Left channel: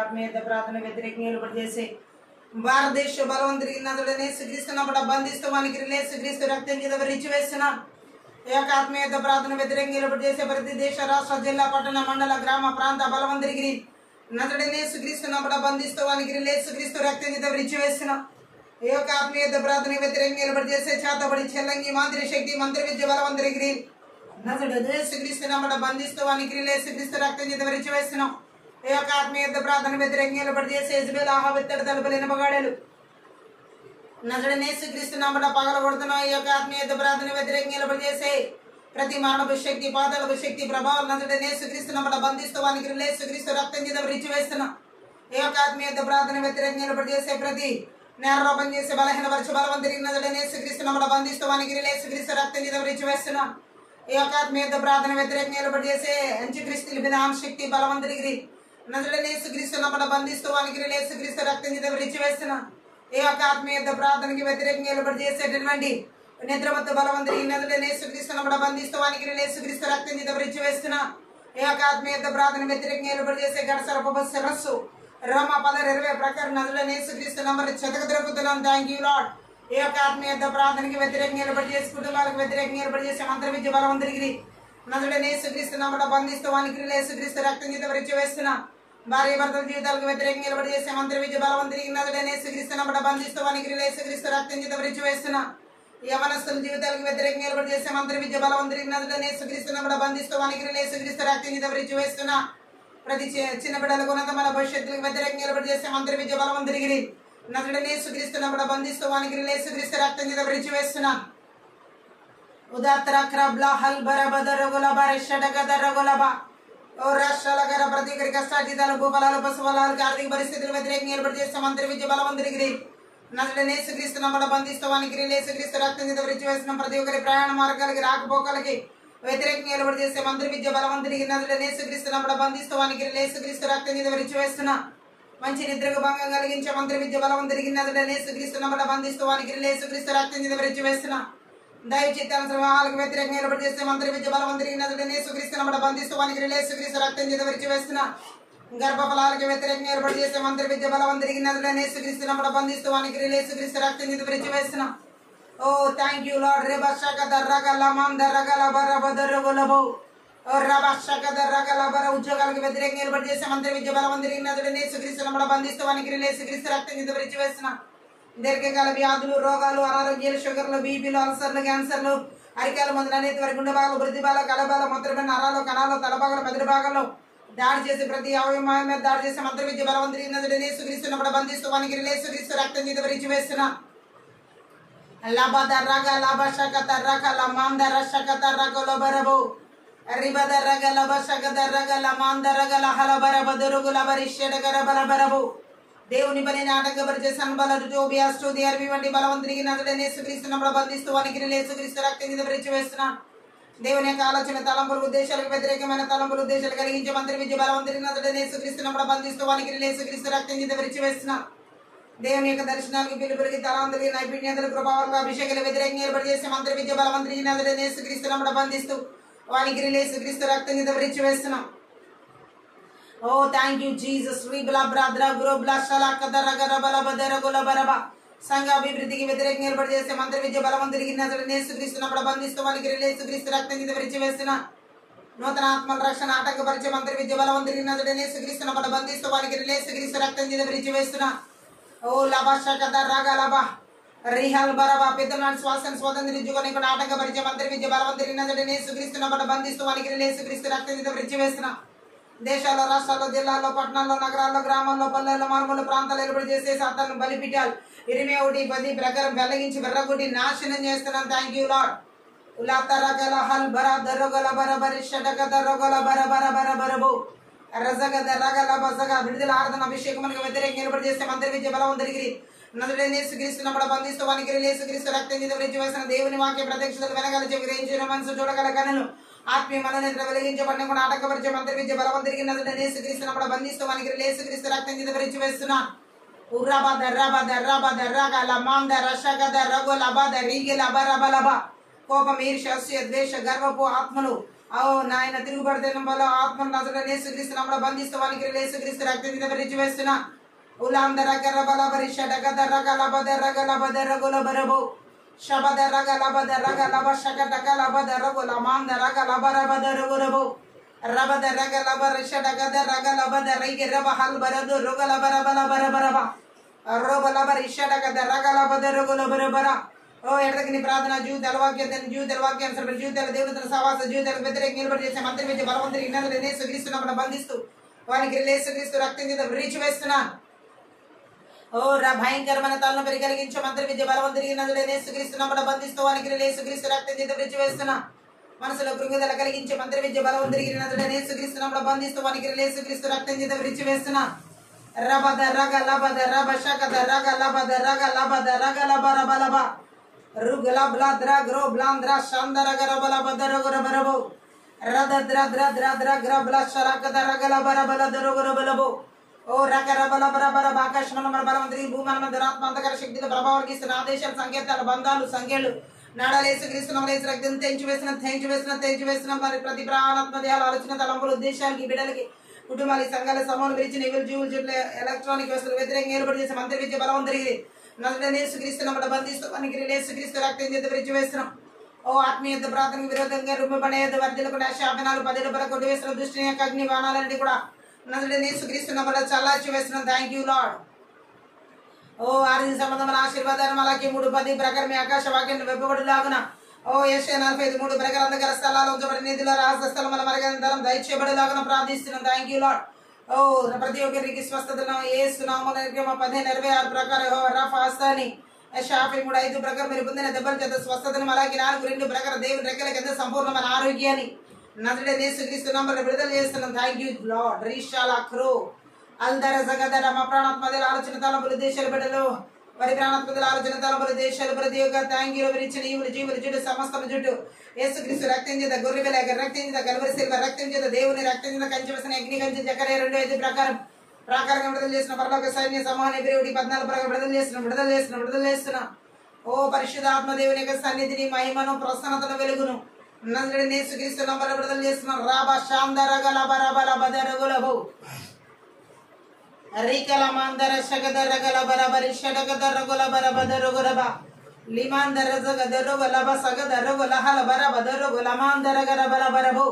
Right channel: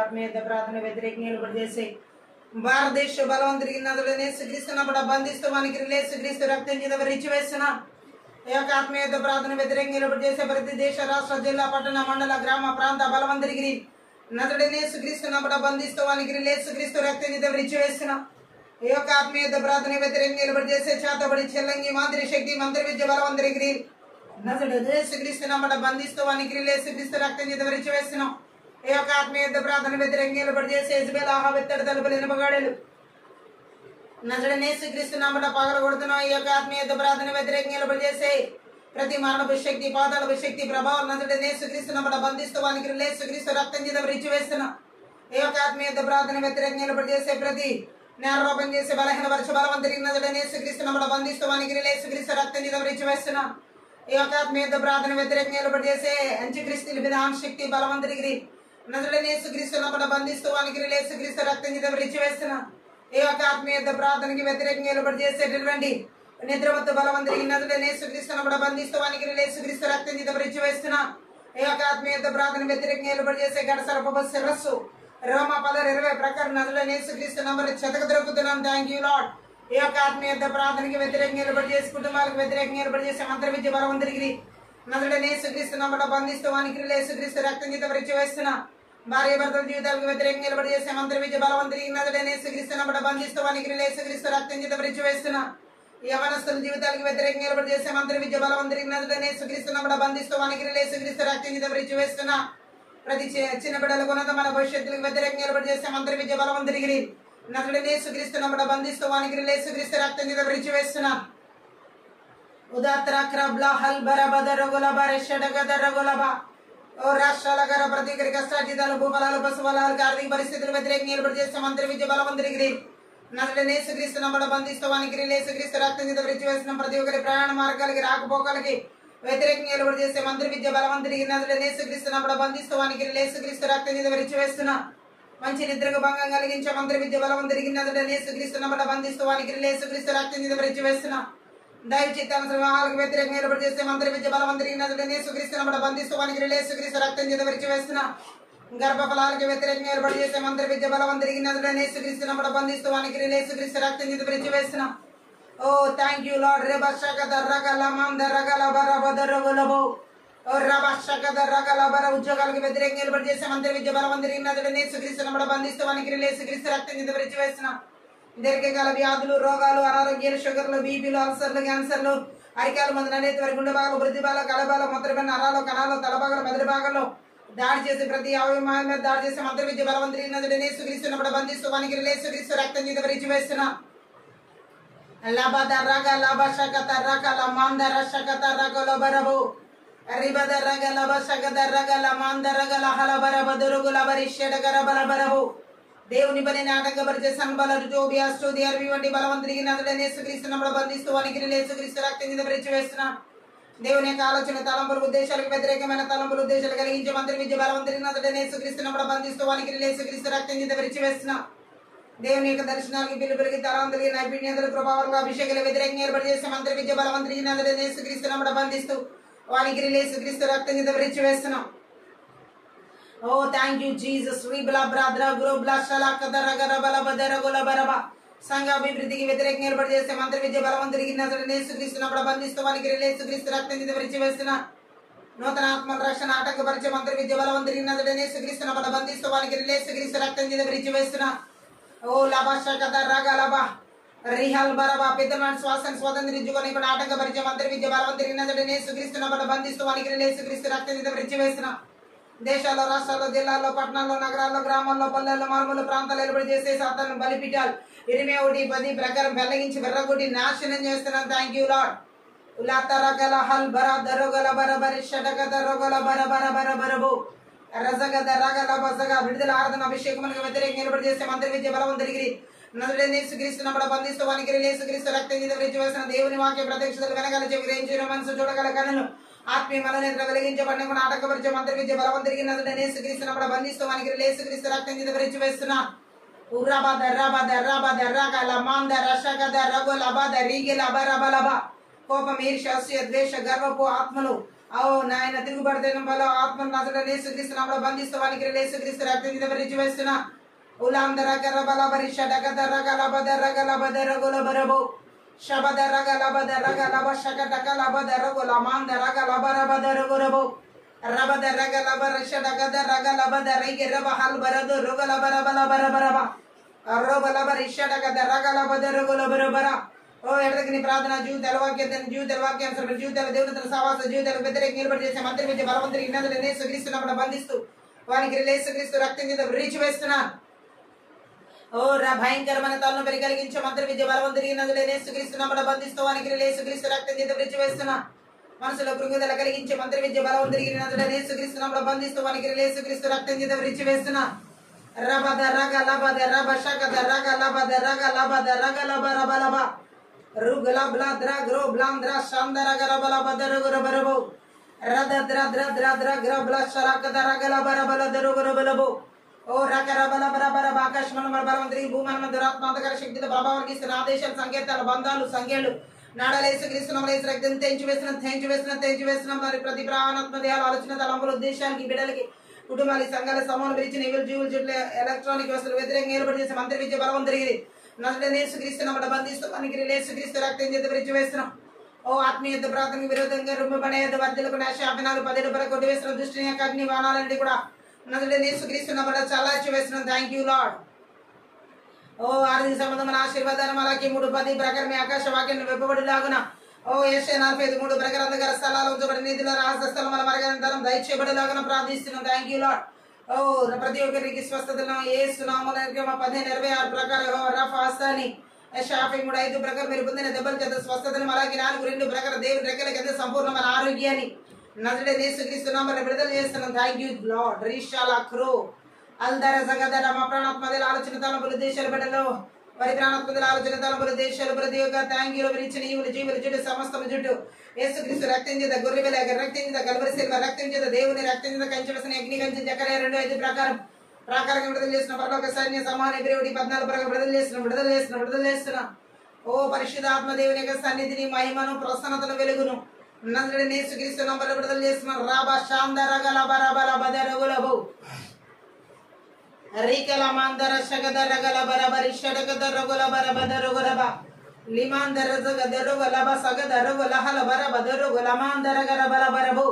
ఆత్మీయత ప్రార్థన వ్యతిరేకంగా నిలబడి చేసే భారతదేశ బలవంతుడికి నదులనే శ్రీక్రీస్తున్నప్పుడు బంధిస్తూ మనకి శ్రీక్రీస్తు రక్తం కింద రిచివేస్తున్నాం. ఈ యొక్క ఆత్మీయత ప్రార్థన వ్యతిరేకంగా నిలబడి చేసే ప్రతి దేశ రాష్ట్ర జిల్లా పట్టణ మండల గ్రామ ప్రాంత బలవంతుడికి నదుడనే శ్రీక్రీస్తున్నప్పుడు బంధిస్తూ మనకి శ్రీక్రీస్తు రక్తం కింద రిచివేస్తున్నాం. ఈ యొక్క ఆత్మీయత ప్రార్థన వ్యతిరేకంగా నిలబడి చేసే చేతబడి చెల్లంగి మంత్రి శక్తి మంత్రి విద్య బలవంతుడికి నదుడనే శ్రీక్రీస్తున్నప్పుడు బంధిస్తూ మనకి శ్రీక్రీస్తు రక్తం కింద రిచివేస్తున్నాం. ఈ యొక్క ఆత్మీయత ప్రార్థన వ్యతిరేకంగా నిలబడి చేసే యెజబెల్ ఆహాబు ఇత్తడి తలుపులు ఇనుపగాడలు నజరుడైన యేసుక్రీస్తు నామమున పగలగొడుతున్నాం. ఈ యొక్క ఆత్మీయత ప్రార్థన వ్యతిరేకంగా నిలబడి చేసే ప్రతి మరణపు శక్తి పాతాళపు శక్తి ప్రభావం నజరుడైన యేసుక్రీస్తు నామమున బంధిస్తూ వానికి యేసుక్రీస్తు రక్తం కింద రిచివేస్తున్నాం. ఈ యొక్క ఆత్మీయత ప్రార్థన వ్యతిరేకంగా నిలబడి చేసే ప్రతి నేరరోపణ చేసే బలహీనపరచ బలవంతుడికి నజరుడైన యేసుక్రీస్తు నామమున బంధిస్తూ వానికి యేసుక్రీస్తు రక్తం కింద రిచివేస్తున్నాం. ఈ యొక్క ఆత్మీయత ప్రార్థన వ్యతిరేకంగా నిలబడి చేసే అంత్యక్రీస్తు విధాన శక్తి బలవంతుడికి నజరుడైన యేసుక్రీస్తు నామమున బంధిస్తూ వానికి యేసుక్రీస్తు రక్తం కింద రిచివేస్తున్నాం. ఈ యొక్క ఆత్మీయత ప్రార్థనకి వ్యతిరేకంగా నిలబడి చేసేటటువంటి నిద్రమత్తు బలవంతుడికి నజరుడైన యేసుక్రీస్తు నామమున బంధిస్తూ వానికి యేసుక్రీస్తు రక్తం కింద రిచివేస్తున్నాం. ఈ యొక్క ఆత్మీయత ప్రార్థన వ్యతిరేకంగా నిలబడి చేసే గడసరప శిరస్సు రోమ 10:20 ప్రకారం నజరుడైన యేసుక్రీస్తు నామమున చెతక దొరుకుతున్నాం. Thank you lord. ఈ యొక్క ఆత్మీయత ప్రార్థనకి వ్యతిరేకంగా నిలబడి చేసే కుటుంబాలకు వ్యతిరేకంగా నిలబడి చేసే మంత్ర విద్య బలవంతుడికి నజరుడైన యేసుక్రీస్తు నామమున బంధిస్తూ వానికి యేసుక్రీస్తు రక్తం కింద రిచివేస్తున్నాం. భార్య భర్తల జీవితాలకు వ్యతిరేకంగా నిలబడి చేసే మంత్ర విద్య బలవంతుడికి నజరుడైన యేసుక్రీస్తు నామమున బంధిస్తూ వానికి యేసుక్రీస్తు రక్తం కింద రిచివేస్తున్నాం. యవనస్తుల జీవితాలకు వ్యతిరేకంగా నిలబడి చేసే మంత్ర విద్య బలవంతుడికి నజరుడైన యేసుక్రీస్తు నామమున బంధిస్తూ వానికి యేసుక్రీస్తు రక్తం కింద రిచివేస్తున్నాం. ప్రతి చిన్న బిడ్డలకు ఉన్నతమైన భవిష్యత్తులకు వ్యతిరేకంగా నిలబడి చేసే మంత్ర విద్య బలవంతుడికి నజరుడైన యేసుక్రీస్తు నామమున బంధిస్తూ వానికి యేసుక్రీస్తు రక్తం కింద రిచివేస్తున్నాం. ఉదాత్తర క్రబ్ల హల్ బరబదరగుల బరషడగదరగులబ ఓ రాష్ట్రాల గార ప్రతి ఒక్కరి కష్టాజీతాలు భూఫలాలు పశుఫలాలు ఆర్థిక పరిస్థితులు వ్యతిరేకంగా నిలబడి చేసే మంత్రి విద్య బలవంతుడికి నజరుడైన యేసుక్రీస్తు నామమున బంధిస్తూ వానికి యేసుక్రీస్తు రక్తం కింద రిచివేస్తున్నాం. ప్రతి ఒక్కరి ప్రయాణ మార్గాలకి రాకపోకలకి వ్యతిరేకంగా నిలబడి చేసే మంత్రి విద్య బలవంతుడికి నజరుడైన యేసుక్రీస్తు నామమున బంధిస్తూ వానికి యేసుక్రీస్తు రక్తం కింద రిచివేస్తున్నాం. మంచి నిద్రకు భంగం కలిగించే మంత్రి విద్య బలవంతుడికి నజరుడైన యేసుక్రీస్తు నామమున బంధిస్తూ వానికి యేసుక్రీస్తు రక్తం కింద రిచివేస్తున్నాం. దైవ చిత్తానుసార వివాహాలకు వ్యతిరేకంగా నిలబడి చేసే మంత్రి విద్య బలవంతుడికి నజరుడైన యేసుక్రీస్తు నామమున బంధిస్తూ వానికి యేసుక్రీస్తు రక్తం కింద రిచివేస్తున్నాం. గర్భఫలాలకు వ్యతిరేకంగా నిలబడి చేసే మంత్రి విద్య బలవంతుడికి నజరుడైన యేసుక్రీస్తు నామమున బంధిస్తూ వానికి యేసుక్రీస్తు రక్తం కింద రిచివేస్తున్నాం. ఓ థ్యాంక్ యూ లార్డ్. రేబషక దర్రగల మాన్ దర్రగల బరబదరగులబో ఓ రబషక దర్రగల బర ఉద్యోగాలకు వ్యతిరేకంగా నిలబడి చేసే మంత్రి విద్య బలవంతుడికి నజరుడైన యేసుక్రీస్తు నామమున బంధిస్తూ వానికి యేసుక్రీస్తు రక్తం కింద రిచివేస్తున్నాం. దీర్ఘకాల వ్యాధులు రోగాలు అనారోగ్యాలు షుగర్లు బీపీలు అల్సర్లు క్యాన్సర్లు అరికాల మందు అనేది వారి గుండె భాగం వృద్ధి భాగం కలబాల మూత్రపిండ నరాలు కణాలు తలభాగలు మెదడు భాగంలో దాడి చేసి ప్రతి అవయవం మీద దాడి చేసే మంత్ర విద్య బలవంతుడికి నజరుడైన యేసుక్రీస్తు నామమున బంధిస్తూ వానికి యేసుక్రీస్తు రక్తం కింద రిచివేస్తున్నాం. లబ దర్రగ లబ షక దర్రగ లమాన్ దర్రషక దర్రగ లబరబో రిబ దర్రగ లబ షక దర్రగ లమాన్ దర్రగ లహల బరబ దొరుగు లబరిషడగ బలబరబో దేవుని పనిని ఆటంకపరిచే సన్బలరు టోబియాస్ టోదియార్వి వంటి బలవంతుడికి నజరుడైన యేసుక్రీస్తు నామమున బంధిస్తూ వానికి యేసుక్రీస్తు రక్తం కింద రిచివేస్తున్నాం. దేవుని యొక్క ఆలోచన తలంపులు ఉద్దేశాలకు వ్యతిరేకమైన తలంపులు ఉద్దేశాలు కలిగించే మంత్రి విద్య బలవంతుడికి నజరుడైన యేసుక్రీస్తు నామమున బంధిస్తూ వానికి యేసుక్రీస్తు రక్తం కింద రిచివేస్తున్నాం. దేవుని యొక్క దర్శనాలకు పిలుపులకి తలాంతులకి నైపుణ్యతలు ప్రభావాలకు అభిషేకాలు వ్యతిరేకంగా నిలబడి చేసే మంత్రి విద్య బలవంతుడికి నజరుడైన యేసుక్రీస్తు నామమున బంధిస్తూ వానికి యేసుక్రీస్తు రక్తం కింద రిచివేస్తున్నాం. ఓ థ్యాంక్ యూ జీసస్. సంఘ అభివృద్ధికి వ్యతిరేకంగా నిలబడి చేసే మంత్రి విద్య బలవంతుడికి నజరుడైన యేసుక్రీస్తు నామమున బంధిస్తూ వానికి యేసుక్రీస్తు రక్తం కింద రిచివేస్తున్నాం. నూతన ఆత్మల రక్షణ ఆటంకపరిచే మంత్రి విద్య బలవంతుడికి నజరుడైన యేసుక్రీస్తు నామమున బంధిస్తూ వానికి యేసుక్రీస్తు రక్తం కింద రిచివేస్తున్నాం. ఓ లభషక దర్రగ లబ రిహల్ బరబ పితృనాటి శ్వాసను స్వతంత్రించుకొని కూడా ఆటంకపరిచే మంత్రి విద్య బలవంతుడికి నజరుడైన యేసుక్రీస్తు నామమున బంధిస్తూ వానికి యేసుక్రీస్తు రక్తం కింద రిచివేస్తున్నాం. దేశాల్లో రాష్ట్రాల్లో జిల్లాల్లో పట్టణాల్లో నగరాల్లో గ్రామాల్లో పల్లెల్లో మారుమూల ప్రాంతాలు నిలబడి చేసే సాతాను బలిపీఠాలు 21:10 ప్రకారం వెల్లగించి వెర్రగొట్టి నాశనం చేస్తున్నాం. Thank you lord. ఉలాతరగల హల్ బర దరగల బరబరి షడగ దరగల బరబర బరబరబో రజగ దరగల బజగ విడుదల ఆరాధన అభిషేకమునకు వ్యతిరేకంగా నిలబడి చేసే మంత్రి విద్య బలవంతుడికి నజరుడైన యేసుక్రీస్తు నామమున బంధిస్తూ వానికి యేసుక్రీస్తు రక్తం కింద రిచివేసిన. దేవుని వాక్య ప్రత్యక్షతలు వెనగల చెవి గ్రహించిన మనసు చూడగల కనులు ఆత్మీయ మనోనేత్ర వెలిగించబడిన కూడా ఆటంకపరిచే మంత్రి విద్య బలవంతుడికి నజరుడైన యేసుక్రీస్తు నామమున బంధిస్తూ వానికి యేసుక్రీస్తు రక్తం కింద రిచివేస్తున్నా. ఉర్రబ దర్రబ దర్రబ దర్రగ లమాన్ దర్రషక దర్రగ లబ దరిగి లబ రబ లబ కోపం ఈర్ష్య అసూయ ద్వేష గర్వపు ఆత్మలు నాయన తిరుగుబడిన వల్ల ఆత్మ నజరేయుడైన యేసుక్రీస్తు నామములో బంధిస్తూ వానికి యేసుక్రీస్తు రక్తం చేత విరిచివేస్తున్నా. ఉలాందర కర్రబల పరిషడ గదర గలబదర గలబదర గులబరబో శబదర గలబదర గలబ శకటక లబదర గులమాందర గలబరబదర గురబో రబదర గలబర షడగదర గలబదర గిరబ హల్బరదు రుగలబరబల బరబరబ రోబలబర షడగదర గలబదర గులబరబర. ఎడతగిని ప్రార్థన జీవితాల వాక్యానుసరమైన జీవితాల దేవుని సహవాస జీవితాలకు వ్యతిరేక నిలబడి చేసే మంత్రి విద్య బలవంతుడికి ఇన్నదులు యేసుక్రీస్తున్నప్పుడు బంధిస్తూ వానికి యేసుక్రీస్తు రక్తం చేత విరిచివేస్తున్నాను. భయంకరమైన తలనొప్పి కలిగించే మంత్రి విద్య బలవంతుడికి యేసుక్రీస్తున్నప్పుడు బంధిస్తూ వానికి యేసుక్రీస్తు రక్తం చేత విరిచివేస్తున్నా. మనసులో కృంగుదల కలిగించే మంత్రి విద్య బలవంతుడికి యేసుక్రీస్తున్నప్పుడు బంధిస్తూ వానికి యేసుక్రీస్తు రక్తం చేత విరిచివేస్తున్నా. రబద రగ లబద రబ శకద రగ లబద రగ లబద రగ లబ రబ లబ రుగల బ్లాద్ర గ్రో బ్లాంద్ర శాందర గరబల బదర గురబరబో రదద్ర ద్ర ద్ర గ్ర బ్ల శరకద రగల బరబల దరు గురబలబో. రకరబల బరబర ఆకాశమన బలవంతుడి భూమన దురాత్మ అంతకర శక్తితో ప్రభావానికి ఇస్తున్న ఆదేశాలు సంకేతాలు బంధాలు సంఖ్యలు నాడాలు యేసుక్రీస్తునామములో యేసు రక్తం తెంచివేసిన మరి ప్రతి ప్రాణాత్మ దేహాలు ఆలోచన తలంపులు ఉద్దేశాలకి బిడ్డలకి కుటుంబాలకి సంఘాల సమూహాలు విరిచిన ఎవరు జీవులు చుట్టూ ఎలక్ట్రానిక్ వ్యవస్థలు వ్యతిరేకంగా ఏర్పాటు చేసే మంత్రి విద్య బలవంతుడికి నజరేయుడైన యేసుక్రీస్తునామములో బంధిస్తూ వానికి యేసుక్రీస్తు రక్తం చేత విరిచివేస్తున్నాం. ఆత్మీయత ప్రార్థనకు విరోధంగా రుమ్మబడే వర్ధులకు శాపనాలు 10 వరకు కొట్టివేసిన దృష్టిని అగ్ని బాణాలన్నిటి కూడా నజరేయుడైన యేసుక్రీస్తునామములో చల్లార్చి వేస్తున్నాం. Thank you lord. ఆర్థిక సంబంధమైన ఆశీర్వాదాలు అలాగే 3:10 ప్రకారం మీ ఆకాశ వాక్యాన్ని వెబ్బబడిలాగున యెషయా 45:3 ప్రకారం అంధకార స్థలాలు ఉంచబడి నిధుల రహస్య స్థలముల మరగంతరం దయచేయబడేలాగున ప్రార్థిస్తున్నాం. Thank you lord. ప్రతి ఒక్కరికి స్వస్థతను యేసు నామములో 15:26 ప్రకారం రఫా హస్తాని షాఫీ 3:5 ప్రకారం మీరు పొందిన దెబ్బల చేత స్వస్థతను అలాగే 4:2 ప్రకారం దేవుని రెక్కల కింద సంపూర్ణమైన ఆరోగ్యాన్ని నజరేయుడైన యేసుక్రీస్తు నామములో విడుదల చేస్తున్నాం. Thank you lord. రీషాలా క్రో అల్దర జగదర మా ప్రాణాత్మల ఆలోచన తలంపులు దేశాలు బిడ్డలు వారి ప్రాణాత్మల ఆలోచన తలంపులు దేశాలు ప్రతి ఒక్క థ్యాంక్యూలు విరిచిన జీవులు చుట్టూ సమస్తం చుట్టూ యేసుక్రీస్తు రక్తం చేత గొర్రెల రక్తం చేత కల్వరి శిల్వ రక్తం చేత దేవుని రక్తం చేత కంచెవేసిన అగ్ని కంచె జకర్యా 2:5 ప్రాకారంగా విడుదల చేసిన పరలోక సైన్య సమూహాన్ని Hebrews 14 ప్రకారం విడుదల చేస్తున్నా. పరిశుద్ధాత్మ దేవుని యొక్క సన్నిధిని మహిమను ప్రసన్నతను వెలుగును నజరేయుడైన యేసుక్రీస్తు నామములో విడుదల చేస్తున్నాం. రాబా శాందర గలబ రబల బదర గులబో రికల మందర శగదర గలబర బరి షడగదర గులబర బదర గురబ లిమాందర జగదర గులబ సగదర గులహల బర బదర గులమాందర గరబర బరబో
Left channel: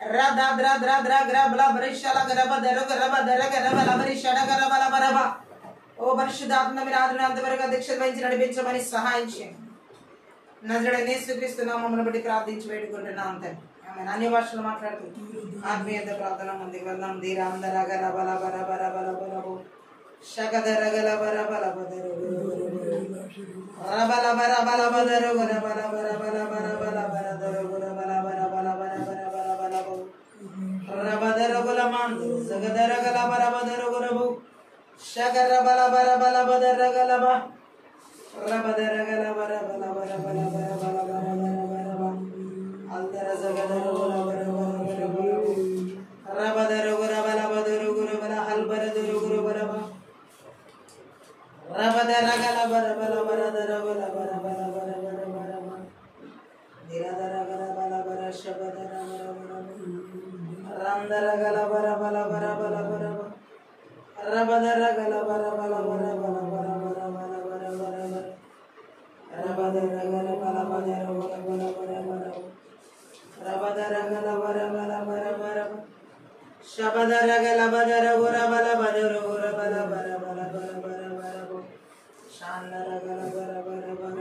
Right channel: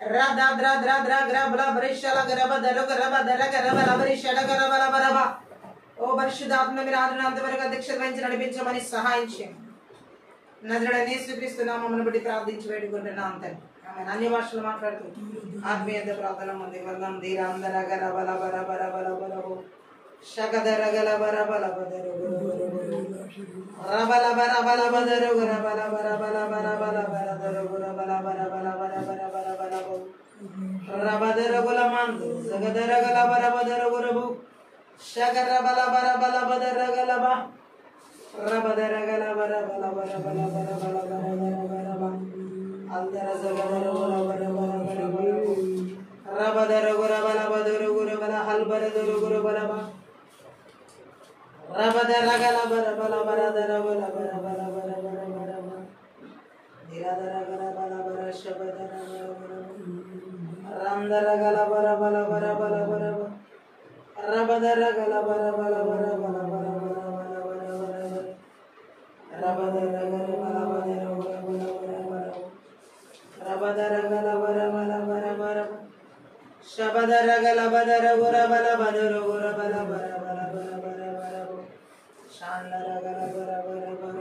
రదద్ర ద్ర ద్ర గ్రబల బరిషల గరబ దర గరబ దర గరబల బరి షడగరబల బరబ. పరిశుద్ధాత్మ మీరు ఆదినంతవరకు అధ్యక్షత వహించి నడిపించమని సహాయం చేయండి. నజరేయుడైన యేసుక్రీస్తు నామమును బట్టి ప్రార్థించి వేడుకుంటున్నాం తండ్రి. ఆమె అన్య భాషలు మాట్లాడుతూ ఆత్మీయత ప్రార్థన ముందు వందం ధీరాందర గల బల బల బల బల బలబో శగదర గల బల బల బదర రబల బల బల బదర గుర బల బల బల బల బల బరదర గుర బల బల బల బల బల బల బలబో రబదర గుల మందు సగదర గల బల బదర గురబో శగర బల బల బల బదర గలబ రబదర గల బల బల బల బల బల బల బల బల అల్దర జగదర గుల బల బల బల రబదర గుర బల బదర గుర బల హల్బర దర గుర బల రబదర గల బల బల బరదర బల బల బల బల బల బల దిరదర గల బల బల శబదర బల బల రందర గల బల బల బల బల బల రబదర గల బల బల బల బల బల బల బల బల బల రబదర గల బల బదర బల బల బల బల రబదర గల బల బల బల బల శబదర గల బదర గుర బల బదర గుర బల బల బల బల బల బల శాందర గల బల బల బల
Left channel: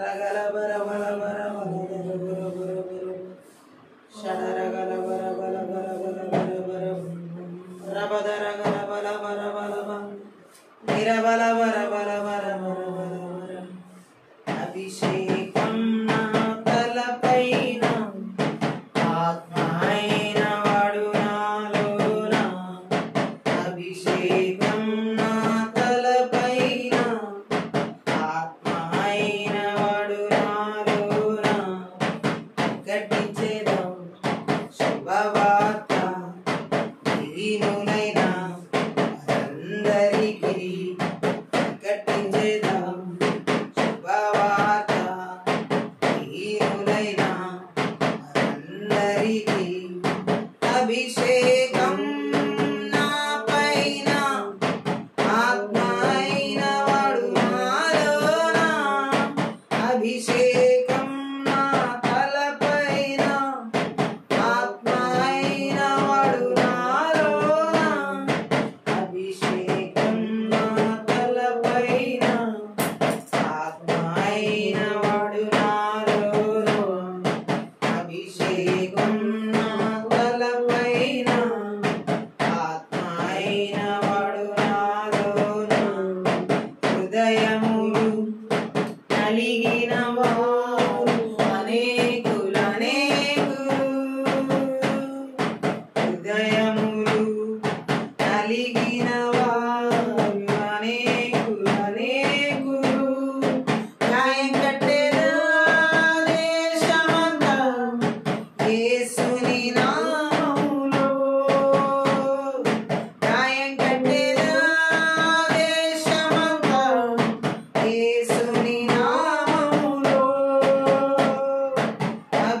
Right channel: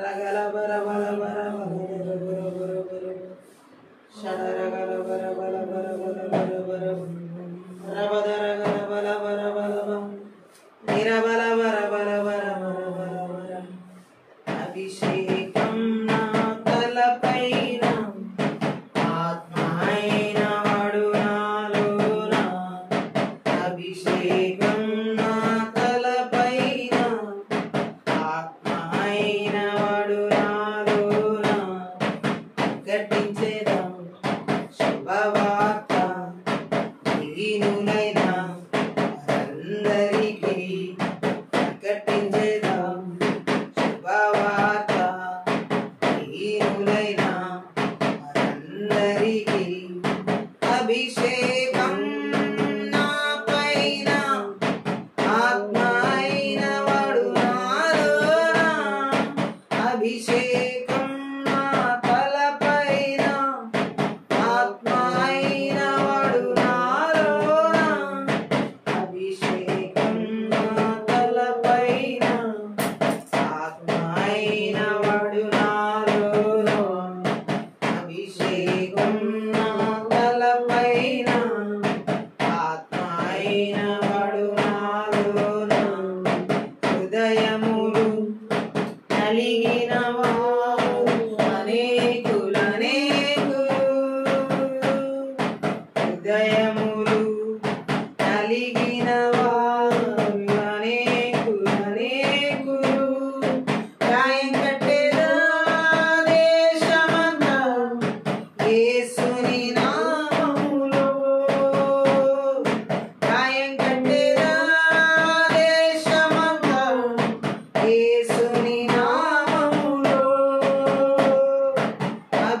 రగల బల బల బల బల గుర గుర గుర షడర గల బల బల బల బల బల బల రబదర గల బల బల బల బల నిరబల బల బల బల బల బల బల అభిషేకం నా తలపైన ఆత్మైన వాడు నాలోన అభిషేకం నా తలపైన ఆత్మైన వాడు నాలోన గట్టించేదం శుభవార్త దీనులైన అందరికీ ప్రకటించేదం శుభవార్త దీనులైన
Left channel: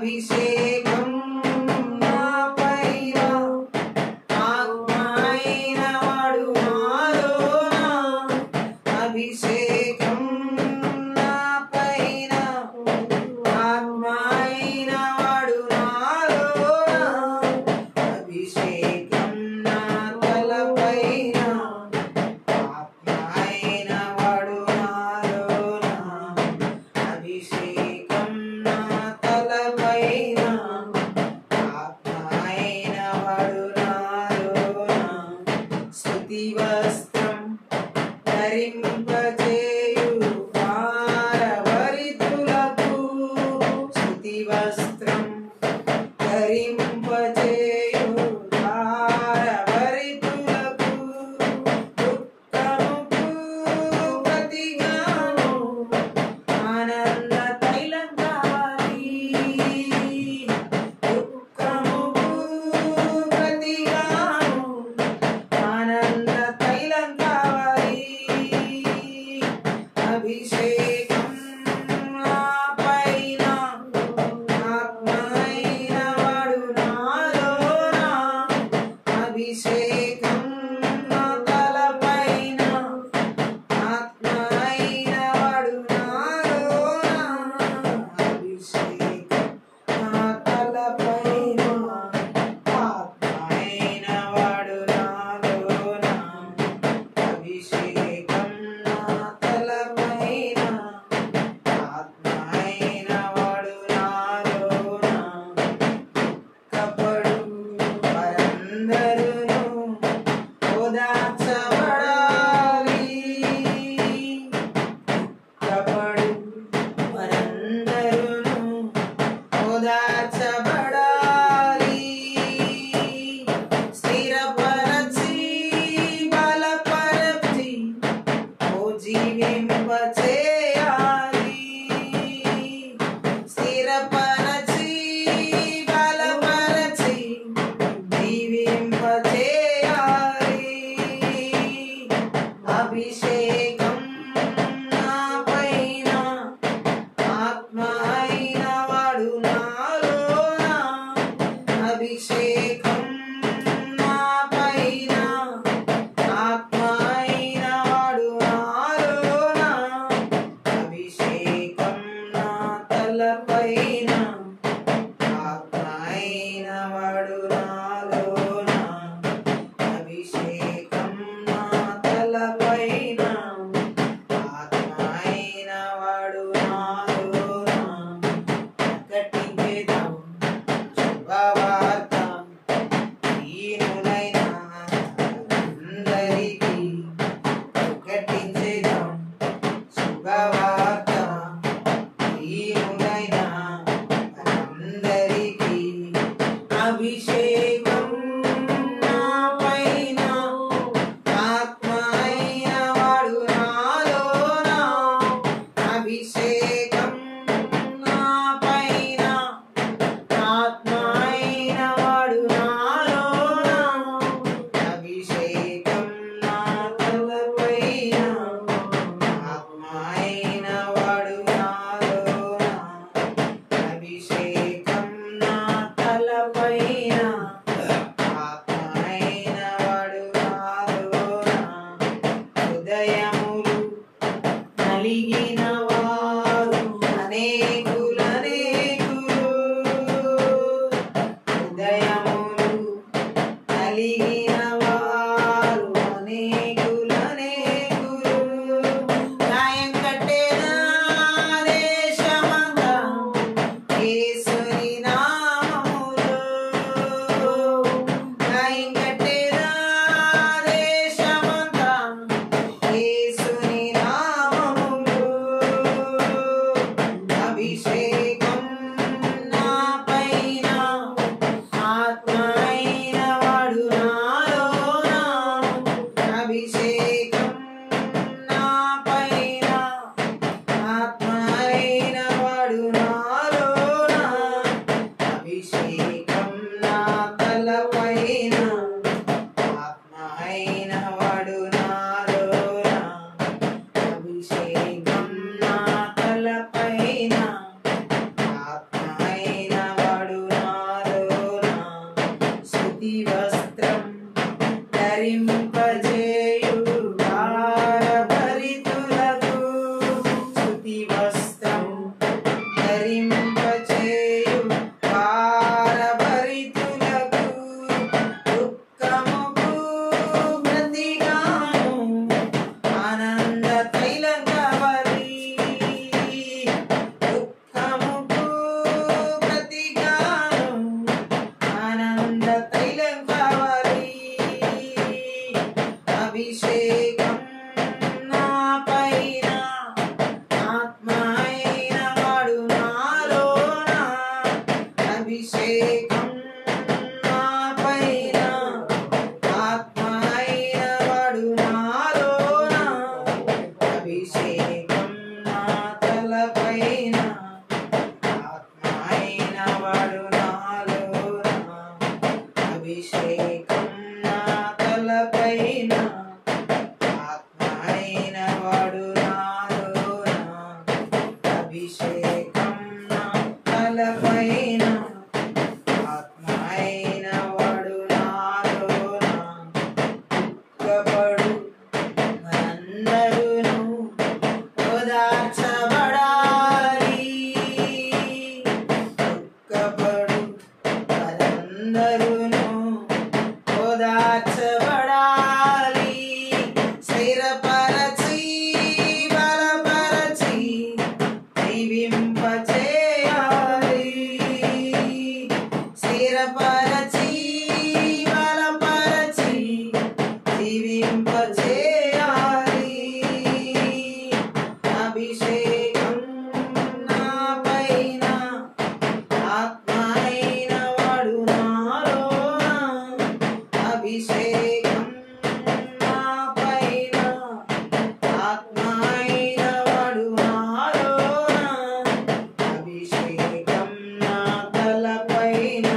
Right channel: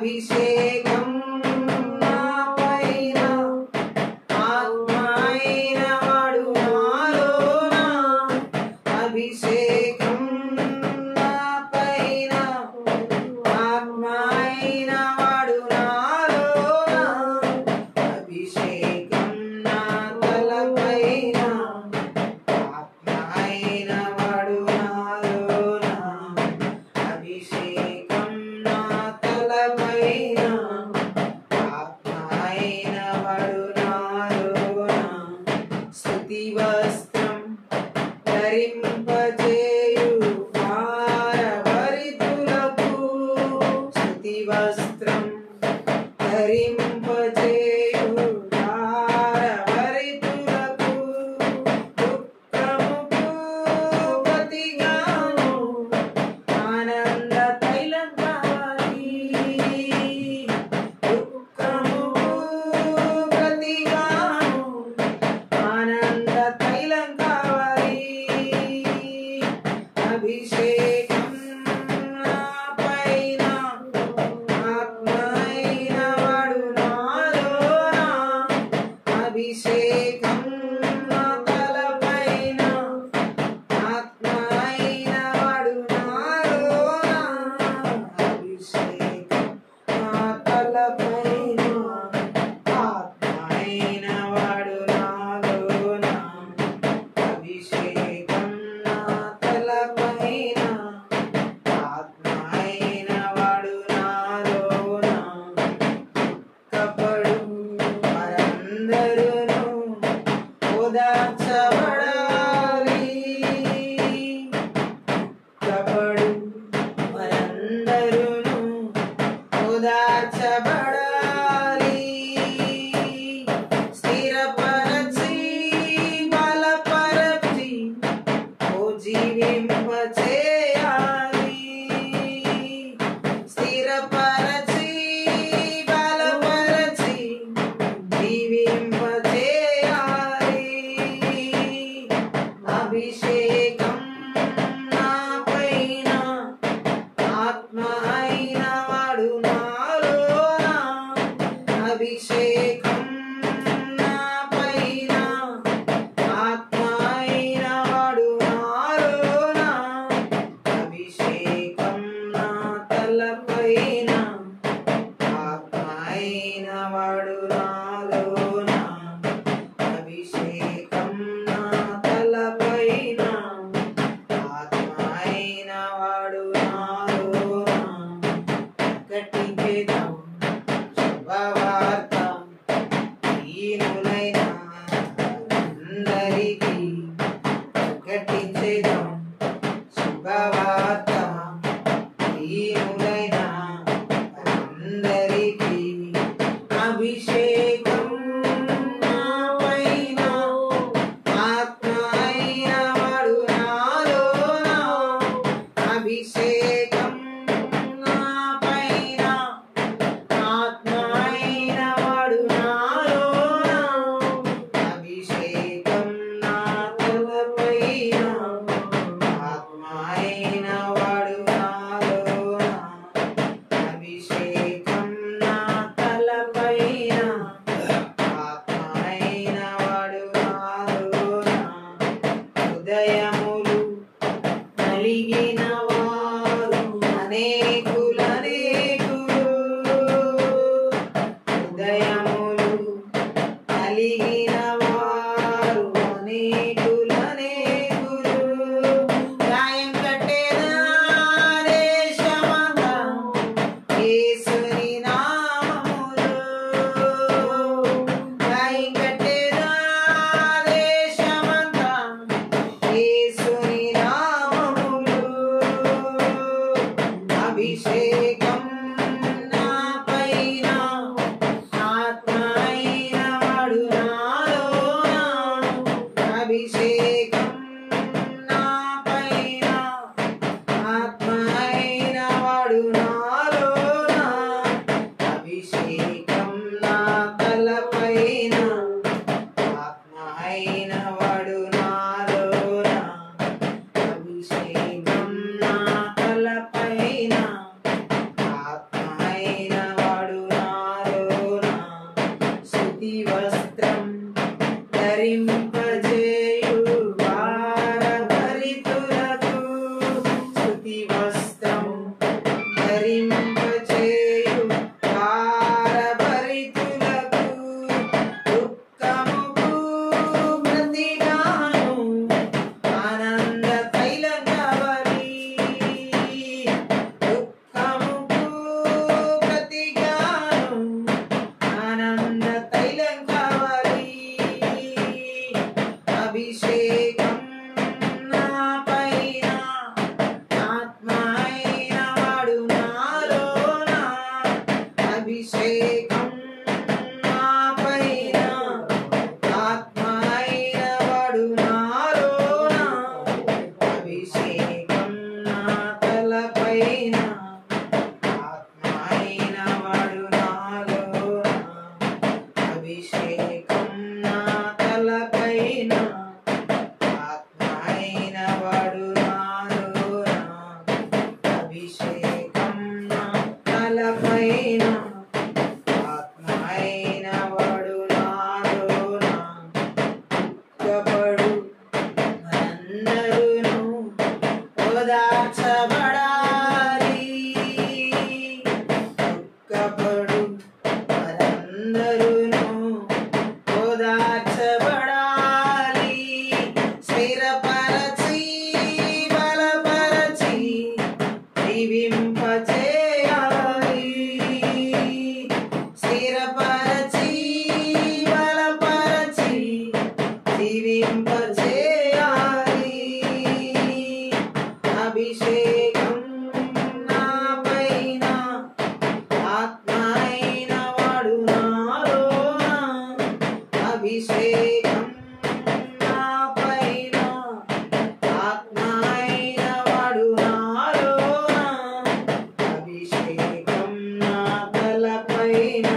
అభిషేకం నా పైన ఆత్మ అయిన వాడు నాలోన అభిషేకం నా పైన ఆత్మ అయిన వాడు నాలోన అభిషేకం నా తలపైన ఆత్మ అయిన వాడు నాలోన అభిషేకం నా తలపైన ఆత్మ అయిన వాడు నాలోన స్తుతి వస్త్రం ధరింపజేయు భారభరితులకు స్తుతి వస్త్రం ధరింపజేయు భారభరితులకు దుఃఖముకు ప్రతిగాను ఆనంద తైలం కావాలి దుఃఖముకు ప్రతిగాను ఆనంద తైలం కావాలి అభిషేకం నా పైన ఆత్మ అయిన వాడు నాలోన అభిషేకం నా తలపైన ఆత్మ అయిన వాడు నాలోన అభిషేకం నా తలపైన ఆత్మ అయిన వాడు నాలోన అభిషేకం నా తలపైన ఆత్మ అయిన వాడు నాలోన కపడు వారందరును ఓదార్చబడాలి కపడు వారందరును ఓదార్చబడాలి స్థిరపరచి బలపరచి ఓ జీవింపచేయాలి స్థిరపరచి బలపరచి జీవింపచేయాలి అభిషేకం నా పైన ఆత్మ అయిన వాడు నాలోన అభిషేకం నా పైన ఆత్మ అయిన వాడు నాలోన అభిషేకం నా తలపైన ఆత్మ అయిన వాడు నాలోన అభిషేకం నా తలపైన ఆత్మ అయిన వాడు నాలోన ప్రకటించేద్దాం శుభవార్త దీనులైన అందరికీ ప్రకటించేద్దాం శుభవార్త దీనులైన అందరికీ అభిషేకం నా పైన ఆత్మ అయిన వాడు నాలోన అభిషేకం నా పైన తలపైన ఆత్మ అయిన వాడు నాలోన దుఃఖపడు మనందరూను ఓదార్చబడాలి. దుఃఖపడు మనందరూను ఓదార్చబడాలి. స్థిరపరచి బలపరచి జీవింపచేయాలి. స్థిరపరచి బలపరచి జీవింపచేయాలి. అభిషేకం నా పైన ఆత్మ అయిన వాడు నాలోన అభిషేకం నా పైన ఆత్మ అయిన వాడు నాలోన అభిషేకం నా తలపైన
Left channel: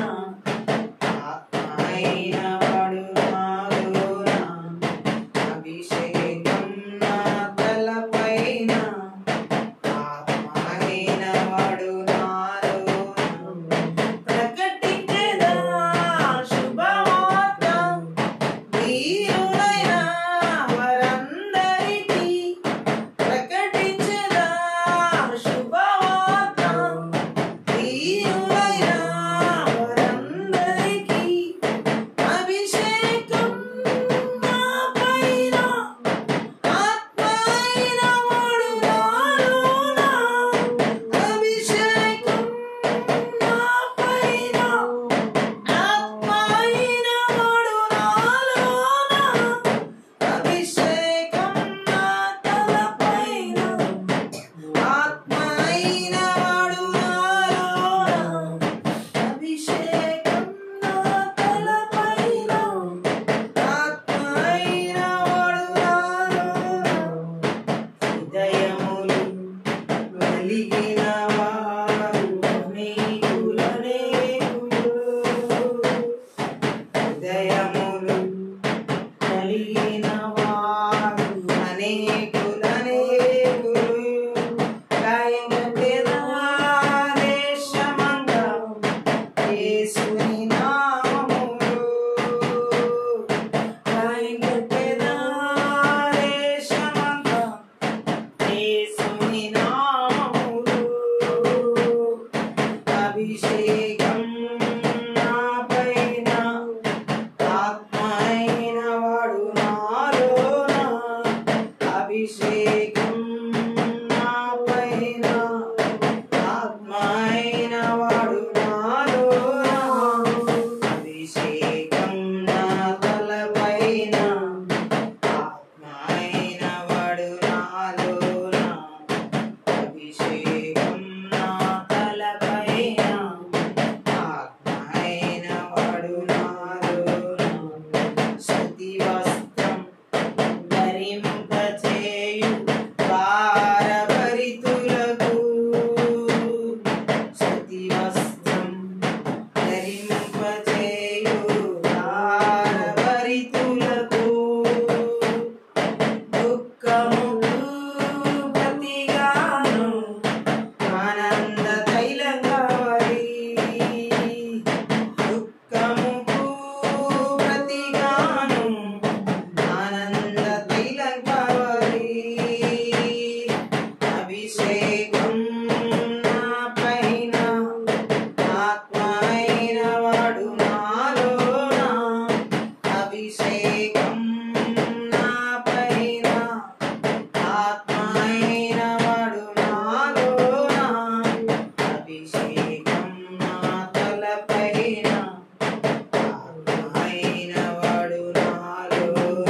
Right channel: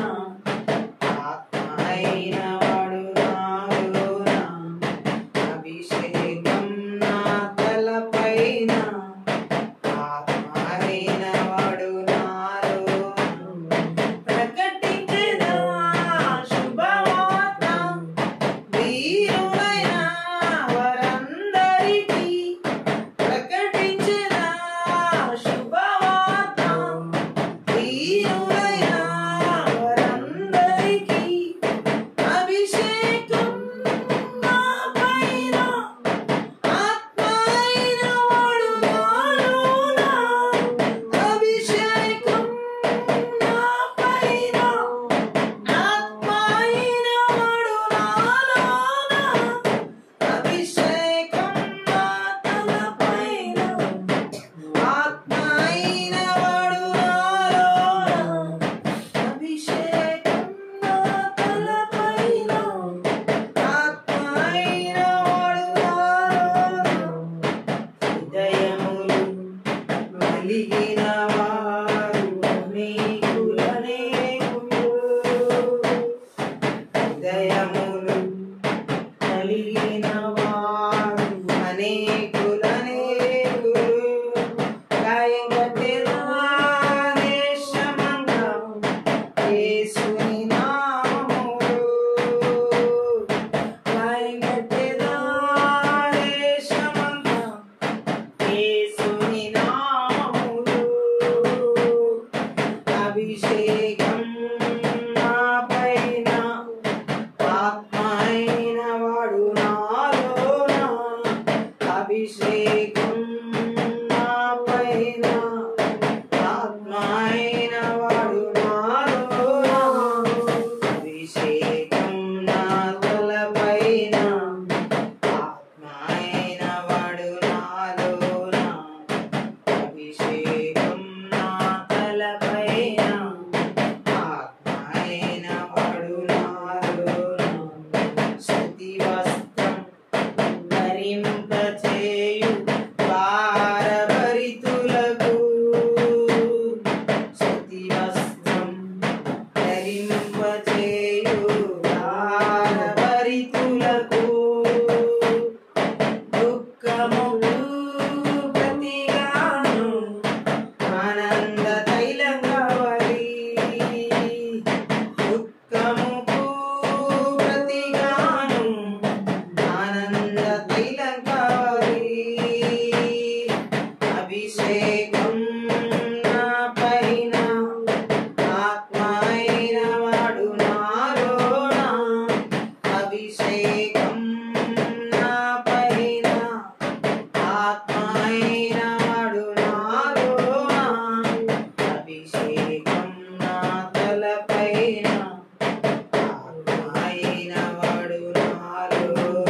ఆత్మ అయిన వాడు నాలోన అభిషేకం నా తలపైన ఆత్మ అయిన వాడు నాలోన ప్రకటించెదా శుభవార్త వీరులైన వారందరికీ. ప్రకటించెదా శుభవార్త వీరులైన వారందరికీ. అభిషేకం నా పైన ఆత్మ అయిన వాడు నాలోన అభిషేకం నా పైన ఆత్మ అయిన వాడు నాలోన అభిషేకం నా తలపైన ఆత్మ అయిన వాడు నాలోన అభిషేకం నా తలపైన ఆత్మ అయిన వాడు నాలోన. హృదయములు వెలిగిన వారు అనేకులనేకులు. హృదయములు కలిగిన వారు అనేకులనేకులు. గాయగట్టెదా దేశమంతా యేసుని నామములో. గాయగట్టెదా దేశమంతా యేసుని నామములో. అభిషేకం నా పైన ఆత్మ అయిన వాడు నాలోన అభిషేకం నా పైన ఆత్మ అయిన వాడు నాలోన అభిషేకం నా తలపైన ఆత్మ అయిన వాడు నాలోన అభిషేకం నా తలపైన ఆత్మ అయిన వాడు నాలోన. స్తుతి వస్త్రం ధరింపచేయు భారభరితులకు. స్తుతి వస్త్రం ధరింపచేయు భారభరితులకు. దుఃఖముకు ప్రతిగాను ఆనంద తైలం కావాలి. దుఃఖముకు ప్రతిగాను ఆనంద తైలం కావాలి. అభిషేకం నా పైన ఆత్మ అయిన వాడు నాలోన అభిషేకం నా పైన ఆత్మ అయిన వాడు నాలోన అభిషేకం నా తలపైన ఆత్మ అయిన వాడు నాలోన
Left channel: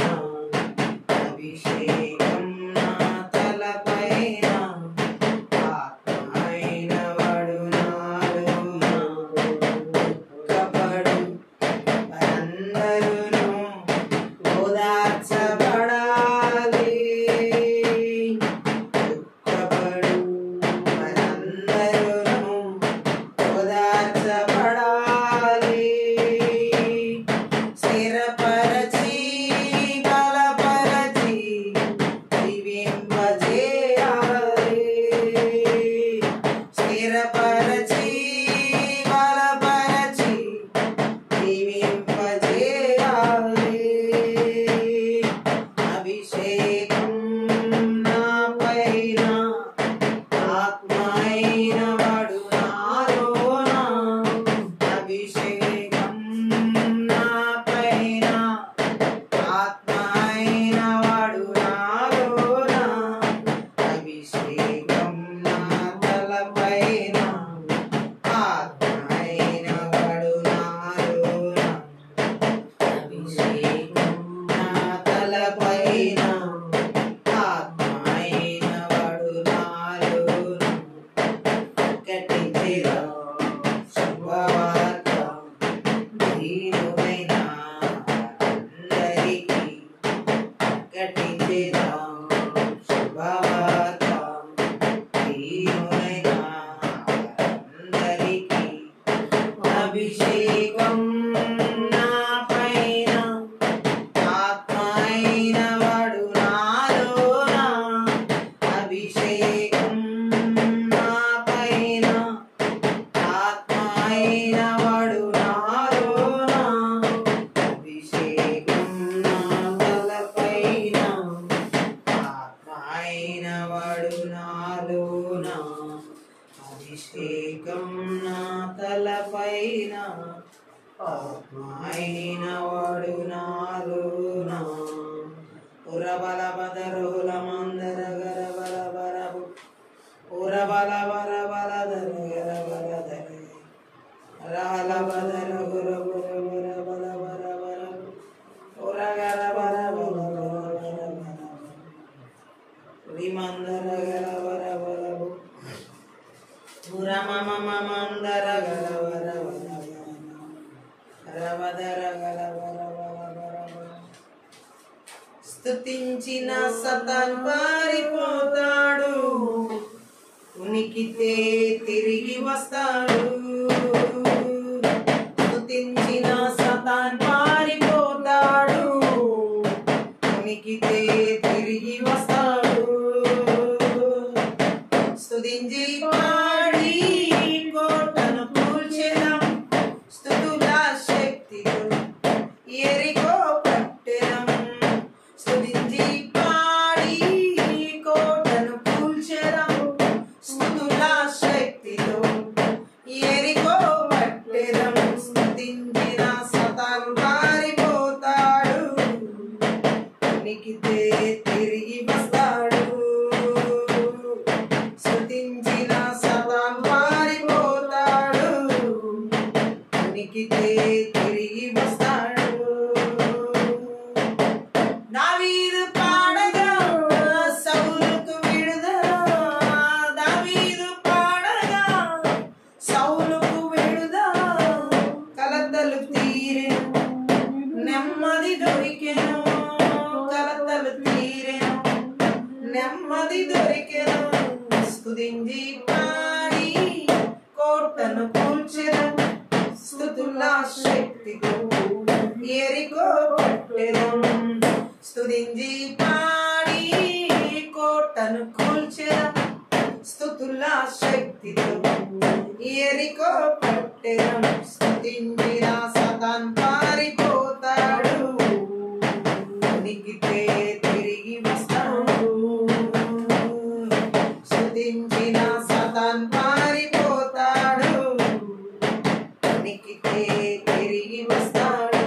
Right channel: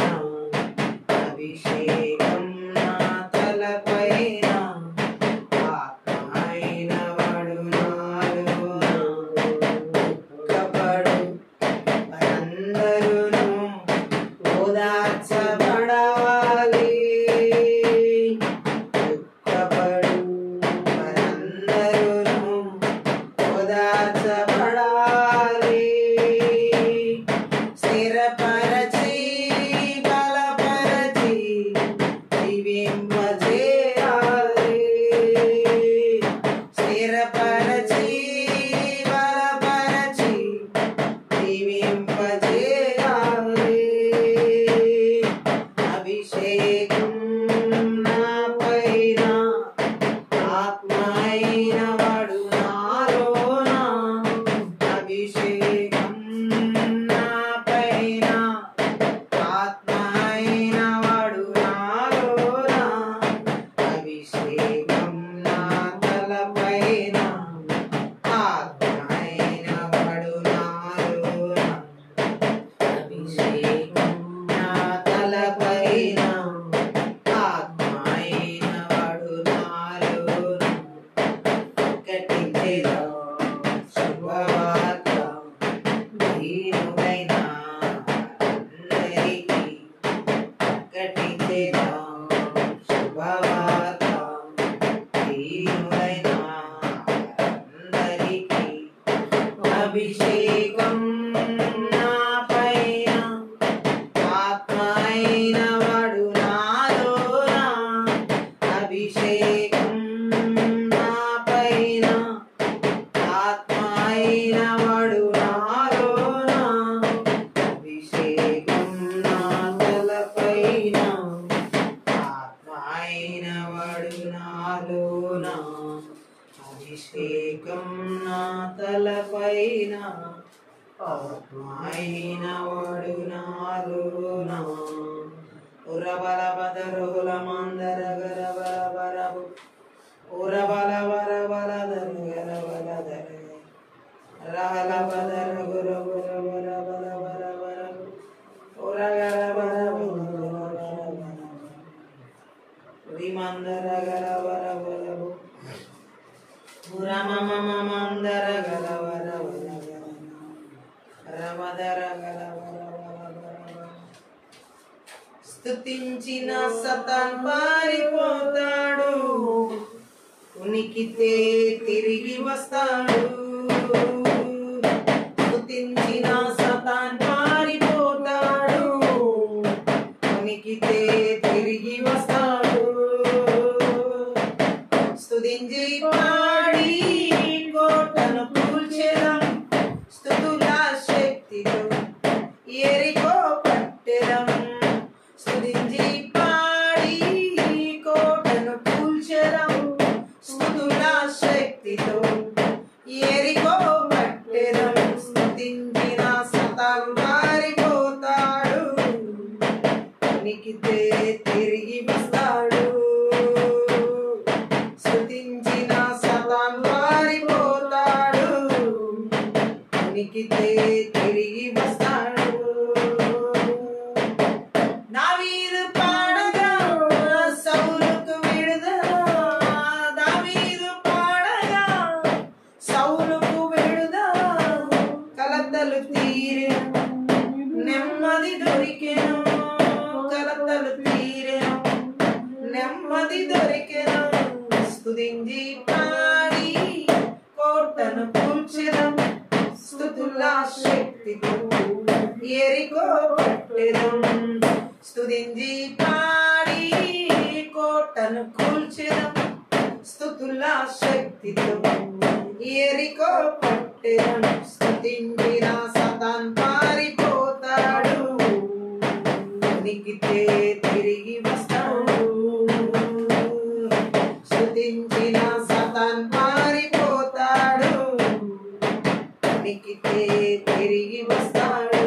అభిషేకం నా తలపైన ఆత్మ అయిన వాడు నాలోన. దుఃఖపడు మనందరూను ఓదార్చబడాలి. దుఃఖపడు మనందరూను ఓదార్చబడాలి. స్థిరపరచి బలపరచి జీవింపచేయాలి. స్థిరపరచి అభిషేకం నా పైన ఆత్మ అయిన వాడు నాలోన అభిషేకం నా పైన ఆత్మ అయిన వాడు నాలోన అభిషేకం నా తలపైన ఆత్మ అయిన వాడు నాలోన అభిషేకం నా తలపైన ఆత్మ అయిన వాడు నాలోన ఉరబల బదరుల మందర గర బల బరబు ఉరబల బర బల దర గర బల దర రహల బదర గుర గుర బర బల బర బరబు ఉరగర బర బల బర బర విమందర గర బర బరబు ఉరమమ మందర గర బర బర రమదర గర బర బర బర స్తుతించిన సతాన్ పారిపోతాడు ఉనికితే తిరిగి వస్తాడు స్తుతించిన సతాన్ పారిపోతాడు ఉనికితే తిరిగి వస్తాడు స్తుతించి పాడి కోటను కూల్చెదం స్తుతుల శక్తితో ఎరికో పట్టెదం స్తుతించి పాడి కోటను కూల్చెదం స్తుతుల శక్తితో ఎరికో పట్టెదం స్తుతించిన సతాను పారిపోతాడు ఉనికితే తిరిగి వస్తాడు స్తుతించిన సతాను పారిపోతాడు ఉనికితే తిరిగి వస్తాడు దావీదు పాడగా సౌలుకు విడుదల దావీదు పాడగా సౌలుకు విడుదల కలతలు తీరెను నెమ్మది దొరికెను కలతలు తీరెను నెమ్మది దొరికెను స్తుతించి పాడి కోటను కూల్చెదం స్తుతుల శక్తితో ఎరికో పట్టెదం స్తుతించి పాడి కోటను కూల్చెదం స్తుతుల శక్తితో ఎరికో పట్టెదం స్తుతించిన సతాన్ పారిపోతాడు ఉనికితే తిరిగి వస్తాడు స్తుతించిన సతాన్ పారిపోతాడు ఉనికితే తిరిగి వస్తాడు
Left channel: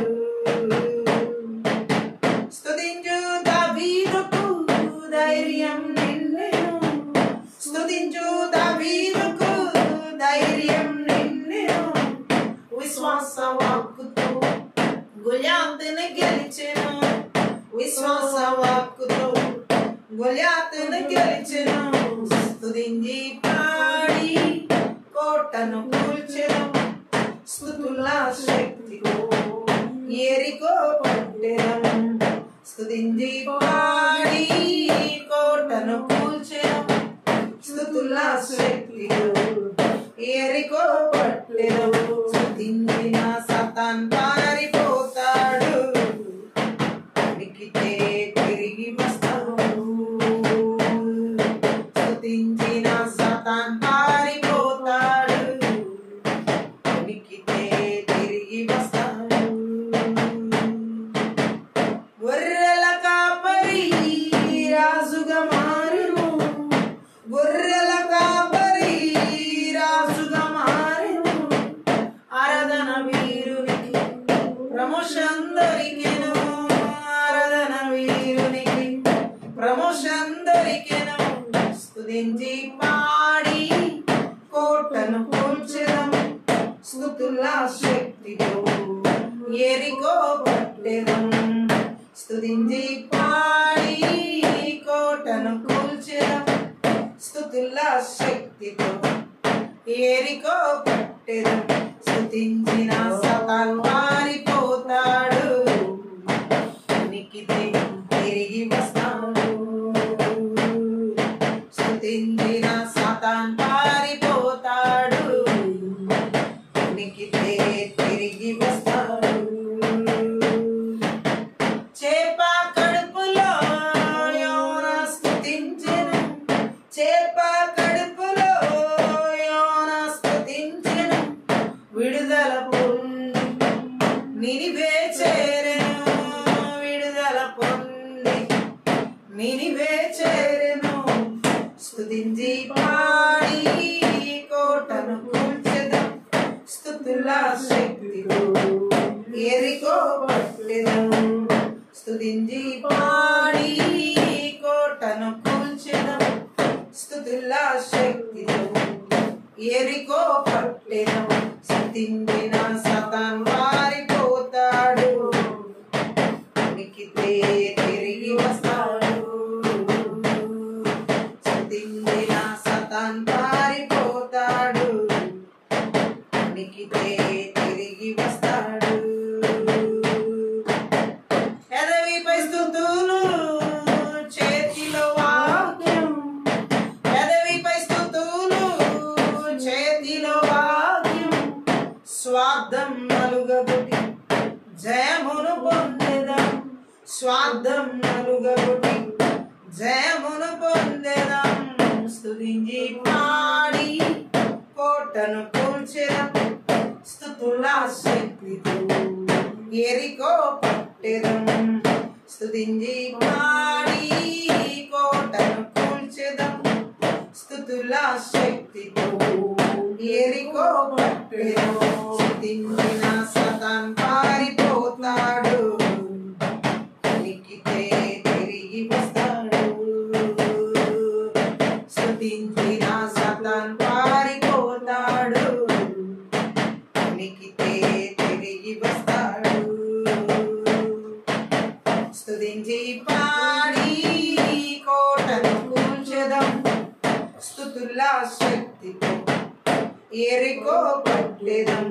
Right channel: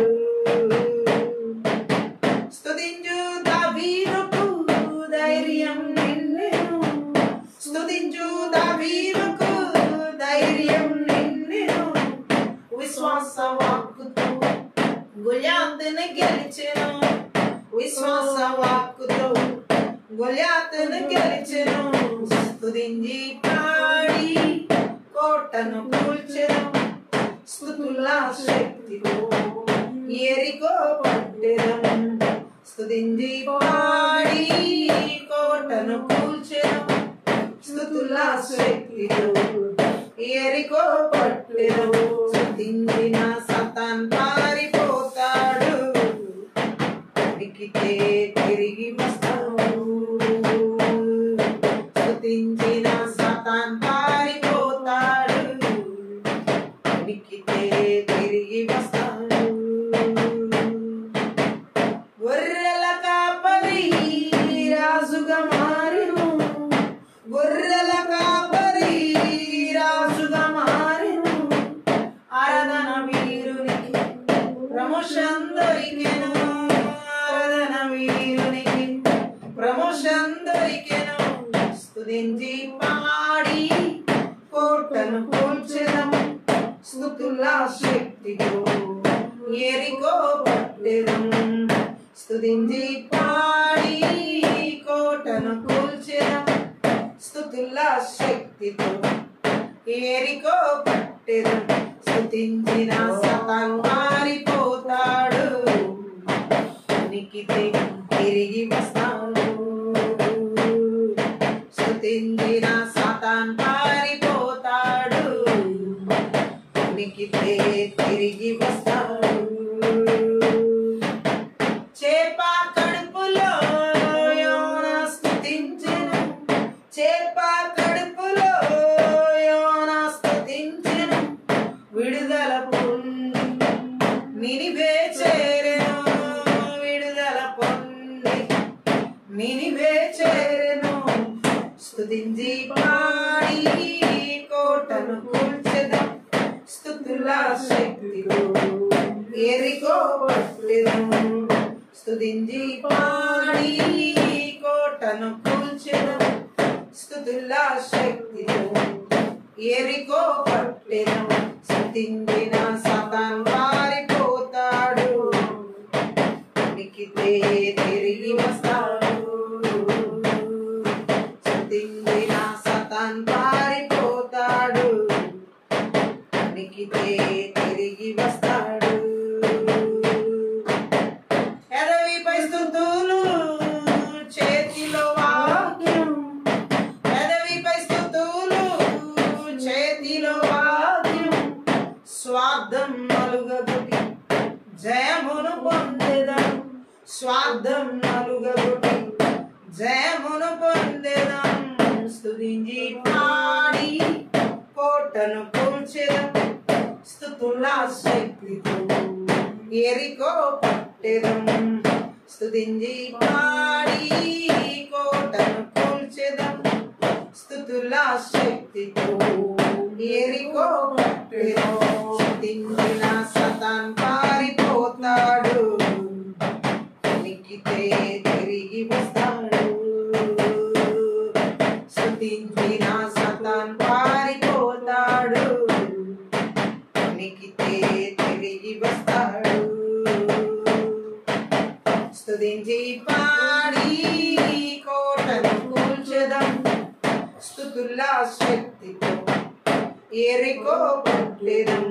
స్తుతించు దావీదుకు ధైర్యం నిన్నెను స్తుతించు దావీదుకు ధైర్యం నిన్నెను విశ్వాస వాక్కుతో గొల్యాతును గెలిచెను విశ్వాస వాక్కుతో గొల్యాతును గెలిచెను స్తుతించి పాడి కోటను కూల్చెను స్తుతుల శక్తితో ఎరికో పట్టెదం స్తుతించి పాడి కోటను కూల్చెను స్తుతుల శక్తితో ఎరికో పట్టెదం స్తుతించిన సతాన్ పారిపోతాడు ఉనికితే తిరిగి వస్తాడు స్తుతించిన సతాన్ పారిపోతాడు ఉనికితే తిరిగి వస్తాడు గొర్రెల కాపరి రాజుగా మారెను గొర్రెల కాపరి రాజుగా మారెను ఆరాధన వీరునికి ప్రమోషన్ దొరికెను ఆరాధన వీరునికి ప్రమోషన్ దొరికెను స్తుతించి పాడి కోటను కూల్చెదం స్తుతుల శక్తితో ఎరికో పట్టెదం స్తుతించి పాడి కోటను కూల్చెదం స్తుతుల శక్తితో ఎరికో పట్టెదం స్తుతించిన సతాన్ పారిపోతాడు ఉనికితే తిరిగి వస్తాడు స్తుతించిన సతాన్ పారిపోతాడు ఉనికితే తిరిగి వస్తాడు. చేప కడుపులో యోనా స్తుతించెను, చేప కడుపులో యోనా స్తుతించెను, విడుదల పొంది నినివే చేరెను, విడుదల పొంది నినివే చేరెను. స్తుతించి పాడి కోటను కూల్చెదం, స్తుతుల శక్తితో ఎరికో పట్టెదం. స్తుతించి పాడి కోటను కూల్చెదం, స్తుతుల శక్తితో ఎరికో పట్టెదం. స్తుతించిన సాతాను పారిపోతాడు, ఉనికితే తిరిగి వస్తాడు. స్తుతించిన సాతాను పారిపోతాడు, ఉనికితే తిరిగి వస్తాడు. ఎదవిపై స్తుతులు చేతిలో వాక్యం, ఎదవిపై స్తుతులు చేతిలో వాక్యం, స్వార్థం నలుగబుటి జయమును పొందెదం, స్వార్థం నలుగబుటి జయమును పొందెదం. స్తుతించి పాడి కోటను కూల్చెదం, స్తుతుల శక్తితో ఎరికో పట్టెదం. స్తుతించి పాడి కోటను కూల్చెదం, స్తుతుల శక్తితో ఎరికో పట్టెదం. స్తుతించిన సాతాను పారిపోతాడు, ఉనికితే తిరిగి వస్తాడు. స్తుతించిన సాతాను పారిపోతాడు, ఉనికితే తిరిగి వస్తాడు. స్తుతించి పాడి కోటను కూల్చెదం, స్తుతుల శక్తితో ఎరికో పట్టెదం.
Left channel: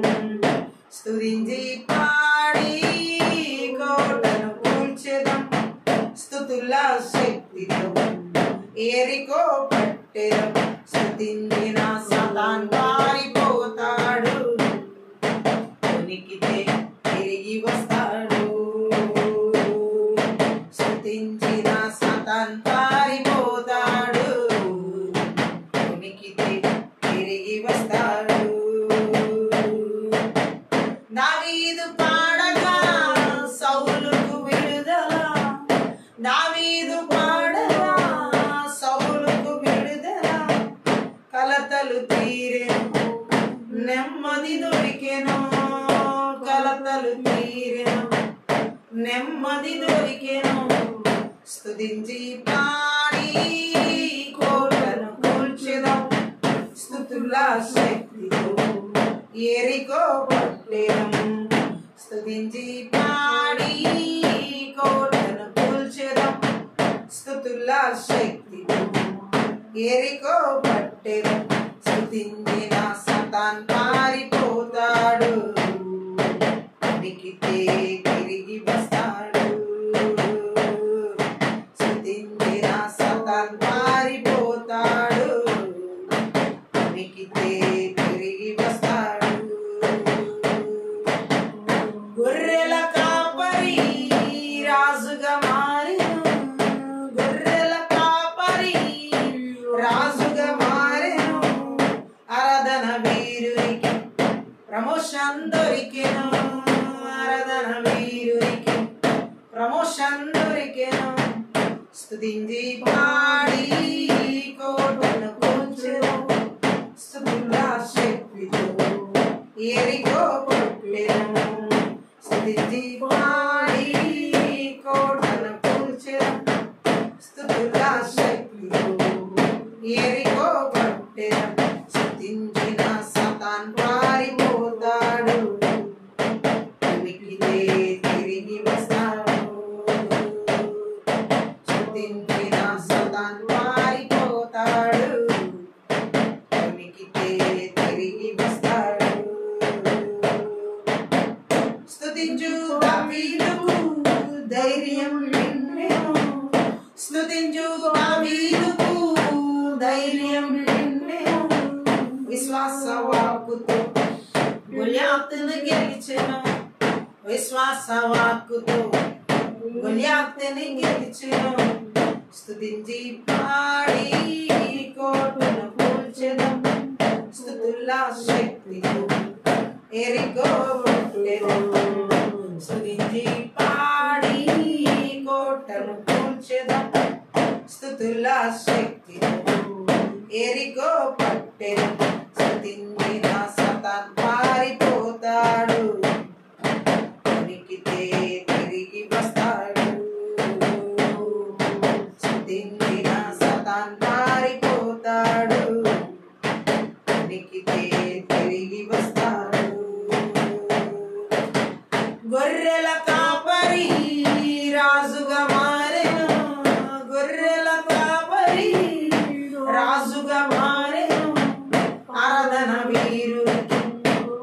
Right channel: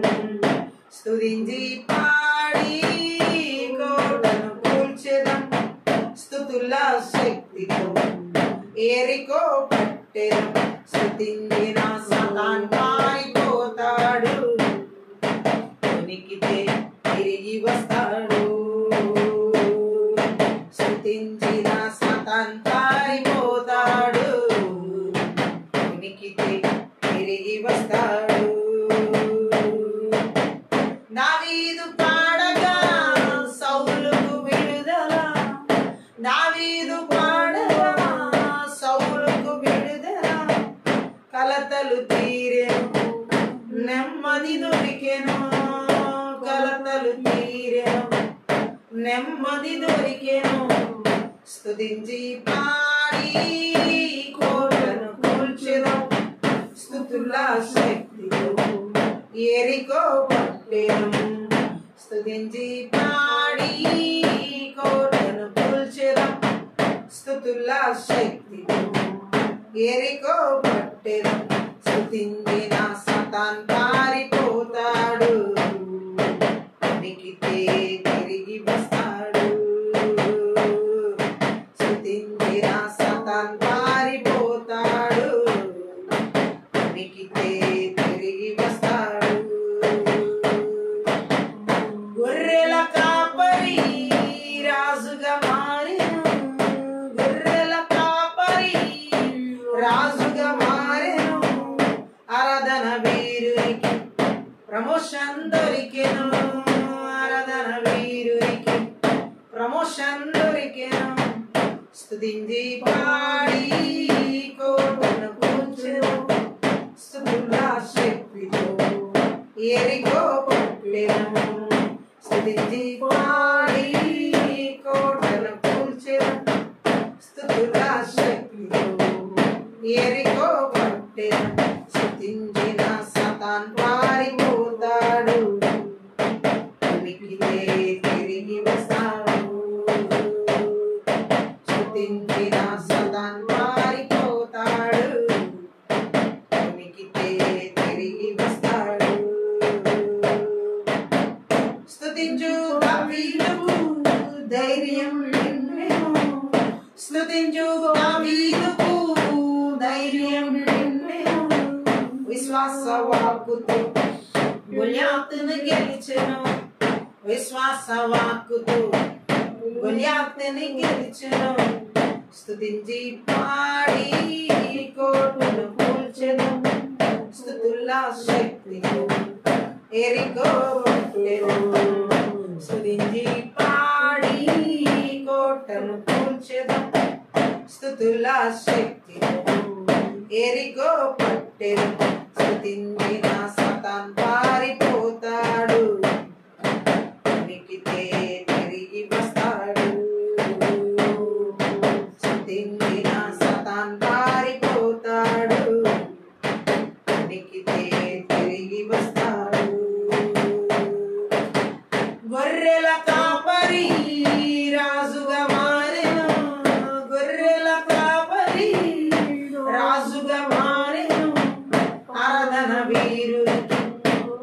స్తుతించి పాడి కోటను కూల్చెదం, స్తుతుల శక్తితో ఎరికో పట్టెదం. స్తుతించిన సాతాను పారిపోతాడు, ఉనికితే తిరిగి వస్తాడు. స్తుతించిన సాతాను పారిపోతాడు, ఉనికితే తిరిగి వస్తాడు. దావీదు పాడగా సౌలుకు విడుదల, దావీదు పాడగా సౌలుకు విడుదల, కలతలు తీరెను నెమ్మది దొరికెను, కలతలు తీరెను నెమ్మది దొరికెను. స్తుతించి పాడి కోటను కూల్చెదం, స్తుతుల శక్తితో ఎరికో పట్టెదం. స్తుతించి పాడి కోటను కూల్చెదం, స్తుతుల శక్తితో ఎరికో పట్టెదం. స్తుతించిన సాతాను పారిపోతాడు, ఉనికితే తిరిగి వస్తాడు. స్తుతించిన సాతాను పారిపోతాడు, ఉనికితే తిరిగి వస్తాడు. గొర్రెల కాపరి రాజుగా మారెను, గొర్రెల కాపరి రాజుగా మారెను. ఆరాధన వీరునికి ప్రమోషన్ దొరికెను, ఆరాధన వీరునికి ప్రమోషన్ దొరికెను. స్తుతించి పాడి కోటను కూల్చెదం, స్తుతుల శక్తితో ఎరికో పట్టెదం. స్తుతించి పాడి కోటను కూల్చెదం, స్తుతుల శక్తితో ఎరికో పట్టెదం. స్తుతించిన సాతాను పారిపోతాడు, ఉనికితే తిరిగి వస్తాడు. స్తుతించిన సాతాను పారిపోతాడు, ఉనికితే తిరిగి వస్తాడు. స్తుతించు దావీదుకు ధైర్యం నిండెను, స్తుతించు దావీదుకు ధైర్యం నిండెను. విశ్వాస వాక్కుతో గొల్యాతును గెలిచెను విశ్వాస వాక్కుతో గొల్యాతుని గెలిచెను స్తుతించి పాడి కోటను కూల్చెను స్తుతుల శక్తితో ఎరికో పట్టెను స్తుతించి పాడి కోటను కూల్చెను స్తుతుల శక్తితో ఎరికో పట్టెను స్తుతించిన సతాన్ పారిపోతాడు ఉనికితే తిరిగి వస్తాడు స్తుతించిన సతాన్ పారిపోతాడు ఉనికితే తిరిగి వస్తాడు గొర్రెల కాపరి రాజుగా మారెను గొర్రెల కాపరి రాజుగా మారెను ఆరాధన వీరునికి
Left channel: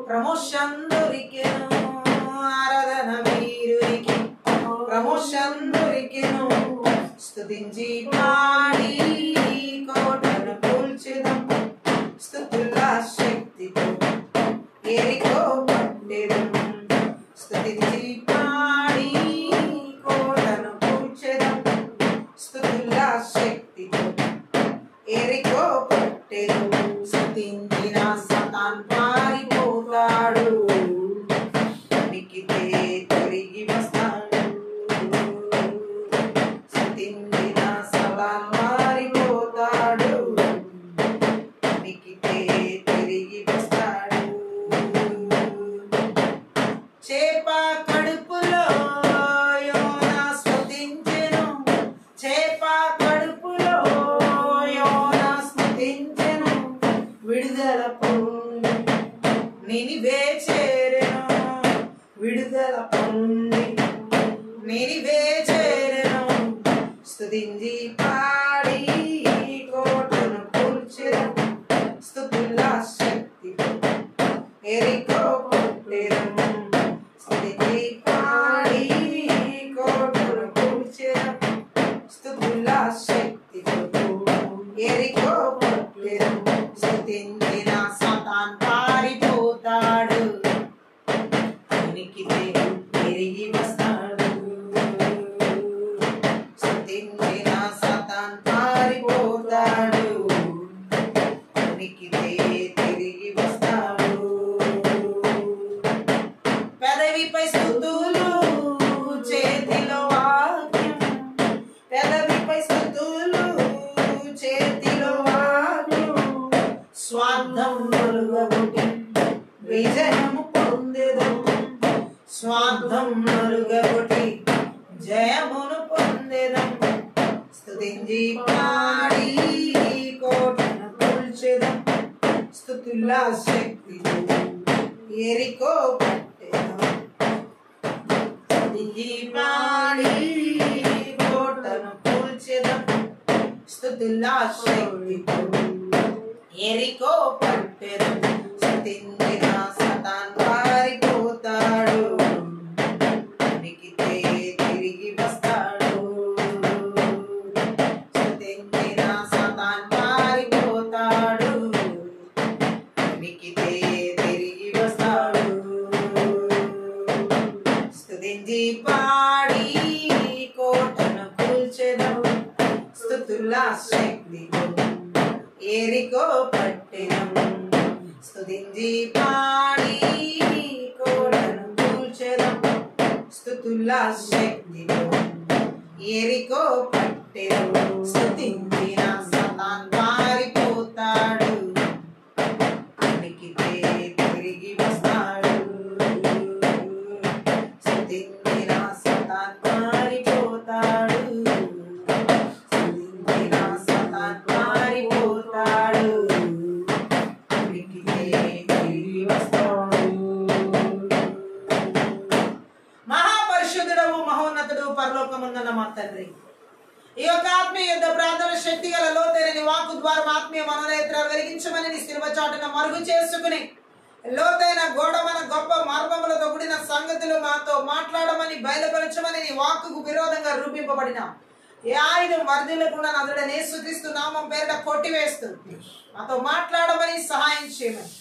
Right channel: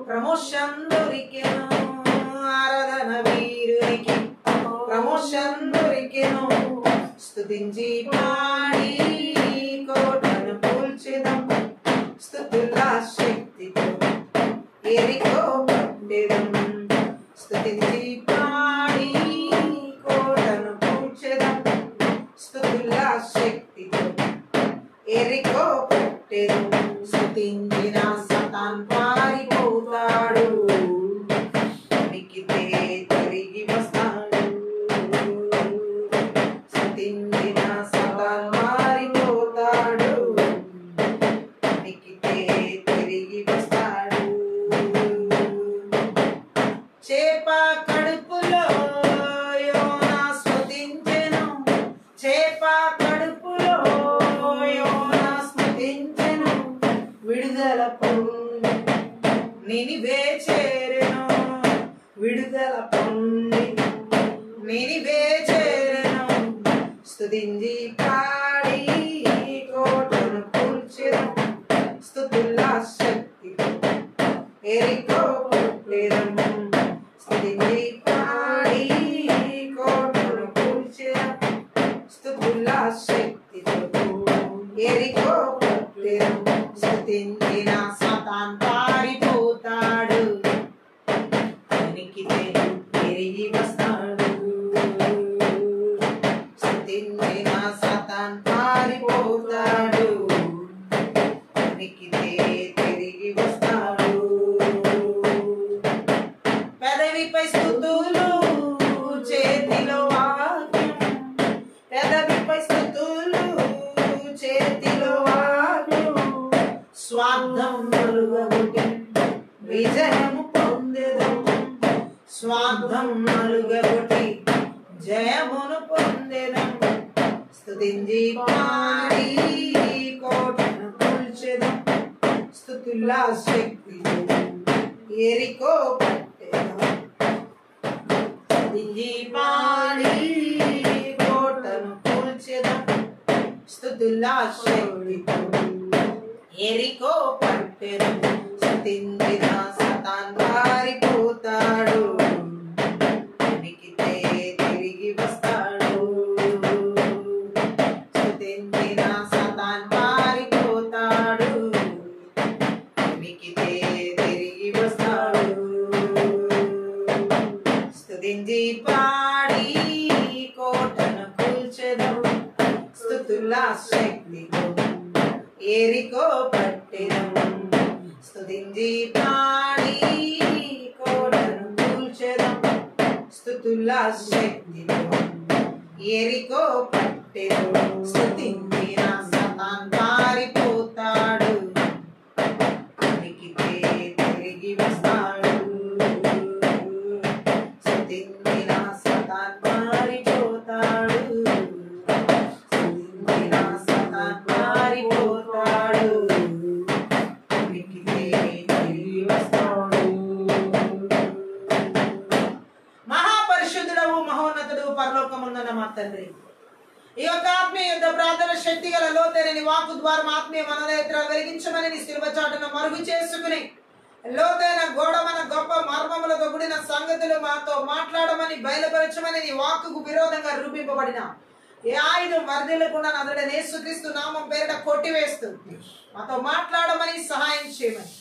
ప్రమోషన్ దొరికెను ఆరాధన వీరునికి ప్రమోషన్ దొరికెను స్తుతించి పాడి కోటను కూల్చెదం స్తుతుల శక్తితో ఎరికో పట్టెదం స్తుతించి పాడి కోటను కూల్చెదం స్తుతుల శక్తితో ఎరికో పట్టెదం స్తుతించిన సతాన్ పారిపోతాడు ఉనికితే తిరిగి వస్తాడు స్తుతించిన సతాన్ పారిపోతాడు ఉనికితే తిరిగి వస్తాడు చేప కడుపులో యోనా స్తుతించెను చేప కడుపులో యోనా స్తుతించెను విడుదల పొంది నినివే చేరెను విడుదల పొంది నినివే చేరెను స్తుతించి పాడి కోటను కూల్చెను స్తుతుల శక్తితో ఎరికో పట్టెదం స్తుతించి పాడి కోటను కూల్చెను స్తుతుల శక్తితో ఎరికో పట్టెదం స్తుతించిన సతాన్ పారిపోతాడు ఉనికితే తిరిగి వస్తాడు స్తుతించిన సతాన్ పారిపోతాడు ఉనికితే తిరిగి వస్తాడు పెదవిపై స్తుతులు చేతిలో వాక్యం పెదవిపై స్తుతులు చేతిలో వాక్యం స్వార్థం నలుగొట్టి విజయము పొందెదం స్వార్థం నలుగొట్టి జయమును పొందెదం స్తుతించి పాడి కోటను కూల్చెదం స్తుతుల శక్తితో ఎరికో పట్టెదం స్తుతించి పాడి కోటను కూల్చెదం స్తుతుల శక్తితో ఎరికో పట్టెదం స్తుతించిన సతాన్ పారిపోతాడు ఉనికితే తిరిగి వస్తాడు స్తుతించిన సతాన్ పారిపోతాడు ఉనికితే తిరిగి వస్తాడు స్తుతించి పాడి కోటను కూల్చెదం స్తుతుల శక్తితో ఎరికో పట్టెదం స్తుతించి పాడి కోటను కూల్చెదం స్తుతుల శక్తితో ఎరికో పట్టెదం స్తుతించిన సతాన్ పారిపోతాడు ఉనికితే తిరిగి వస్తాడు స్తుతించిన సతాన్ పారిపోతాడు స్తుతించిన సతాన్ పారిపోతాడు ఉనికితే తిరిగి వస్తాడు మహాపరిశుద్ధుడవు మహోన్నతుడు పరలోకముందున్న మా తండ్రి ఈ యొక్క ఆత్మీయ యుద్ధ ప్రార్థన శక్తి గల లోతైన వాక్కు ద్వారా ఆత్మీయ మనోనేత్రాలు వెలిగించమని నీ శిలువ చాటున మరుగు చేసుకుని లోతైన గోడమన గొప్ప మర్మములతో కూడిన సంగతులు మాతో మాట్లాడమని బయలుపరచమని నీ వాక్కుకు విరోధంగా రూపింపబడిన ఏ ఆయుధం వర్ధిల్లకుండా నదుడైన యేసుక్రీస్తు నామం పేరిట కొట్టివేస్తూ మాతో మాట్లాడమని సహాయం చేయమని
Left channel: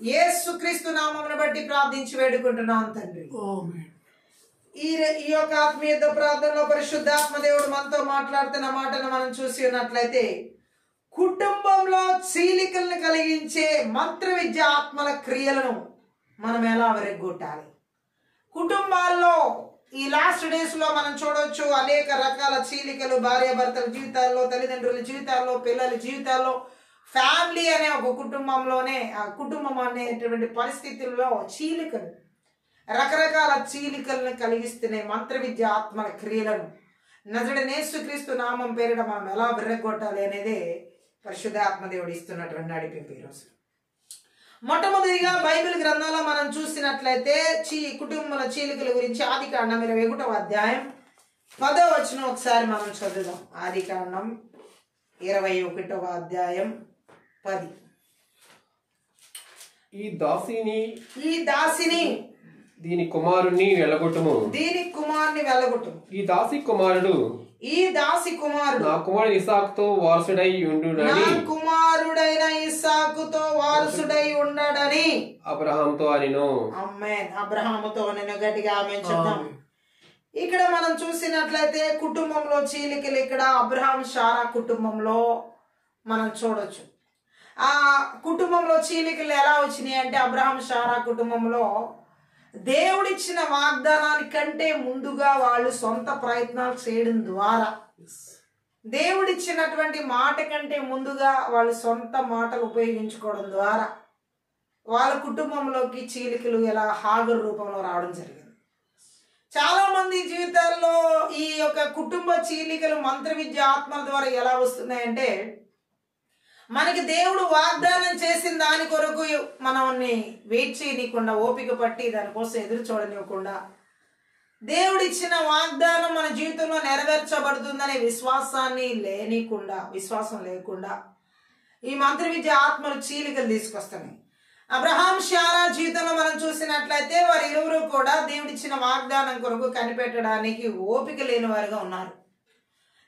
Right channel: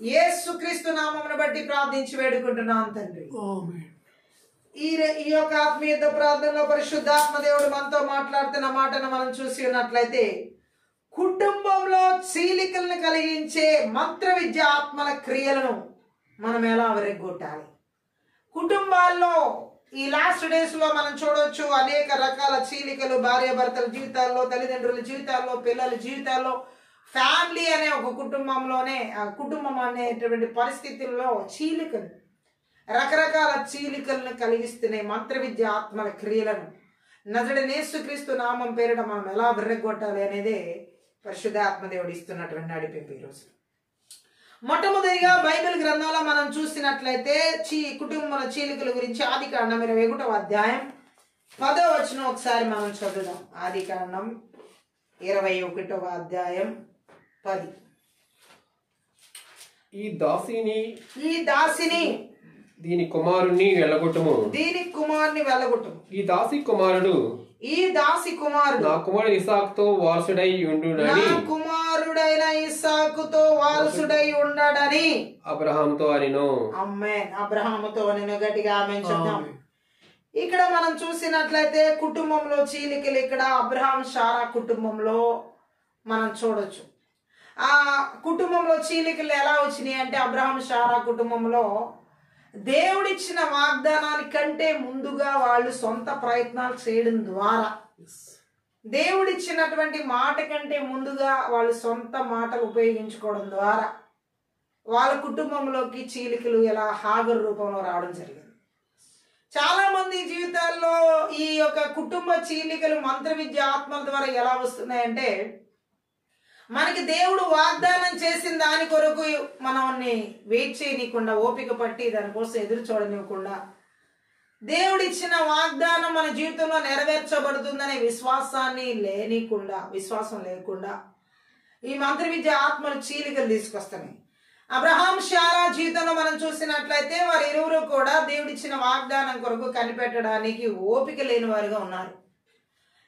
యేసుక్రీస్తు నామమును బట్టి ప్రార్థించి వేడుకుంటున్నాం తండ్రి. ఈ యొక్క ఆత్మీయ ప్రార్థనలో పరిశుద్ధాత్మ దేవుడు మనతో మాట్లాడుతున్న మాటను మనం చూసి ఉన్నట్లయితే, కుటుంబంలో చీలికలను కలిగించే మంత్ర విద్య ఆత్మల క్రియలను మనం ఎలా విరగ్గొట్టాలి. కుటుంబాల్లో ఈ లాస్ట్ డేస్ లో మనం చూడవచ్చు అనేక రకాల చీలికలు భార్యాభర్తల జీవితాల్లో, తల్లిదండ్రుల జీవితాల్లో, పిల్లల జీవితాల్లో, ఫ్యామిలీ అనే ఒక కుటుంబంలోనే కుటుంబం అనేటువంటి పరిస్థితుల్లో చీలికలు, రకరకాల చీలికలను కలిగిస్తున్నాయి మంత్ర విద్య ఆత్మల క్రియలను నజరేయుడైన యేసుక్రీస్తు నామం పేరిట మనం ఎలా విర్రగొట్టాలి అనేది పరిశుద్ధ ఆత్మదేవుడు ఇస్తున్నటువంటి నడిపింపు. ఈరోజు మొట్టమొదటిగా బైబిల్ గ్రంథంలో మనం చూసినట్లయితే కుటుంబంలో చీలికల గురించి ఆదికాండం 21వ అధ్యాయం 10వ వచనం ఒకసారి మనం చదువుదాం. ఆదికాండం 21వ అధ్యాయం 10. ఈ దాసిని దీని కుమారుణ్ణి వెళ్ళగొట్టుము. ఈ దాసి కుమారుడు నా కుమారుడు ఇస్సాకుతో వారసుడై ఉండునని ఉండడని అబ్రహాముతో అనెను. ఆమేన్. అబ్రహాముతో అనెను. గట్టిగా ఆమేన్ చెప్దాం. ఇక్కడ మనం చూసినట్లయితే కుటుంబంలో చీలికలు ఇక్కడ అబ్రహాం శారా కుటుంబంలో మనం చూడొచ్చు. ఆ కుటుంబంలో చీలికలు ఎలా వచ్చినాయి అంటే, అబ్రహాం శారా కుటుంబంలో దేవుడిచ్చిన వాగ్దానానికంటే ముందుగా వాళ్ళు సొంత ప్రయత్నాలు చేయడం ద్వారా, దేవుడిచ్చినటువంటి మాట కంటే ముందుగా వాళ్ళు సొంత మాటలు ఉపయోగించుకోవడం ద్వారా వాళ్ళ కుటుంబంలోకి చీలికలు ఎలా హాగరు రూపంలో రావడం జరిగింది. చాలా మంది జీవితాల్లో ఈ యొక్క కుటుంబ చీలికలు మంత్ర విద్య ఆత్మల ద్వారా ఎలా వస్తున్నాయంటే, మనకి దేవుడు వాగ్దానం చేసిన దాని కొరకు మనల్ని వెయిట్ చేయనీయకుండా, ఓపిక పట్టి దానికోసం ఎదురు చూడనివ్వకుండా, దేవుడిచ్చిన వాగ్దానం మన జీవితంలో నెరవేర్చబడుతుందనే విశ్వాసం లేకుండా ఈ మంత్ర విద్య ఆత్మలు చీలికలు తీసుకొస్తున్నాయి. అబ్రహాం శారా జీవితంలో మనం చూసినట్లయితే వారు ఇరువురు కూడా దేవుడిచ్చిన వాగ్దానం కొరకు కనిపెట్టడానికి ఓపిక లేని వారుగా ఉన్నారు.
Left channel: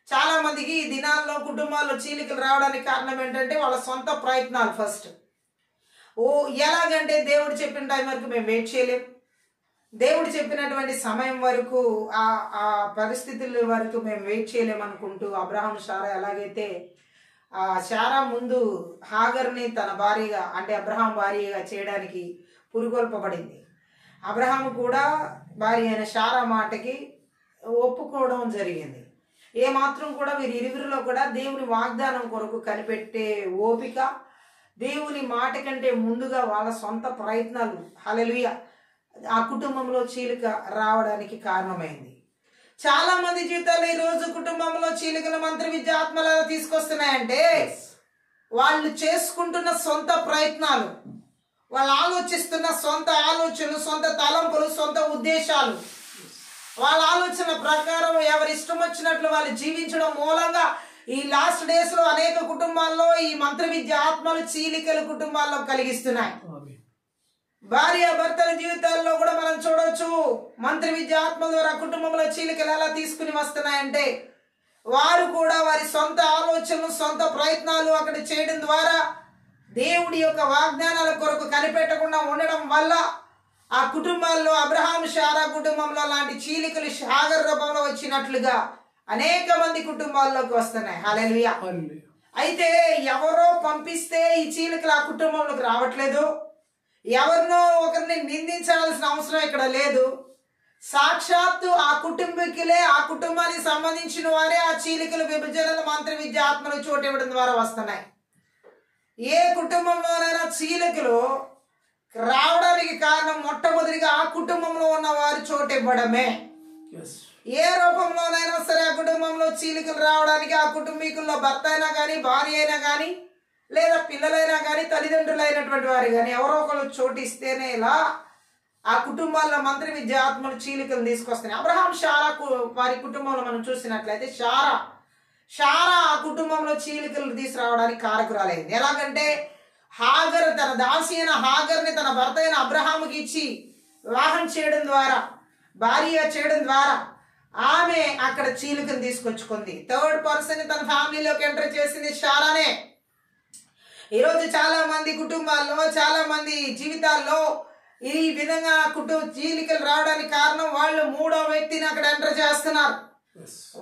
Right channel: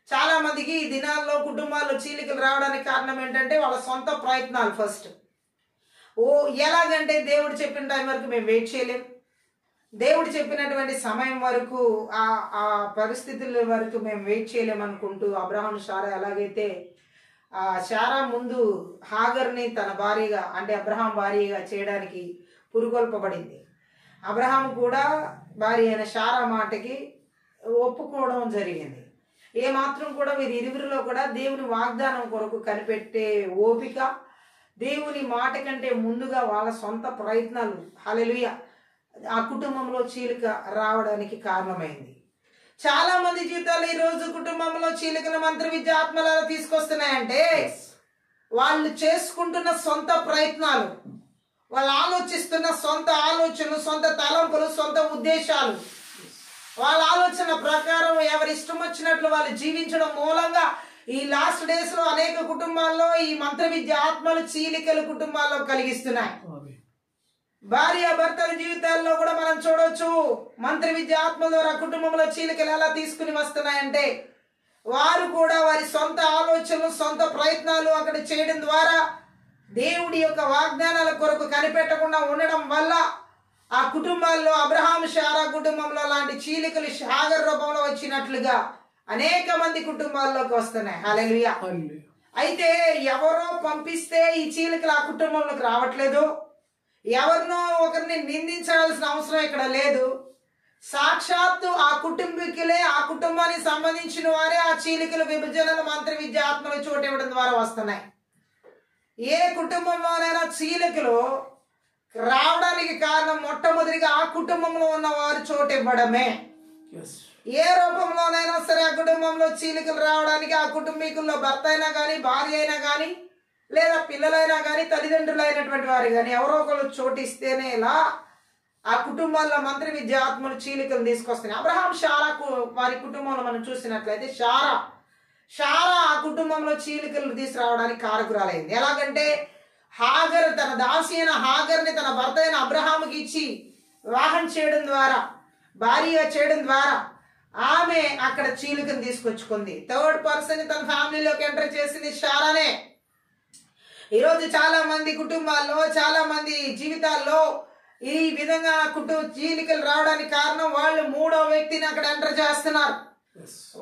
చాలా మందికి ఈ దినాల్లో కుటుంబాల్లో చీలికలు రావడానికి కారణం ఏంటంటే వాళ్ళ సొంత ప్రయత్నాలు. ఫస్ట్ ఎలాగంటే దేవుడు చెప్పిన టైం వరకు మేము వెయిట్ చేయలేం, దేవుడు చెప్పినటువంటి సమయం వరకు ఆ పరిస్థితుల వరకు మేము వెయిట్ చేయలేమనుకుంటూ అబ్రహాం శారా ఎలాగైతే శారా ముందు హాగర్ని తన భార్యగా అంటే అబ్రహాం భార్యగా చేయడానికి పురుగొల్పబడింది. అబ్రహాం కూడా భార్య అయిన శారా మాటకి ఒప్పుకోవడం జరిగింది. ఏమాత్రం కూడా వీరిరువురిలో కూడా దేవుని వాగ్దానం కొరకు కనిపెట్టే ఓపిక, దేవుని మాట కంటే ముందుగా వాళ్ళ సొంత ప్రయత్నాలు హల్లెలూయా ఆ కుటుంబంలో చీలిక రావడానికి కారణమైంది. చాలా మంది జీవితాల్లో ఈ రోజు కుటుంబంలో చీలికల మంత్ర విద్య ఆత్మలు తీసుకొస్తున్నాయంటే, వాళ్ళు చేసుకుంటున్న సొంత ప్రయత్నాలు, వాళ్ళు ఆలోచిస్తున్న సొంత ఆలోచనలు, సొంత తలంపులు, సొంత ఉద్దేశాలు, వాళ్ళ ఆలోచన ప్రకారం ఎవరి ఇష్టం వచ్చినట్లు వాళ్ళు జీవించడం మూలంగా ఈ లాస్ట్ డేస్ లో అనేక కుటుంబాల్లో ఈ మంత్ర విద్య ఆత్మలు చీలికలు కుటుంబాల్లో కలిగిస్తున్నాయి. భార్య భర్తల జీవితాల్లో కూడా మనం చూడవచ్చు మంత్ర విద్య ఆత్మల ద్వారా కుటుంబంలో చీలికలు ఎలా తీసుకుని వస్తున్నాయంటే, వారు కూడా వారి సొంత ఆలోచనలు, సొంత ప్రయత్నాలు అక్కడ చేయడం ద్వారా దేవుడి యొక్క వాగ్దానాల కొరకు కనిపెట్టకుండా ఉండడం వల్ల ఆ కుటుంబాల్లో అబ్రహాం శారా కుటుంబంలో లాంటి చీలికలు హాగర్ రూపంలో వచ్చినట్లుగా అనేక మంది కుటుంబాల్లోకి వస్తున్నాయి. హల్లెలూయా. అయితే ఎవరో పంపిస్తే ఈ చీలికలు ఆ కుటుంబంలోకి రావట్లేదు. ఎవరినో ఒకరిని నిందించాల్సిన అవసరం ఇక్కడ లేదు. సాక్షాత్తు ఆ కుటుంబీకులే, ఆ కుటుంబానికి సంబంధించిన వారే ఆ చీలికలు, విభజనలు, మంత్ర విద్య ఆత్మలు చోటు ఇవ్వడం ద్వారా వస్తున్నాయి. ఏ కుటుంబంలోనైనా చీలికలు రావడానికి కారణం మొట్టమొదటిగా ఆ కుటుంబంలో ఉన్న వారు చోటు ఇవ్వడమే. ఏ రూపంలోనైనా సరే ఆ కుటుంబంలో చీలికలు రావడానికి ఆ కుటుంబీకుల్లో భర్త అయినా కానీ, భార్య అయినా కానీ, లేదా పిల్లలైనా కానీ, తల్లిదండ్రులైనటువంటి వారు కానీ ఎవరో ఒకరు చోటు ఇస్తేనే ఇలా ఆ కుటుంబాల్లో మంత్ర విద్య ఆత్మలు చీలికలు తీసుకొస్తున్నాయి. అబ్రహాం శారా వారి కుటుంబంలో మనం చూసినట్లయితే శారా ఆ కుటుంబంలో చీలికలు తీసుకురావడానికి కారకురాలైంది. ఎలాగంటే హాగర్ తన దాసి అయిన హాగర్ని తన భర్త అయిన అబ్రహాముకి ఇచ్చి వివాహం చేయడం ద్వారా, భార్య చేయడం ద్వారా ఆమె అక్కడ చీలికను తీసుకొచ్చుకుంది. థర్డ్ పర్సన్ తన ఫ్యామిలీలోకి ఎంటర్ చేసింది శారానే. ఈరోజు చాలా మంది కుటుంబాల్లో, చాలా మంది జీవితాల్లో ఈ విధంగా చీలికలు రావడానికి కారణం వాళ్ళు మూడో వ్యక్తిని అక్కడ ఎంటర్ చేస్తున్నారు.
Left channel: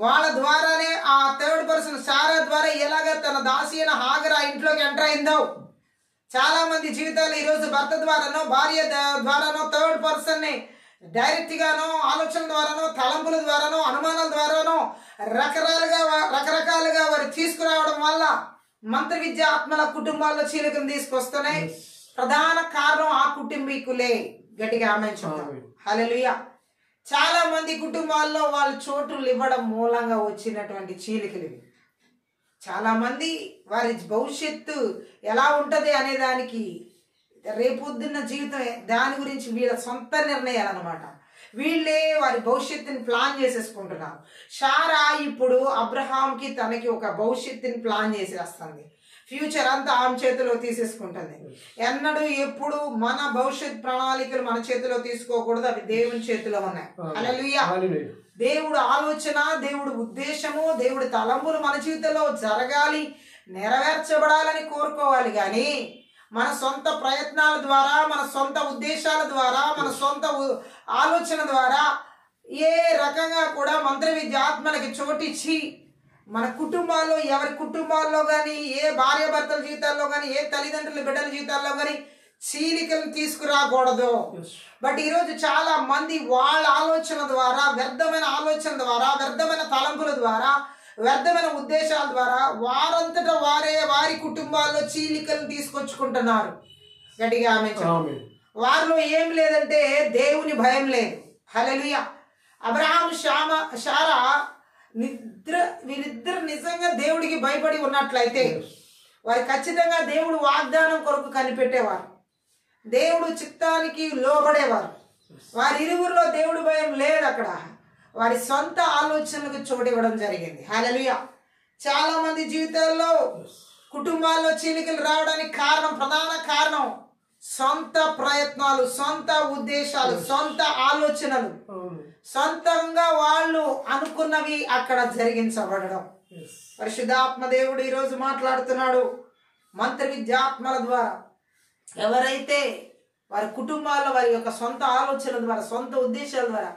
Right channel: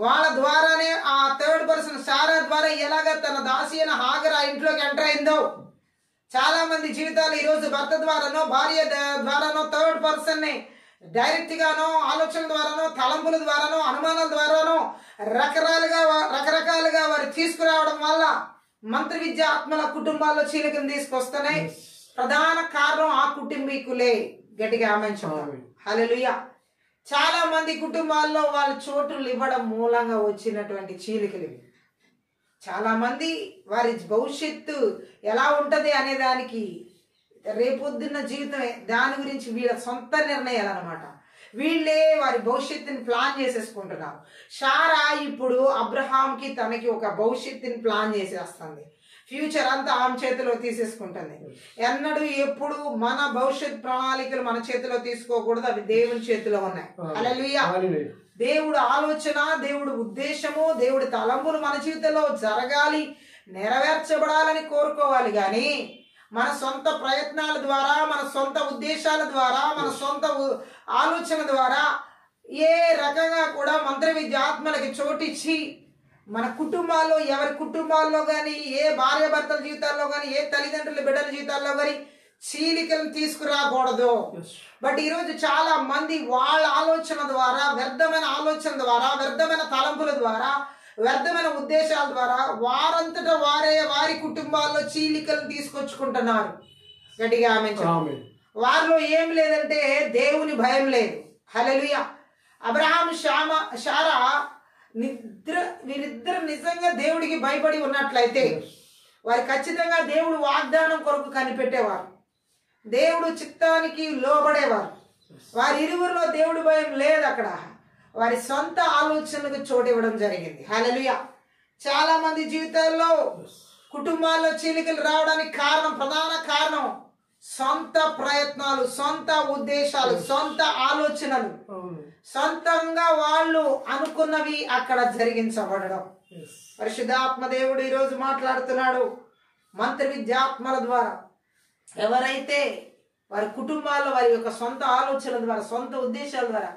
వాళ్ళ ద్వారానే ఆ థర్డ్ పర్సన్ సారా ద్వారా ఎలాగ తన దాసి అయిన హాగర్ ఆ ఇంట్లోకి ఎంటర్ అయిందో, చాలా మంది జీవితాలు ఈరోజు భర్త ద్వారానో భార్య ద్వారానో థర్డ్ పర్సన్ ని డైరెక్ట్ గానో ఆలోచన ద్వారానో తలంపుల ద్వారానో అనుమానాల ద్వారానో రకరకాలుగా వారు తీసుకురావడం వల్ల మంత్ర విద్య ఆత్మల కుటుంబాల్లో చీలికను తీసుకొస్తున్నాయి. ప్రధాన కారణం ఆ కుటుంబీకులే. గట్టిగా ఆమేన్ చెప్తాం. హల్లెలూయా. చాలా మంది కుటుంబాల్లో వాళ్ళ చోటులు ఇవ్వడం మూలంగా వచ్చినటువంటి చీలికలు. చాలా మంది వారి భవిష్యత్తు ఎలా ఉంటది అనే దానికి రేపొద్దున్న జీవితం దాని గురించి వీళ్ళ సొంత నిర్ణయాలు అన్నమాట. వీళ్ళే వారి భవిష్యత్తుని ప్లాన్ చేసేసుకుంటున్నారు. శారా ఇప్పుడు అబ్రహాంకి తనకి ఒక భవిష్యత్తుని ప్లాన్ చేసేస్తుంది. ఫ్యూచర్ అంతా ఆమె చేతిలో తీసేసుకుంటుంది. ఎన్నడూ ఎప్పుడు మన భవిష్యత్ ప్రణాళికలు మన చేతిలో తీసుకోకూడదు, అవి దేవుని చేతిలో ఉన్నాయి. హల్లెలూయా. దేవుడు ఆలోచన, దేవుడు ఉద్దేశము, దేవుడి తలంపులు మన జీవితంలో జరగాలి, నెరవేర్చబడాలని కోరుకోవాలి. కానీ మన సొంత ప్రయత్నాల ద్వారా, మన సొంత ఉద్దేశాల ద్వారా, మన సొంత ఆలోచన ద్వారా ఏ రకంగా కూడా మంత్ర విద్య ఆత్మలకి చోటిచ్చి మన కుటుంబాల్లో, ఎవరి కుటుంబాల్లో కానీ, ఏ భార్య భర్తల జీవితాల్లో కానీ, ఏ తల్లిదండ్రుల బిడ్డల జీవితాల్లో కానీ చీలికలను తీసుకురాకూడదు. బట్ ఈరోజు చాలా మంది వాళ్ళ ఆలోచన ద్వారా, వ్యర్థమైన ఆలోచన ద్వారా, వ్యర్థమైన తలంపుల ద్వారా, వ్యర్థమైన ఉద్దేశాల ద్వారా వారంతటా వారే వారి కుటుంబాల్లో చీలికలను తీసుకొచ్చుకుంటున్నారు. గట్టిగా ఆమేన్. వారిలో ఏం లేదంటే దేవుని భయం లేదు. హల్లెలూయా. అబ్రహాం శారా వీరిద్దరు నిజంగా దేవుడికి భయపడి ఉన్నట్లయితే వారు ఖచ్చితంగా దేవుడు వాగ్దానం కొరకు కనిపెట్టేవారు, దేవుడు చిత్తానికి లోబడేవారు. వారి ఇరువురిలో దేవుడి భయం లేదు. అక్కడ వారి సొంత ఆలోచనలకు చోటు ఇవ్వడం జరిగింది. హల్లెలూయా. చాలా మంది జీవితాల్లో కుటుంబాల్లో చీలికలు రావడానికి ప్రధాన కారణం సొంత ప్రయత్నాలు, సొంత ఉద్దేశాలు, సొంత ఆలోచనలు, సొంతంగా వాళ్ళు అనుకున్నవి అక్కడ జరిగించబడడం. పరిశుద్ధాత్మ దేవుడు ఈరోజు మాట్లాడుతున్నాడు మంత్ర విద్యాత్మల ద్వారా. ఎవరైతే వారి కుటుంబాల్లో వారి యొక్క సొంత ఆలోచనల ద్వారా, సొంత ఉద్దేశాల ద్వారా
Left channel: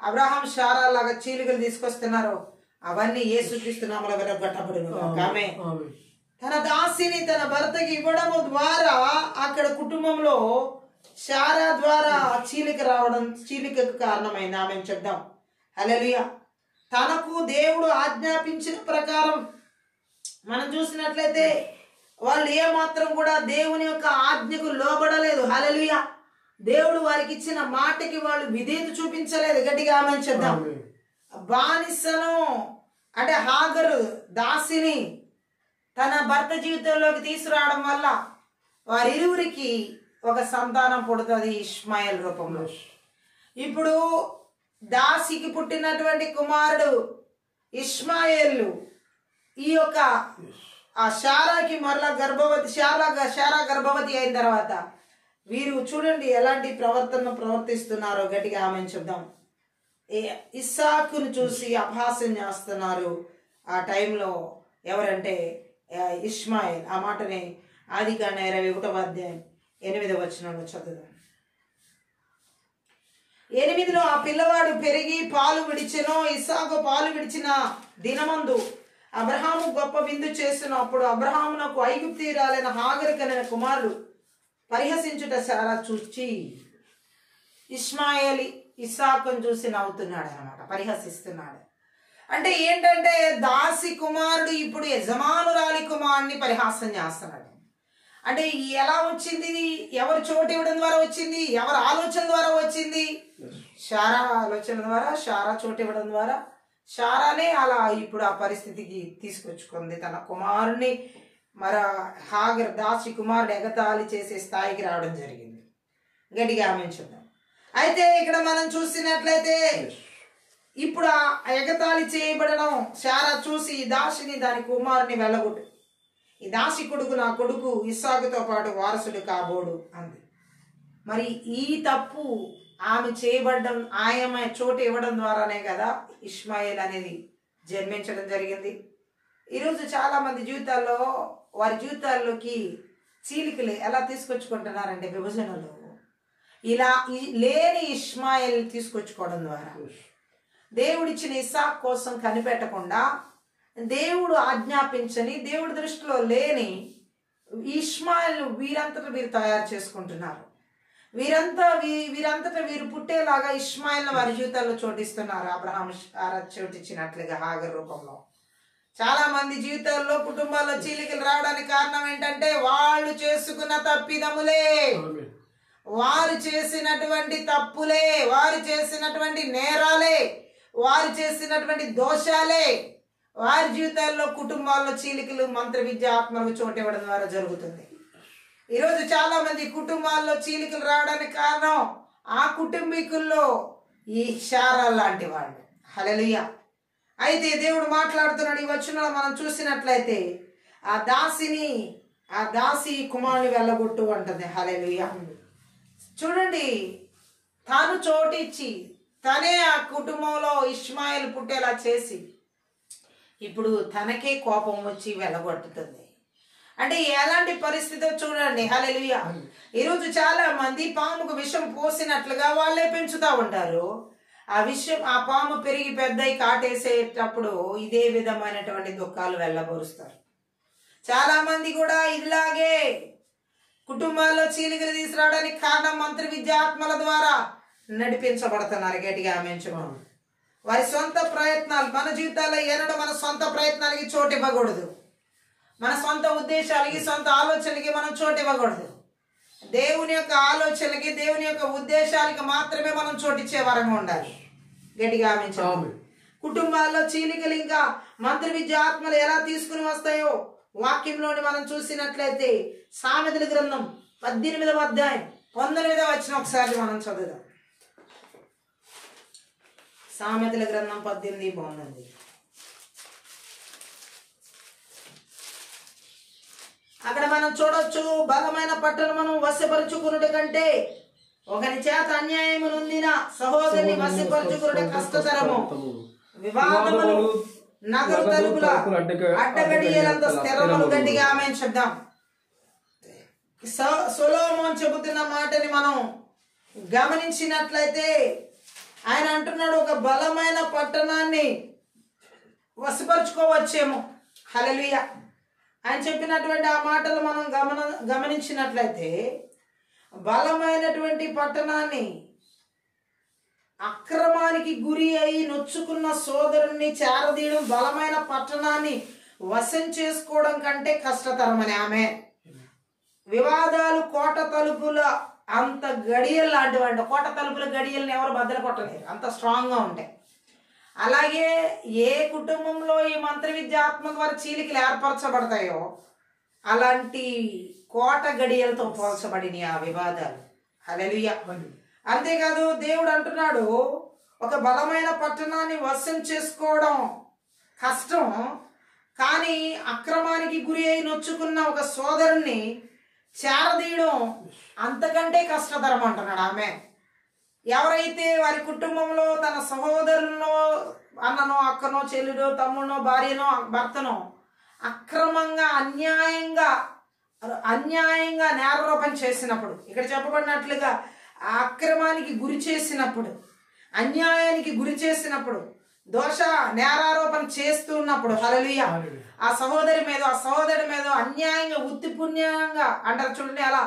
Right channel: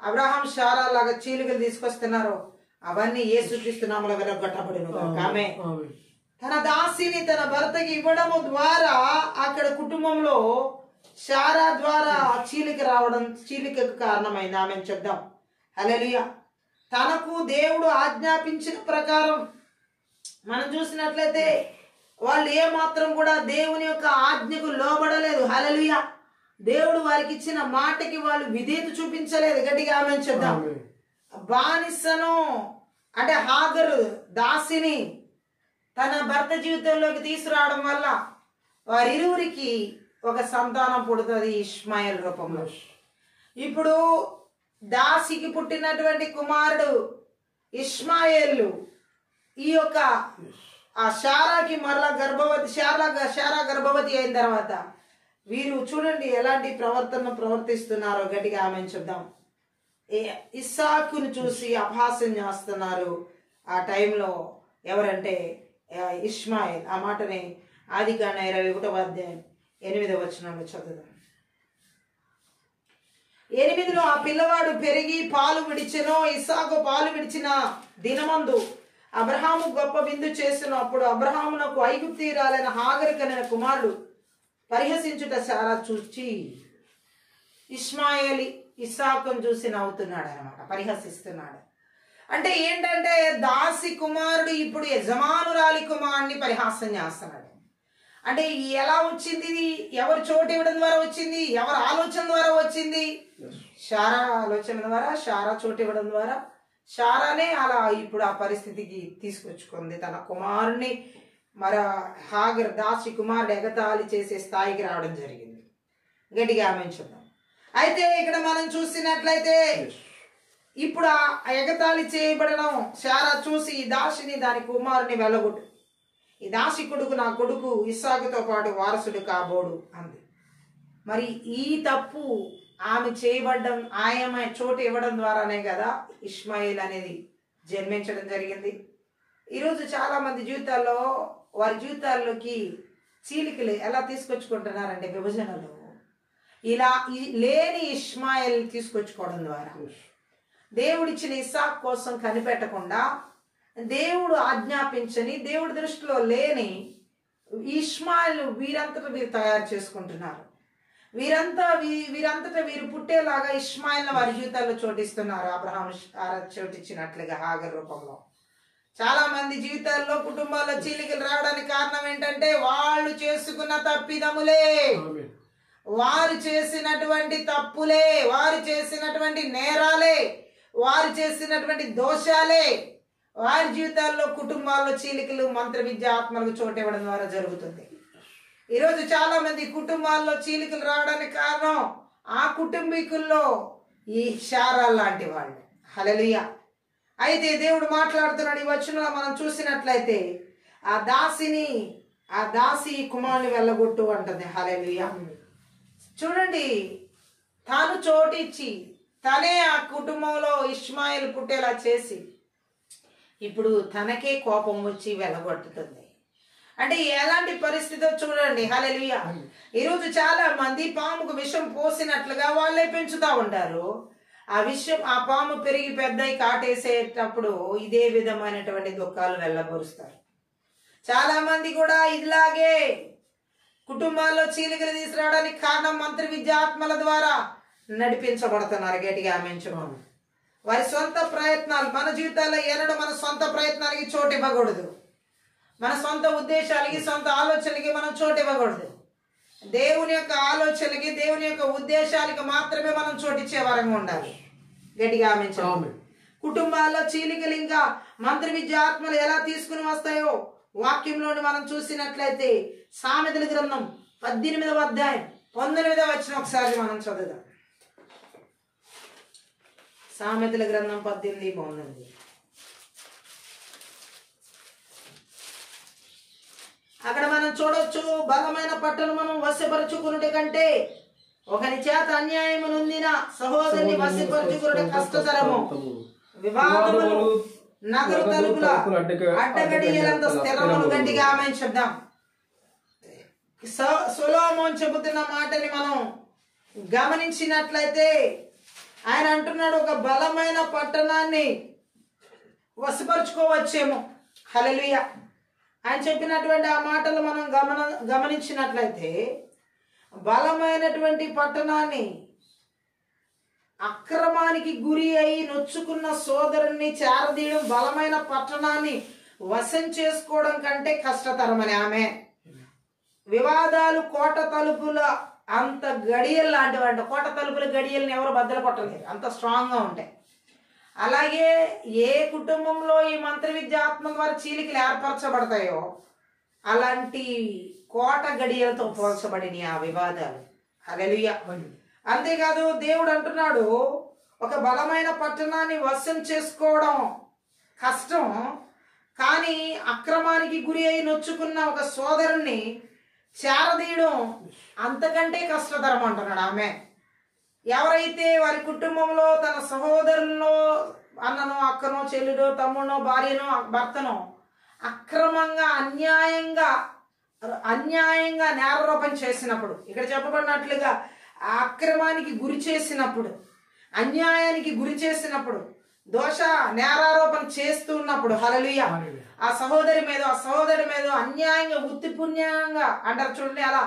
అబ్రహాం శారా లాగా చీలికలు తీసుకొస్తున్నారో అవన్నీ యేసుక్రీస్తు నామములో విరగొట్టబడును గాక. ఆమేన్. తన దాసిని తన భర్తకి ఇవ్వడము ద్వారా అక్కడ కుటుంబంలో శారా ద్వారా చీలికకు కారణమైంది. ఆమె చెప్దాం. హల్లెలూయా. తనకు దేవుడు ఆజ్ఞాపించిన ప్రకారం మనం చూసినట్లయితే వాళ్ళు ఏమాత్రం కూడా దేవుని యొక్క ఆజ్ఞకు లోబడలేదు. హల్లెలూయా. దేవుడు వారికి ఇచ్చిన మాటకి వాళ్ళు విధేయత చూపించలేదు. గట్టిగా ఆమె చెప్దాం. బానిసను అంటే హాగరు దాసిని తన భర్త జీవితంలోకి తీసుకురావడం వల్ల వారిరువురికి ఒక సంతానం పుడుతుంది ఇష్మాయేల్ రూపంలో. ఇప్పుడు దాసికి పుట్టినటువంటి కుమారుడు ఇష్మాయేలు ఈ యొక్క ఆ శారాకి మరలా శారా గర్భవతి అయిన తర్వాత వీరు చూడండి ఎలాంటి ప్రవర్తిస్తున్నారో. గట్టిగా ఆమె చెప్దాం. ఇస్సాకును చూసి అపహాస్యం చేస్తున్నారు ఆ టైంలో. ఎవరంటే ఇష్మాయేల్. ఆ మాటని ఆదికాండం 21వ అధ్యాయం 8వ వచనంలో చదువుదాం. 8లో ఆ పిల్లవాడు పెరిగి పాలు విడిచెనో, ఇస్సాకు పాలు విడిచిన దినమందు అబ్రహాము గొప్ప విందు చేసినప్పుడు అబ్రహామునకు ఐగుప్తీయురాలైన హాగరు కనిన కుమారుడు పరిహసించుట శారా చూచి ఇష్మాయేల్ ఇస్సాకును చూసి నవ్వుతున్నాడు అన్నమాట, పరిహసిస్తున్నాడు. అంటే ఏంటంటే దాసి కుమారుడు ఇప్పుడు యజమానురాలి కుమారుడిని పరిహాసం చేస్తున్నాడు. అంటే ఎలా వచ్చింది ఇది? ఎవరు చోటు ఇవ్వడం ద్వారా వచ్చింది? ఎవరు ఆలోచన ద్వారా వచ్చింది? శారా ఆలోచన ద్వారా, శారా చోటు ఇవ్వడం ద్వారా శారానే అలా ఇప్పుడు ఆ పరిస్థితికి తీసుకొచ్చుకుంది. తన కుమారుణ్ణి హాగర్ దాసి కుమారుడు ఎగతాళి చేసే స్థాయికి రావడం జరిగింది. గట్టిగా ఆమె చెప్దాం. అయితే ఇక్కడ మనం చూసినట్లయితే ఇప్పుడు ఆ ఎగతాళి చేయబడడం శారా చూసి ఈ దాసిని దాని కుమారుని వెళ్ళగొట్టు, ఈ దాసి కొడుకు నా కొడుకు ఇస్సాకుతో పాటు వారసుడు కాబోడు అంది. మరి ఈ తప్పు ఆమె చేయబడ్డం, ఆయమ చోటు ఇవ్వడం ద్వారానే కదా ఇష్మాయేల్ అనేది జన్మించడం జరిగింది. ఈరోజు చాలా మంది జీవితాల్లో వారి జీవితాల్లోకి చీలికలు ఎలా తీసుకొచ్చుకుంటున్నారంటే విభజనలో ఇలా లేని ఇష్మాయిల్ తీసుకొచ్చుకోవడం ద్వారా దేవుడిచ్చిన ఇస్సాకు కోసం కనిపెట్టకుండా దేవుడు ఆజ్ఞాపించని దేవుడి దృష్టిలో లేని ఇష్మాయిల్ వీరంతటా వీరు తయారు చేసుకుంటున్నారు. వీరంతటా వీరు పుట్టేలాగా ఇష్మాయిల్ని వారి జీవితాల్లో చోటిస్తున్నారు. అబ్రహాం చోటిచ్చినట్లుగా హాగర్ రూపంలో. చాలా మంది జీవితాల్లో కుటుంబాల్లో చీలికలు రావడానికి కారణం ఏంటంటే వాళ్ళు చేసుకున్న తప్పిదములే, వారు చేసినటువంటి తప్పులే, వారు చేసినటువంటి నేరాలే, వారు చేసినటువంటి దోషాలే వారి జీవితాల్లో కుటుంబాల్లో చీలికలు మంత్ర విద్య ఆత్మలకు చోటివ్వడం ద్వారా జరుగుతుంది. ఈరోజు చాలా మంది కుటుంబాల్లో చీలికలు రావడానికి కారణం ఆ కుటుంబీకుల్లో ఈ శారాలు లాంటి వాళ్ళు. హల్లెలూయా. అయితే దేవుడు మాట్లాడుతున్నాడు. ఈ వచనంలో మనం చూసినట్లయితే ఆ దాసి కుమారుని వెళ్ళగొట్టు అంటుంది. హల్లెలూయా. చూడండి, తాను చోటిచ్చి తనే ఆ కుటుంబంలో ఇష్మాయిల్ పుట్టేలా చేసి ఇప్పుడు తనకే కోపం వచ్చి వెళ్ళగొట్టుతుంది. అంటే ఎలాంటి పరిస్థితి చూడండి. హల్లెలూయా. ఈరోజు చాలా మంది పాముకు విషం పోసినట్లుగా వాళ్ళే పెంచుతా ఉంటారు. ఆ పాము పెరిగి పెద్దయి కాటేసేటప్పుడు ఇదే విధమైనటువంటి దుఃఖాలు వెళ్ళబరుస్తారు. చాలా మంది కూడా ఇలాగే కుటుంబాల్లో చీలికలు తీసుకురావడానికి కారణం మంత్ర విద్యాత్మల ద్వారా నడిపించబడుతున్నారు. గట్టిగా ఆమేన్ చెప్పండి. వారి సొంత ప్రయత్నాలు మన జీవితాల్లో ఏనాడు మన సొంత ప్రయత్నాలకి చోటు ఇవ్వకూడదు. మన సొంత ఉద్దేశాలకి సొంత ఆలోచనలకి మనం చోటు ఇవ్వకూడదు. దేవుని యొక్క ఆలోచనలకి దేవుని యొక్క ఉద్దేశాలకి మాత్రమే మనం చోటిచ్చే వరంగా ఉండాలి. గట్టిగా ఆమేన్ చెప్పండి. కుటుంబాల్లో చీలికలు ఇంకా మంత్ర విద్య ఆత్మలు ఎలా తీసుకుని వస్తాయో వాక్యంలోని మనం చూసినట్లయితే సామెతల గ్రంథం 18వ అధ్యాయం 19వ వచనం ఒకసారి మనం చదువుదాం. సామెతల గ్రంథం 18:19. అక్కడ మనం చూడొచ్చు, బలమైన పట్టణమును వశపరుచుకునుట కంటే ఒకని చేత అన్యాయము నొందిన సహోదరుని వశపరుచుకునుట కష్టతరము. వివాదములు నగరు తలుపుల అడ్డగడియలంత స్థిరములు. గట్టిగా ఆమేన్ చెప్దాం. సొలొమోను చెబుతున్న మాటని మనం గమనించినట్లయితే ఆయన అంటున్నాడు, ఒక బలమైన పట్టణాన్ని వశపరుచుకోవచ్చేమో. హల్లెలూయా. ఆయన చెప్పినటువంటి ఆ మాటలు మనం గమనించినట్లయితే బలమైనటువంటి పట్టణాన్ని అక్రమానికి గురి అయి నొచ్చుకున్న సోదరుణ్ణి చేరదీయడం, బలమైన పట్టణాన్ని వశం చేసుకోవడం కంటే కష్టతరమని ఆమె. వివాదాలు కోట తలుపుల అంత గడియలు లాంటివి అంట. కోట తలుపుల గడియల్ని ఎవరు బద్దలు కొట్టలేరు, అంత స్ట్రాంగ్గా ఉంటాయి. అలాగే ఏ కుటుంబంలో ఈ మంత్ర విద్యాత్మ ద్వారా చీలికలు ఏర్పరచబడతాయో అలాంటి కోట గడియలతో పోల్చబడిన ఆ వివాదాలు. హల్లెలూయా. అంతేకాదు, దేవుడు అంటున్నాడు, ఒక బలమైన పట్టణాన్ని వశం చేసుకోవడం కష్టం, కానీ అక్రమానికి గురి అయి నొచ్చుకున్న ఒక సోదరుణ్ణి చేరదీయడం అంతకంటే కష్టతరం అంటున్నాడు ఆమె. ఎవరైతే వారి కుటుంబంలో తన సహోదరులో అన్ననో అక్కనో చెల్లిడో తమ్ముడో భార్యనో భర్తనో అక్రమంగా అన్యాయంగా నేరారోపణ చేసినప్పుడు, ఇక్కడ చెప్పబడినట్లుగా ఆ అక్రమానికి గురి చేసినప్పుడు, అన్యాయానికి గురి చేసినప్పుడు, నేరారోపణ చేస్తున్నప్పుడు, హల్లెలూయా, ఆ సహోదరి మీద అన్యాయంగా ఉత్తిపుణ్యంగా అంటారు చూడండి, అలా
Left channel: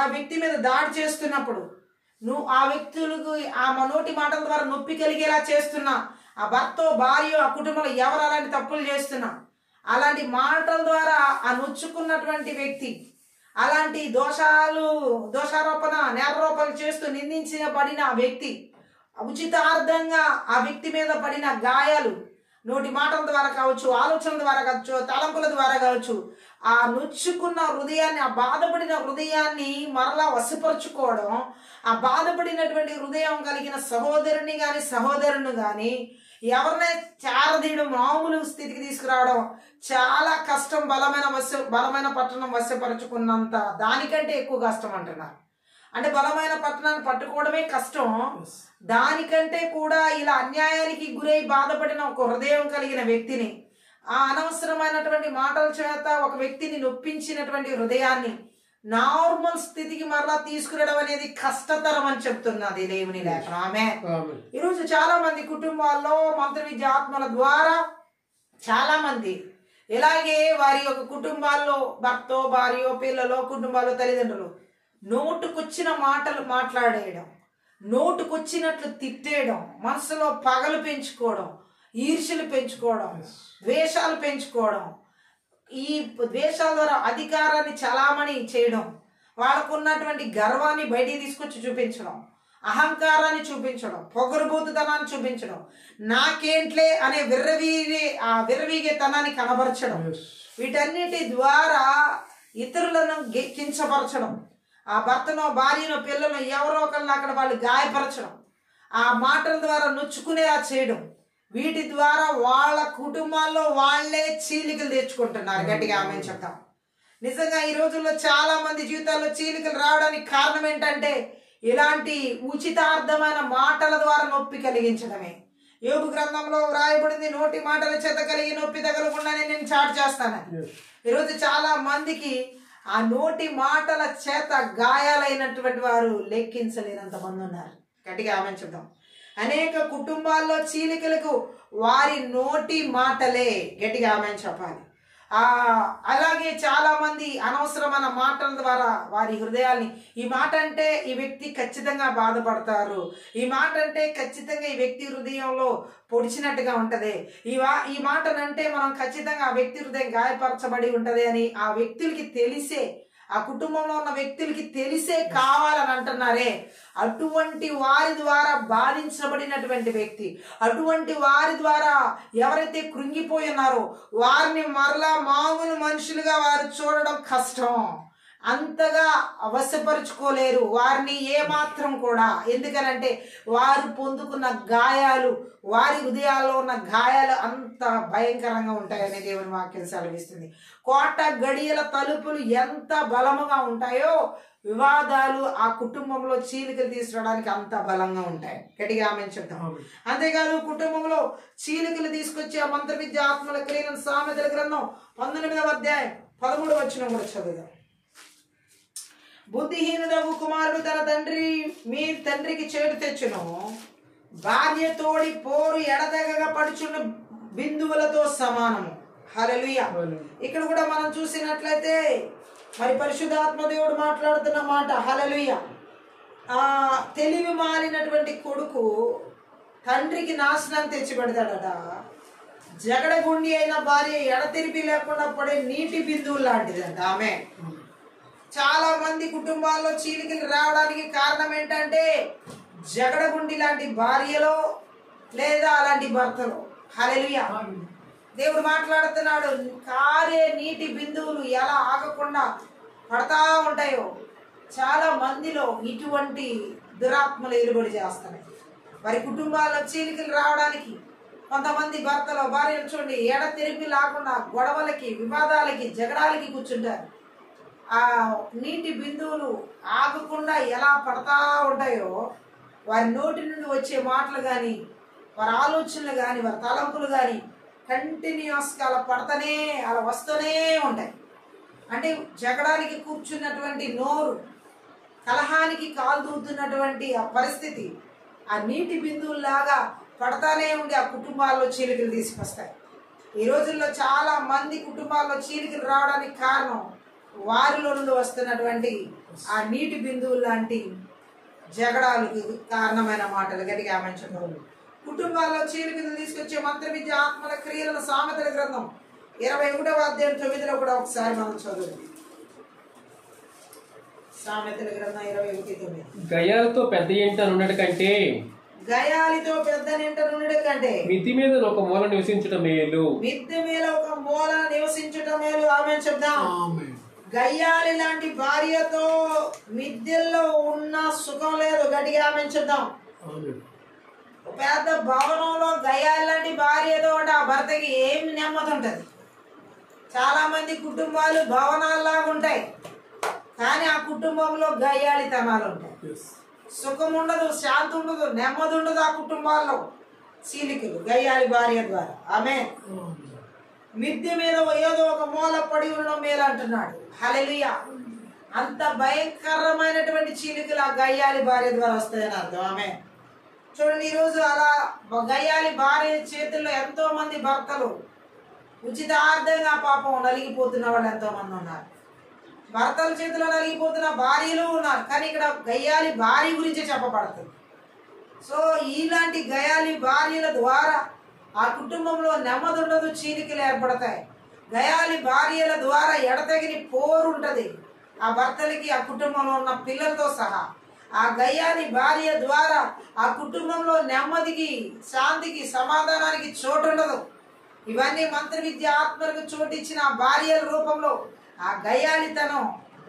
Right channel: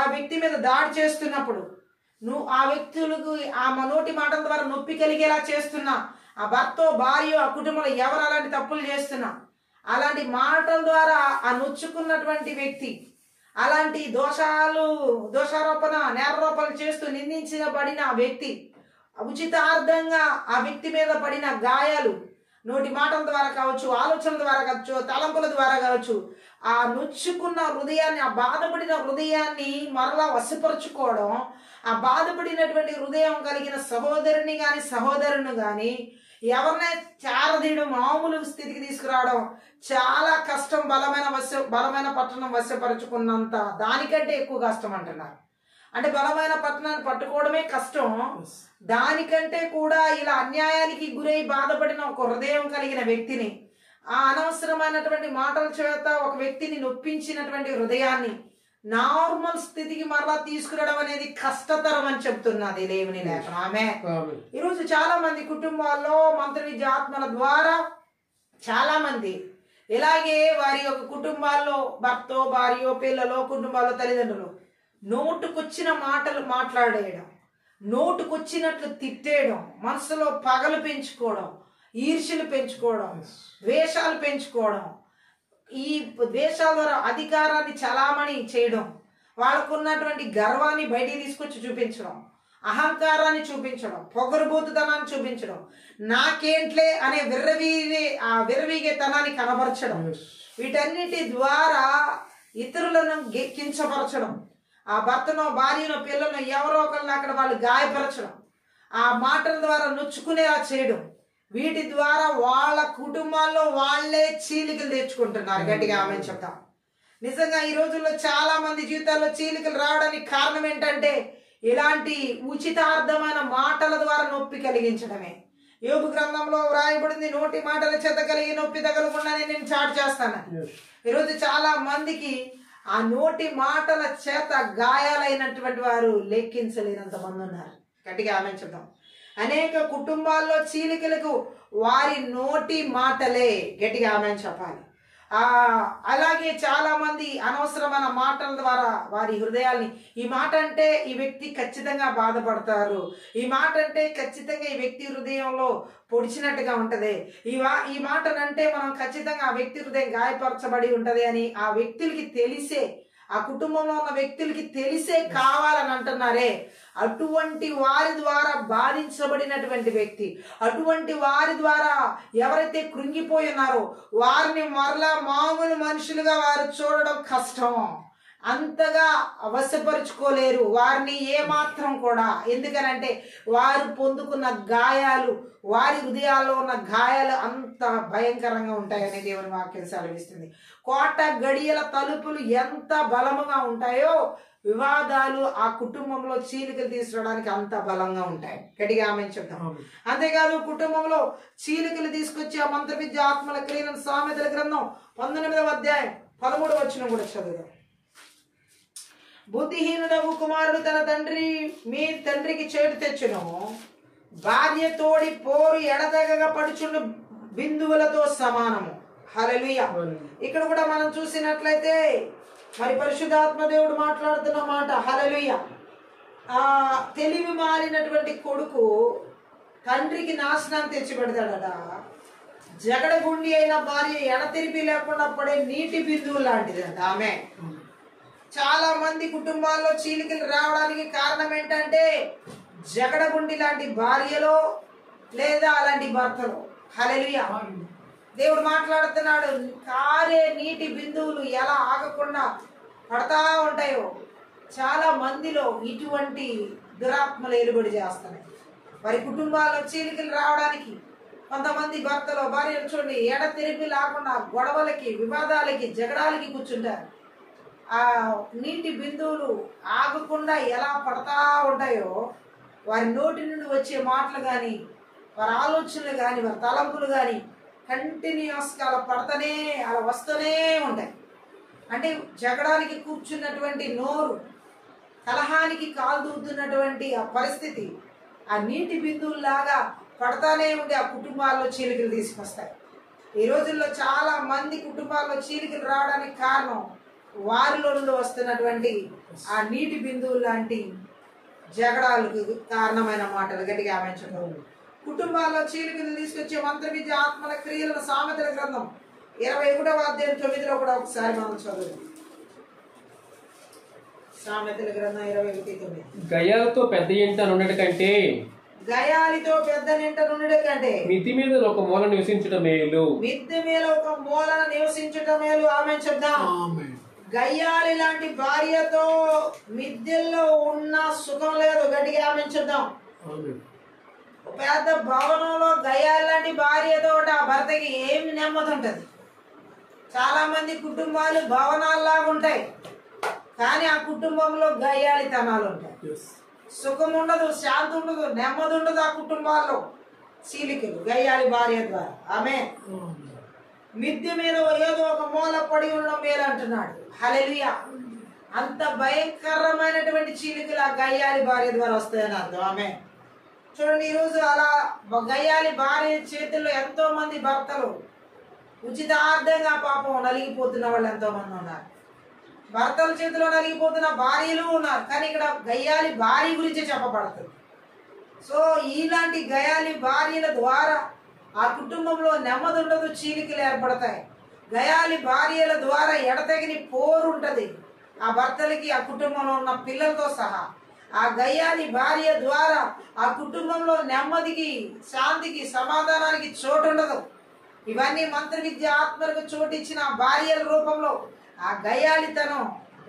ఆ వ్యక్తి మీద దాడి చేస్తున్నప్పుడు, నువ్వు ఆ వ్యక్తులకు ఆ నోటి మాటల ద్వారా నొప్పి కలిగేలా చేస్తున్నా, ఆ భర్త భార్య ఆ కుటుంబంలో ఎవరు అలాంటి తప్పులు చేస్తున్నా, అలాంటి మాటల ద్వారా ఆ నొచ్చుకున్నటువంటి వ్యక్తి అలాంటి దోషారోపణ నేరారోపణ చేస్తూ నిందించబడిన ఆ వ్యక్తి ఉచితార్థంగా ఆ వ్యక్తి మీద పడిన గాయాలు నోటి మాటల ద్వారా కావచ్చు, ఆలోచనల ద్వారా కావచ్చు, తలంపుల ద్వారా కావచ్చు, ఆ నొచ్చుకున్న హృదయాన్ని, ఆ బాధపడిన హృదయాన్ని మరలా వశపరుచుకోవడం, ఆ బాధపడినటువంటి హృదయం కలిగిన సహోదరుని కానీ సహోదరుని కానీ ఎవరినే చేరదీయడం, మామూలు స్థితికి తీసుకురావడం చాలా కష్టం. బలమైన పట్టణం వశపరుచుకున్నంత దానికంటే ఎక్కువ కష్టం అంటున్నారు. అంటే బలమైన పట్టణాన్ని పట్టుకోవడమే కష్టం, దానికంటే కూడా ఇలా అన్యాయానికి గురై బాధపడిన ఒక హృదయం కలిగిన వ్యక్తిని, ఆ అనవసరమైనటువంటి మాటల చేత ఒక వ్యక్తిని నొప్పించినటువంటి హృదయాన్ని నార్మల్ స్థితికి మరలా తీసుకురావడం అనేది కష్టతరం అని చెప్తున్నది దేవుని లేఖనం. ఆమె ఈరోజు చాలా మంది కుటుంబాల్లో మంత్ర విద్య ఆత్మల ద్వారా చాలా మంది ఇలాగే వారి యొక్క కుటుంబాల్లో భర్తో భార్యో పిల్లలో కుటుంబాల్లో తల్లిదండ్రులు నోటుకొచ్చిన మాటలు మాట్లాడేయడం, నోటుకొచ్చినట్లు తిట్టేయడం, మనసులో పగలు పెంచుకోవడం, ఈర్ష్యలు పెంచుకోవడం, ద్వేషాలు పెంచుకోవడం, ఈ ద్వేషాల ద్వారా అధికారాన్ని చలామణి చేయడం, వాళ్ళకు ఉన్నటువంటి గర్వాన్ని బయటికి తీసుకొచ్చి చూపించడం, అహంకారాన్ని చూపించడం, పొగరుబోతుతనాన్ని చూపించడం, నాకేంట్లే అనే విర్రవీగే తనాన్ని కనబరచడం, వీటన్నిటి ద్వారా ఇతరులను కించపరచడం, ఆ భర్తనో భార్యనో పిల్లలను ఎవరో ఒకరిని అక్కడ వాళ్ళు గాయపరచడం, ఆ మాటల ద్వారా నొచ్చుకునేలా చేయడం, వీటి ద్వారా వాళ్ళ కుటుంబాల్లో వాళ్లే చీలికలు తెచ్చుకుంటున్నారు. గట్టిగా ఆమె చెప్తాం. నిజంగా ఈ రోజుల్లో చాలా మంది జీవితాల్లో చీలికలు రావడానికి కారణం ఏంటంటే ఇలాంటి ఉచితార్థమైన మాటల ద్వారా నొప్పి కలిగించడమే. యోబు గ్రంథంలో వ్రాయబడింది, నోటి మాటల చేత కలిగి నొప్పి తగలకుండా నేను చాటు చేస్తాను. ఈరోజు చాలా మందికి ఆ నోటి మాటల చేత గాయాలైనటువంటి వారు లెక్కించలేనంత మంది ఉన్నారు. గట్టిగా ఆమె చెప్తాం. అనేక కుటుంబాల్లో చీలికలకు వారి నోటి మాటలే. గట్టిగా ఆమె చెప్పాలి. అలాగే చాలా మంది అనవసరమైన మాటల ద్వారా వారి హృదయాల్ని, ఈ మాట అంటే ఈ వ్యక్తి ఖచ్చితంగా బాధపడతారు, ఈ మాట అంటే ఖచ్చితంగా ఈ వ్యక్తి హృదయంలో పొడిచినట్టుగా ఉంటది, ఈ మాటనంటే మనం ఖచ్చితంగా ఆ వ్యక్తి హృదయం గాయపరచబడి ఉంటది అని ఆ వ్యక్తులకి తెలిసే, ఆ కుటుంబంలో ఉన్న వ్యక్తులకి తెలిసే కావాలని అంటున్నారే, అటువంటి వారి ద్వారా బాధించబడినటువంటి వ్యక్తి, అటువంటి వారి ద్వారా ఎవరైతే కృంగిపోయి ఉన్నారో వారిని మరలా మామూలు మనుషులుగా వారు చూడడం కష్టం. అంతగా అవసరపరుచుకోలేరు వారిని ఏమాత్రం కూడా. ఎందుకనంటే వారు పొందుకున్న గాయాలు, వారి హృదయాల్లో ఉన్న గాయాలు అంత భయంకరంగా ఉంటాయని దేవుని వాక్యం సెలవిస్తుంది. కోట గడియల తలుపులు ఎంత బలముగా ఉంటాయో వివాదాలు ఆ కుటుంబంలో చీలికలు తీసుకురావడానికి అంత బలంగా ఉంటాయి. గట్టిగా ఆమె చెప్తాం. అంతేకాదు కుటుంబంలో చీలికలు తీసుకొచ్చి ఆ మంత్ర విద్య ఆత్మల క్రియలను సామెతల గ్రంథం 19వ అధ్యాయం 13వ వచనం కూడా చదువుదాం. బుద్ధిహీనుడవు కుమారుడు తన తండ్రికి చేటు తెచ్చును, భార్య తోడి పోరు ఎడతెగగా పడుచుండు బిందువులతో సమానము. హల్లెలూయా. ఇక్కడ కూడా మనం చూసినట్లయితే మరి పరిశుద్ధాత్మ దేవుడు మాట్లాడుతున్న మాట. హల్లెలూయా. తెలివి మారినటువంటి కొడుకు తండ్రికి నాశనాన్ని తెచ్చిపెడతాడట. జగడగుండి అయిన భార్య ఎడతెరిపి లేకుండా పడే నీటి బిందువు లాంటిదంట ఆమె. చాలా మంది కుటుంబాల్లో చీలికలు రావడానికి కారణం ఏంటంటే జగడగుండి లాంటి భార్యలో లేదా అలాంటి భర్తలో. హల్లెలూయా. దేవుడు మాట్లాడుతున్నాడు, కారే నీటి బిందువులు ఎలా ఆగకుండా పడతా ఉంటాయో చాలా మందిలో ఇటువంటి దురాత్మలు ఏలుబడి చేస్తున్నాయి. వారి కుటుంబాల్లో చీలికలు రావడానికి కొంతమంది భర్తలో భార్యలు చూడండి ఎడతెరిపి లేకుండా గొడవలకి, వివాదాలకి, జగడాలకి కూర్చుంటారు. ఆ నీటి బిందువులు ఆగకుండా ఎలా పడతా ఉంటాయో వారి నోటి నుండి వచ్చే మాటలు కానీ, వారి ఆలోచనలు కానీ, వారి తలంపులు కానీ కంటిన్యూస్గా అలా పడతానే అలా వస్తూనే ఉంటాయి. అంటే జగడానికి కూర్చున్నటువంటి నోరు, కలహానికి కాలు దూతున్నటువంటి ఆ పరిస్థితి ఆ నీటి బిందువులాగా పడతానే ఉండి ఆ కుటుంబాల్లో చీలికలు తీసుకొస్తాయి. ఈ రోజుల్లో చాలా మంది కుటుంబాల్లో చీలికలు రావడానికి కారణం వారిలో నుండి వస్తున్నటువంటి ఆ నీటి బిందువులు లాంటి జగడాలకు కారణమైన మాటలు. గట్టిగా ఆమె చెప్పారు. కుటుంబాల్లో చీలికలు తీసుకొచ్చే మంత్ర విద్య ఆత్మల క్రియల సామెతల గ్రంథం 21వ అధ్యాయం 9లో కూడా ఒకసారి మనం చదువు. సామెతల గ్రంథం 21:9. గయాలతో పెద్ద ఇంట నుండి కంటే, గయాలితో పెద్ద నింట నుండి కంటే మిద్ది మీద ఒక మూల నివసించడం మేలు. మిద్ది మీద ఒక మూలన నివసించడం మేలు. ఆమె చెప్దాం. గయ్యాలి లాంటి భార్యతో మిద్దెల్లో ఉన్న సుఖం లేదు. గట్టిగా ఆమె చెప్దాం. పెద్ద భవనంలో గయ్యాలి లాంటి భార్యతో ఆ భర్తకి ఏమి నెమ్మది ఉంటుంది. చాలా మంది కుటుంబాలు భవనాల్లాగా ఉంటాయి, కానీ ఆ కుటుంబంలో గయ్యాలితనాలు ఉంటాయి. సుఖం ఉండదు, శాంతి ఉండదు, నెమ్మది ఉండదు ఆ కుటుంబాల్లో. చీలికలు గయ్యాలి భార్య ద్వారా. ఆమె మిద్దె మీద ఏదో ఒక మూల పడి ఉండడం మేలు అంటున్నాడు. హల్లెలూయా. అంత భయంకరమైనటువంటి చీలికలు ఆ గయ్యాలి భార్య ద్వారా వస్తాయని అర్థం. ఆమె చూడండి, ఈరోజు అలా గయ్యాలి భార్య చేతుల్లో ఎంతో మంది భర్తలు ఉచితార్థంగా పాపం నలిగిపోతున్న వాళ్ళు ఎంతో మంది ఉన్నారు. భర్తల చేతిలో నలిగిపోతున్న భార్యలు ఉన్నారు. కానీ ఇక్కడ గయ్యాలి భార్య గురించి చెప్పబడుతుంది. సో ఇలాంటి గయాలి భార్యల ద్వారా ఆ కుటుంబంలో నెమ్మది ఉండదు, చీలికలు ఏర్పడతాయి. గయాలి భార్యల ద్వారా ఎడతెగని పోరు ఉంటది ఆ భర్తలకి, ఆ కుటుంబంలో ఉన్న పిల్లలతో సహా. ఆ గయాలి భార్య ద్వారా ఆ కుటుంబంలో నెమ్మదికి, శాంతికి, సమాధానానికి చోటు ఉండదు. ఇవన్నీ మంత్ర విద్య ఆత్మలకు చోటు ఇచ్చిన ఆ భార్యల రూపంలో ఆ గయాలితనం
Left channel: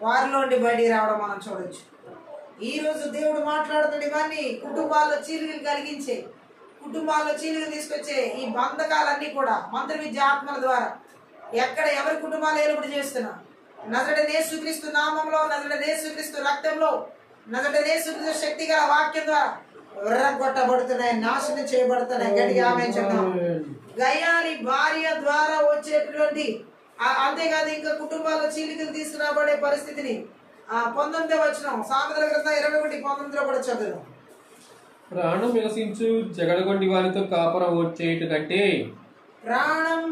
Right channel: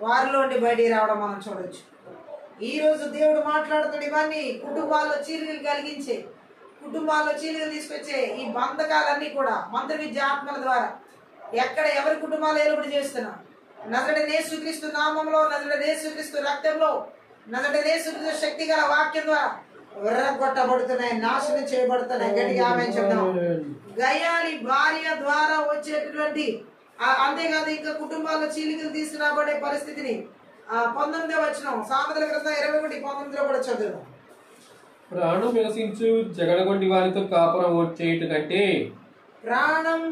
వారిలోండి బయటికి రావడం మనం చూడొచ్చు. ఈ రోజు దేవుడు మాట్లాడుతాడు. ఇవన్నీ కుటుంబాల్లో చీలికలు కలిగించే, కుటుంబాల్లో చీలికలు తీసుకొచ్చే ఈ బంధకాలన్నీ కూడా మంత్ర విద్య ఆత్మల ద్వారా ఎక్కడ ఎవరి కుటుంబాలు ఏలుబడి చేస్తున్నా నజరేయుడైన యేసుక్రీస్తు నామంలో, నజరేయుడైన యేసుక్రీస్తు రక్తంలో, నజరేయుడైన యేసుక్రీస్తు శక్తి గల వాక్యం ద్వారా విర్రగొట్టబడుతున్నాయి, నాశనం చేయబడుతున్నాయి. గట్టిగా ఆమేన్ చెప్దాం. గయాలి భార్య ద్వారా వచ్చేటటువంటి అంతేకాదు ఇంకా కుటుంబాల్లో చీలికలు తీసుకురాబడే పరిస్థితిని 19వ వచనం సామెతల గ్రంథం 21:19 కూడా చదువు. ప్రాణం వికసించు జగడగొండి వారితో కాపురం చేయటం కంటే ప్రాణం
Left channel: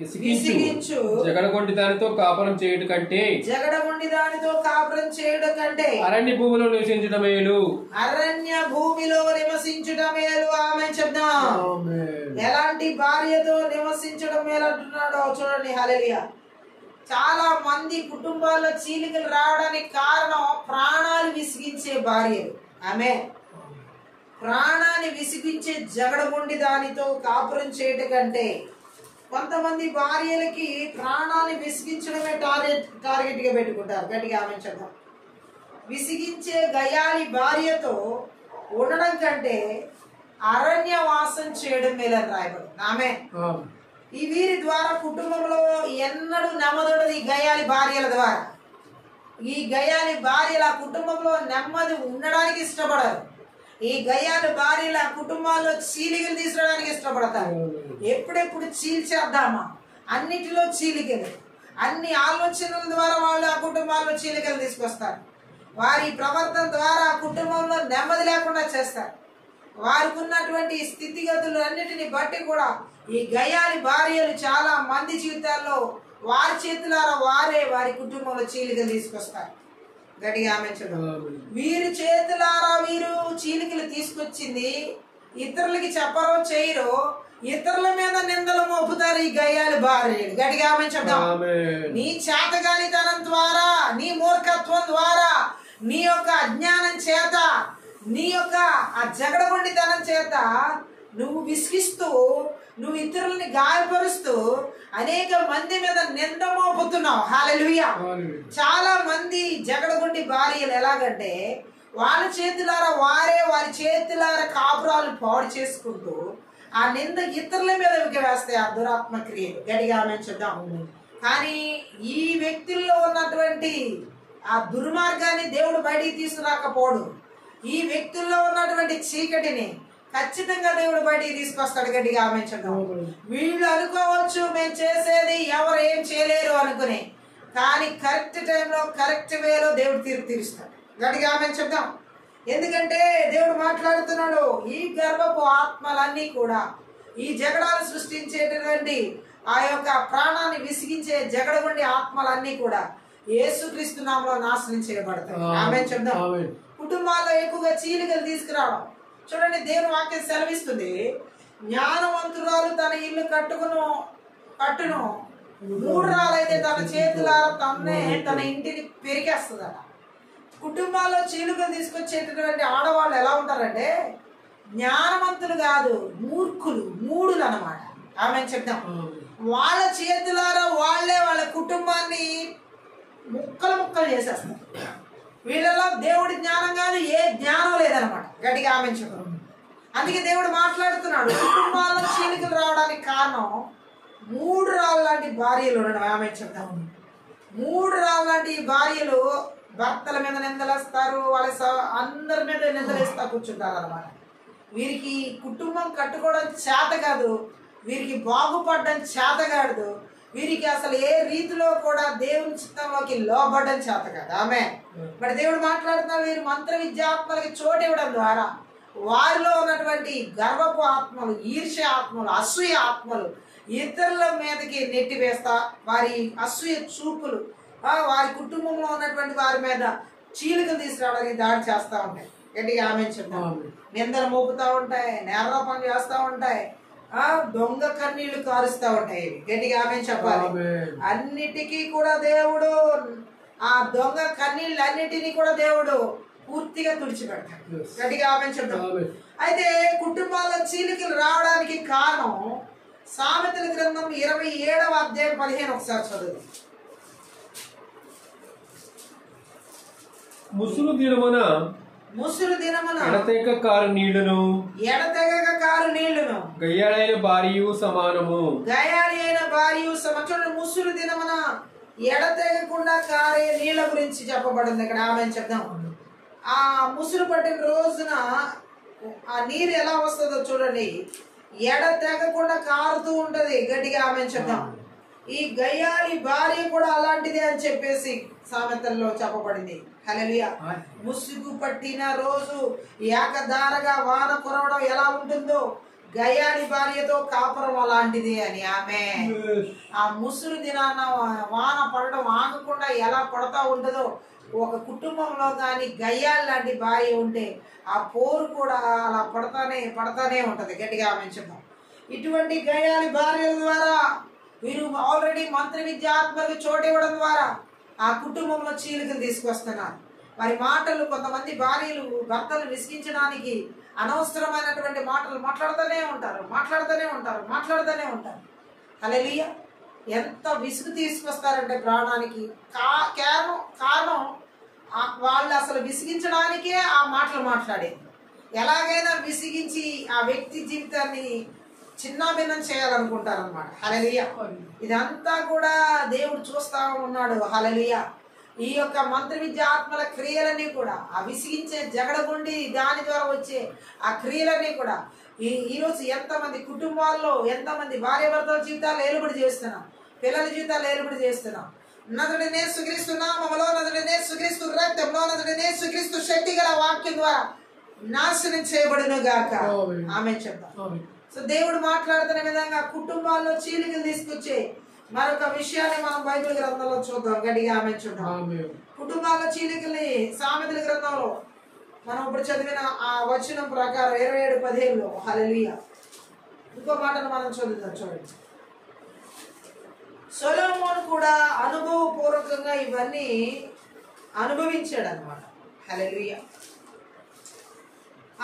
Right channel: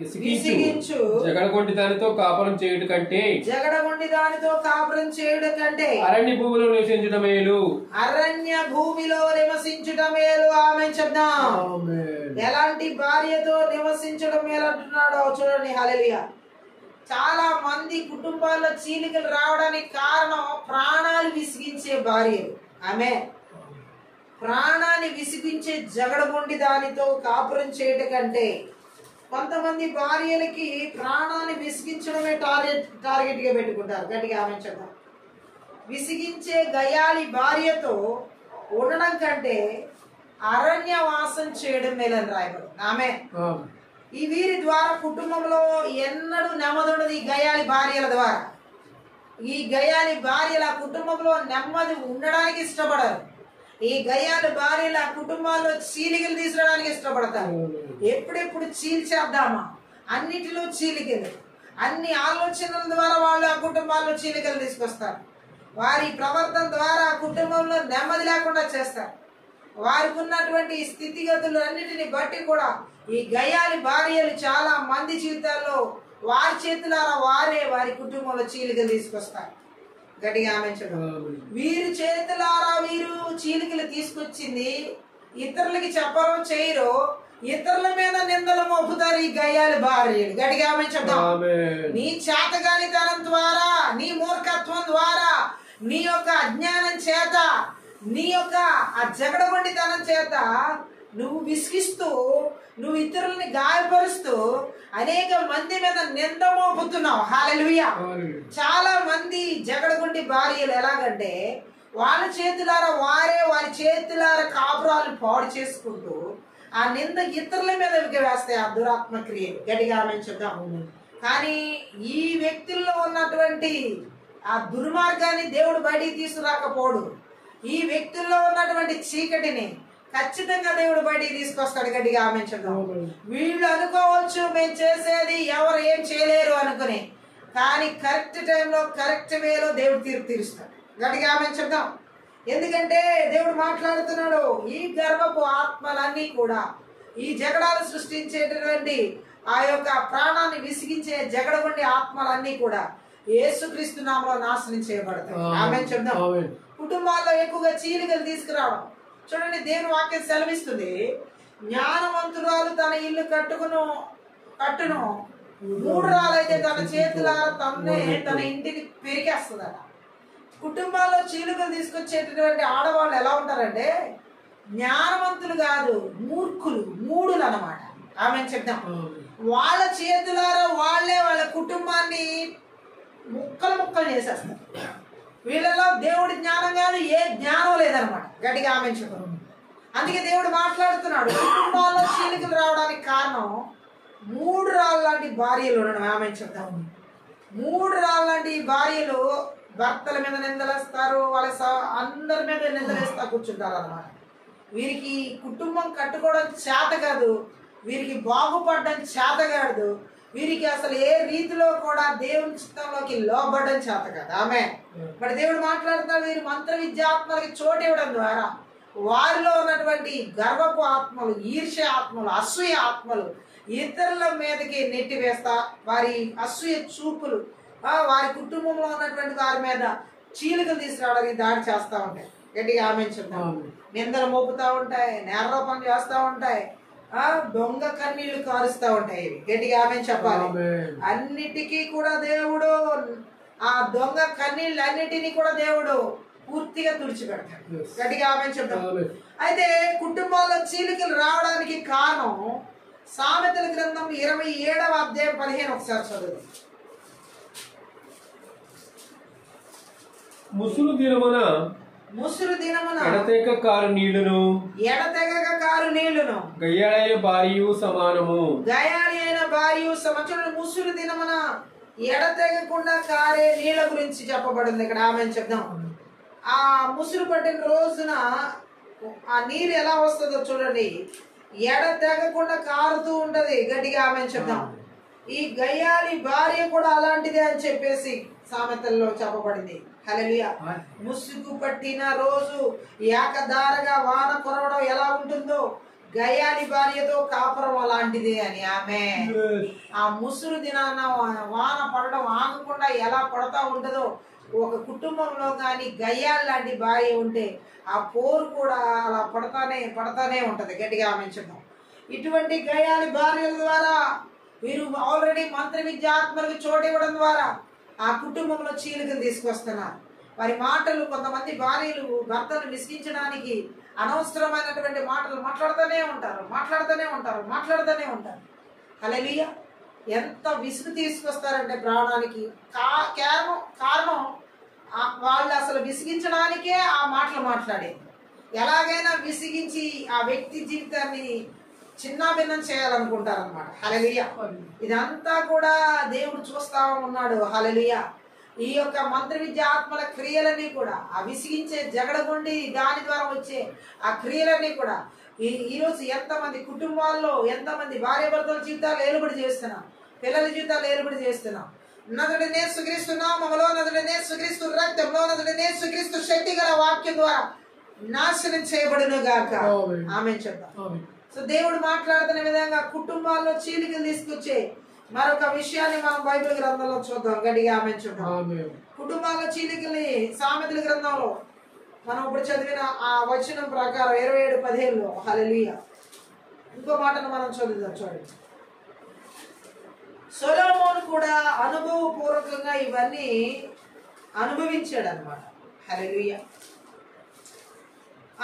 విసిగించు జగడగొండి దానితో కాపురం చేయటం కంటే, జగడగొండి దానితో కాపురం చేయడం కంటే అరణ్య భూమిలో నివసించడం మేలు. అరణ్య భూమిలో నివసించడం మేలు. ఆమె చెప్దాం. ఎలాంటి భార్యతో నివసించడం మేలు అంటున్నాడో చూడండి. హల్లెలూయా. చాలా మంది కుటుంబాల్లో చీలికలు రావడానికి కారణం ప్రాణాలు విసిగించే భార్యలు. ఆమె ప్రాణాన్ని విసిగించే జగడగొండి దానితో కాపురం చేయటం కంటే, కొంతమంది భార్యలకి ప్రాణాన్ని విసిగించడమే టార్గెట్ గా పెట్టుకుంటారు. గట్టిగా ఆమె చెప్తాం. విసిగించే గయాలి భార్యతో ఉండడం కంటే అరణ్యవాసం చేయడం మేలని రాయబడి. ఆమె ఈ వీరి ద్వారా కుటుంబంలో ఎన్నడూ నెమ్మదుండదు. ఈ గయాలి భార్యల ద్వారా ఈ గయాలి భార్యల కుటుంబంలో నెమ్మది ఉండడానికి ఇష్టపడరు. ఈ గయాలి భార్యల కుటుంబాల్లో చీలికలు తీసుకురావడానికి ఇష్టపడతారు. ఎప్పుడెప్పుడు చీల్చేద్దామా, అన్నిటిలో చీలికలు, అన్ని ఆలోచనల ద్వారా వాళ్ళు ఆ కుటుంబాల్లో చీలికలు తీసుకొస్తారు. వారి ప్రవర్తన ద్వారా ఆ కుటుంబంలో నెమ్మది లేకుండా చేస్తారు. వారికి ఉన్నటువంటి స్థితిగతులు అన్నిటిని బట్టి కూడా ఈ గయాలి భార్యలు చాలా మంది జీవితాల్లో వారి చేతులారా వారే వారి కుటుంబంలో చీలికలు తీసుకొస్తారు. గట్టిగా ఆమె. వీరి చేతులారా వీరు చీలికలు తీసుకొచ్చింది ఇతరులకి చెప్పరో చేయరో, ఇతరుల మీద నిందలు మోపుతారు ఈ గయ్యాలి భార్యలు. గట్టిగా ఆమె చెప్దాం. నీ చేతగానితనం ద్వారా, నీ మూర్ఖత్వం ద్వారా, నీ యొక్క అజ్ఞానం చేత, నీ యొక్క ఆ జగడగొండితనం చేత నువ్వు విసిగిస్తూ, నువ్వు ఇతరులని గాయపరుస్తూ అనేక మంది మీద నింద మోపుతున్నావు. హల్లెలూయా. చాలా మంది జగడగొండి భార్యలు ఎలాగంటే వాళ్ళ చేతులారా వారే వారి చేతులారా కాపురాలు పాడు చేసుకుంటూ ఆ నింద ఇతరుల మీద వేస్తాయి ఆ దురాత్మ క్రియలు. గట్టిగా ఆమె చూద్దాం. కానీ ఈ వ్యక్తుల్లో ఉన్నటువంటి ఆ దుర్మార్గాన్ని దేవుడు బయటికి తీసుకురాకపోడు. ఈ వ్యక్తుల్లో ఉన్నటువంటి చీకటిని ఖచ్చితంగా దేవుడు బయటికి తీసుకొస్తాడు. గట్టిగా ఆమె చూద్దాం. వీళ్ళు అనుకోవచ్చు మేము చేసేది ఎవరు ఏం చేయలేరు అనుకుని, కానీ కరెక్ట్ టైంలో కరెక్ట్ వేలో దేవుడు తీర్పు తీరుస్తాడు. గట్టిగా ఆమె చెప్దాం. ఎందుకంటే దేవుడు మాట్లాడుతున్నాడు, ఈ గర్వపు ఆత్మలన్నీ కూడా, ఈ జగడాలు సృష్టించేటటువంటి ఆ యొక్క ప్రాణాన్ని విసిగించే జగడగొండి ఆత్మలన్నీ కూడా యేసుక్రీస్తు నామములో నాశనం చేయబడతాయి. ఆమె చెప్దాం. కుటుంబాల్లో ఎక్కువగా చీలికలు తీసుకురావడం చూడండి. దేవుని వాక్యం సెలవిస్తుంది, జ్ఞానవంతురాలు తన ఇల్లు కట్టును 3 రాళ్ళైతే తన చేతులారా తన ఇంటిని పెరిగేస్తుందట. కుటుంబాల్లో చీలికలు తీసుకొచ్చేటటువంటి ఆడవాళ్ళు ఎలా ఉంటారంటే జ్ఞానవంతులు కాదు, మూడులు అన్నమాట. ఆమె చెప్తాం. వాళ్ళ చేతులారా వాళ్ళే వాళ్ళ కుటుంబాన్ని ముక్కలు చేసేస్తారు. వీళ్ళలో దేవుడి జ్ఞానం కాదు, ఏ జ్ఞానం లేదనమాట. గట్టిగా ఆమె చెప్పు. అందుకే దేవుడు మాట్లాడుతున్నాడు, కుటుంబాల్లో చీలికలు రావడానికి కారణం 3 రాళ్ళ లాంటి భార్యలు ఉండడం. ఆమె చెప్తాం. 3 రాళ్ళ లాంటి భార్యలు భర్తల మీద నిందలేస్తారు, వాళ్ళ అందరి మీద నిందలేస్తా కూర్చుంటారు అనమాట. వీరికి కుటుంబం కట్టుకోవడం చేత కాదు, వీరికి బాగుపడడం చేత కాదు, వీరికి అసలు ఏ రీతిలో కూడా దేవుని చిత్తంలోకి లోబడడం చేత కదా ఆమె. మరి దేవుడు మాట్లాడుతున్న వీరు మంత్ర విద్యాత్మలకి చోటు ఇవ్వడం ద్వారా వారిలో ఉన్నటువంటి గర్వపు ఆత్మలు, ఈర్ష్య ఆత్మలు, అసూయ ఆత్మలు ఇతరుల మీదకి నెట్టివేస్తా వారి అసూయ చూపులు వారి కుటుంబంలో ఉన్నటువంటి వారి మీద చీలికలు తీసుకురావడానికి దాడి చేస్తూ ఉంటాయి. గట్టిగా ఆమె చెప్తాం. నిందలు మోపుతా ఉంటాయి, నేరారోపణ చేస్తూ ఉంటాయి, దొంగ కన్నీళ్లు కారుస్తూ ఉంటాయి. ఇవి గట్టిగా ఆమె చెప్పాలి. అన్నిటికీ కూడా దేవుడు ఆ దొంగ కన్నీళ్ళు అన్నిటినీ కూడా దేవుడు పూర్తిగా తుడిచిపెడతాడు. గట్టిగా ఆమె చెప్తాం. అయితే కుటుంబాల్లో చీలికలు రావడానికి కారణం సామెతల గ్రంథం 27వ అధ్యాయం 15 ఒకసారి చదువు. ముసురు దినమున ఎడతెగక కారు నీళ్లును గయ్యాళైన భార్యయు సమానము. చూడండి, ముసురు దినమున ఎడతెగకుండా కారే నీళ్ల గురించి చెప్పబడింది ఇక్కడ. ఆమె చెప్దాం. ఆ ముసురు పట్టిన రోజున ఆ నీరు ఎలా వస్తుందో చూడండి, ఎడతెగకుండా కారుతూ ఉంటది. గట్టిగా ఆమె చెప్దాం. ఈ గయ్యాలి భార్య కూడా అలాంటిదే అని చెప్పేసి సామెతల్లో చెప్పబడింది. హల్లెలూయా. ముసుగు పట్టిన రోజు ఏకధారగా వాన కురవడం ఎలా ఉంటుందో గయ్యాలి భార్యతో కాపురం అలాంటిదే అని ఆమె. ఆ ముసురు దినాన వాన పడడం ఆగకుండా ఎలా పడతా ఉంటుందో ఒక కుటుంబంలో కానీ గయ్యాలి లాంటి భార్య ఉంటే ఆ పోరు కూడా అలా పడతానే ఉంటది. గట్టిగా ఆమె చెప్తాం. ఇటువంటి గయ్యాలి భార్యల ద్వారా వీరు ఆల్రెడీ మంత్ర విద్యాత్మకు చోటు ఇవ్వడం ద్వారా ఆ కుటుంబంలో చీలికలు తీసుకొస్తున్నారు. వారి మాటలు, కొంతమంది భార్యలు భర్తలు విసిగించడానికి అనవసరమైనటువంటి మాటలు మాట్లాడుతూనే ఉంటారు. హల్లెలూయా. ఎంత విసుగు తీసుకొస్తారంటే ప్రాణానికి. కారణం వాళ్ళు అసలు విసిగించడానికే ఆ మాటలు మాట్లాడేది. ఎలాగైనా విసిగించి ఆ వ్యక్తి జీవితాన్ని చిన్నాభిన్నం చేయాలనుకుంటారు అనమాట. హల్లెలూయా. ఇదంతా కూడా దేవుడు చూస్తా ఉన్నాడు. హల్లెలూయా. ఈ యొక్క మంత్ర విద్య ఆత్మల క్రియలన్నీ కూడా ఆ విసిగించే జగడగుండి దాని ద్వారా వచ్చే ఆ క్రియలన్నీ కూడా ఈరోజు ఎంతమంది కుటుంబాల్లో ఎంతమంది భార్య భర్తల జీవితాలు ఏలుబడి చేస్తున్నాం, పిల్లల జీవితాలు ఏలుబడి చేస్తున్నాం. నదుడనే సుక్రీస్తున్నామలో నదుడనే సుక్రీస్తు రక్తంలో నదుడనే సుక్రీస్తు శక్తి గల వాక్యం ద్వారా నాశనం చేయబడును గాక. ఆమె చెప్తాం. సో దేవుడు మాట్లాడుతున్న విధంగా కుటుంబాల్లో చీలికలు తీసుకొచ్చే మరొక విషయాన్ని మనం బైబిల్ గ్రంథంలో చూద్దాం. గట్టిగా ఆమె చూద్దాం. కుటుంబాల్లో చీలికల్ని సామెతల గ్రంథంలో మనం ఇప్పుడు చదివిన ఆ వచనం ప్రకారం 27:15 హల్లెలూయా. ఇంకో మాటను మనం చదువుదాం. చూడండి, సొలొమోను కూడా అనుభవపూర్వకంగా ఇవన్నీ అనుభవించాడు అనమాట. హల్లెలూయా.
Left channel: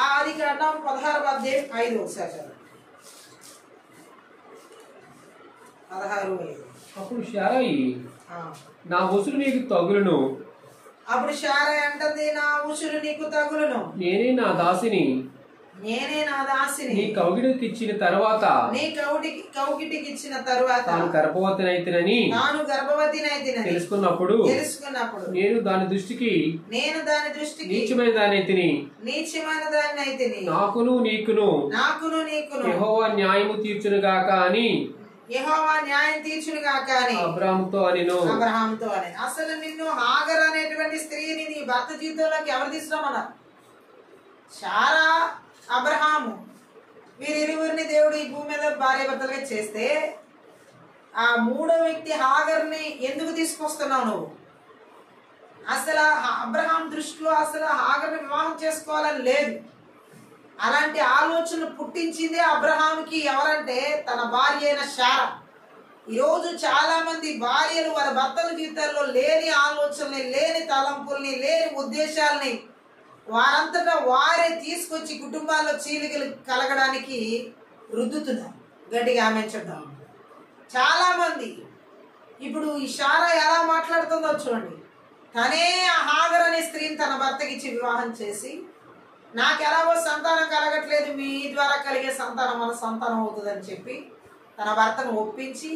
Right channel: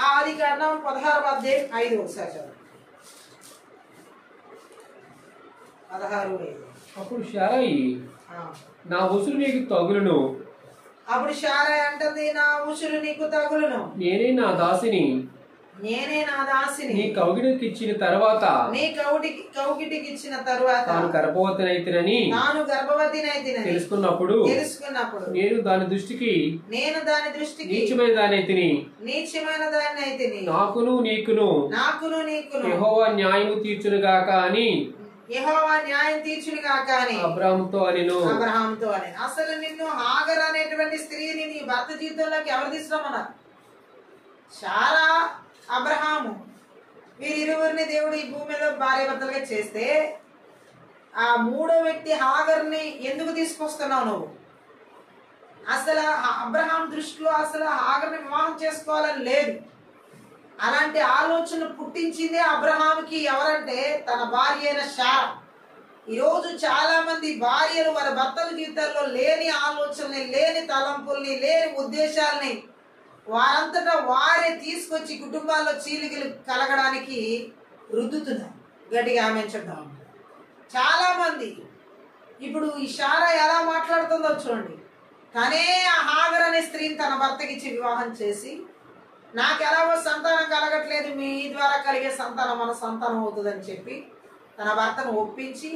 ఆదికాండం 16వ అధ్యాయం 5 ఒకసారి చదువు. 16:5. అప్పుడు శారయి నా ఉసురు నీకు తగులును. అప్పుడు శారయి అంటుంది, నా ఉసురు నీకు తగులును, నేనే నా దాసిని నీ కౌగిటికి ఇచ్చిన తర్వాత తాను గర్భవతినైతినని తెలుసుకున్నప్పుడు నేను దాని దృష్టికి నీచమైన దానైతిని నాకును నీకును యెహోవా న్యాయము తీర్చునుగాక అని అబ్రాహాముతో అనిను. అసలు నిన్ను హాగర్ అనేటువంటి స్త్రీని నీ భర్త జీవితంలోకి ఎవరు తీసుకురామన్నారు? శారా, అబ్రహాము, వీరిరువురిని దేవుడు ఈ భూమి మీద భార్య భర్తలుగా చేస్తే ఆ మూడో వ్యక్తి హాగర్ని ఎందుకు తీసుకొస్తున్నావు నువ్వు? అసలు అబ్రహాం దృష్టిలో అసలు హాగర్ని వివాహం చేసుకోవాలని లేదు. అలాంటి ఆలోచనలు పుట్టించిందే అబ్రహాంకి ఎవరంటే తన భార్య అయిన శారా. ఈరోజు చాలా మంది భార్యలు వారి భర్తల జీవితాల్లో లేని ఆలోచనల్ని, లేని తలంపుల్ని, లేని ఉద్దేశాలని వారంతటా వారే తీసుకొచ్చి కుటుంబాల్లో చీలికలు కలగడానికి రుద్దుతున్నారు. గట్టిగా ఆమె చెప్తాం. చాలా మంది ఇప్పుడు ఈ శారా ఎలా మాట్లాడుతుందో చూడండి. తనే ఆ హాగర్ అనే స్త్రీని తన భర్తకి ఇచ్చి వివాహం చేసి, నాకు ఎలాగో సంతానం కలగట్లేదు, మీ ద్వారా కలిగే సంతానం మన సంతానం అవుతుందని చెప్పి తన భర్తను ఒప్పించి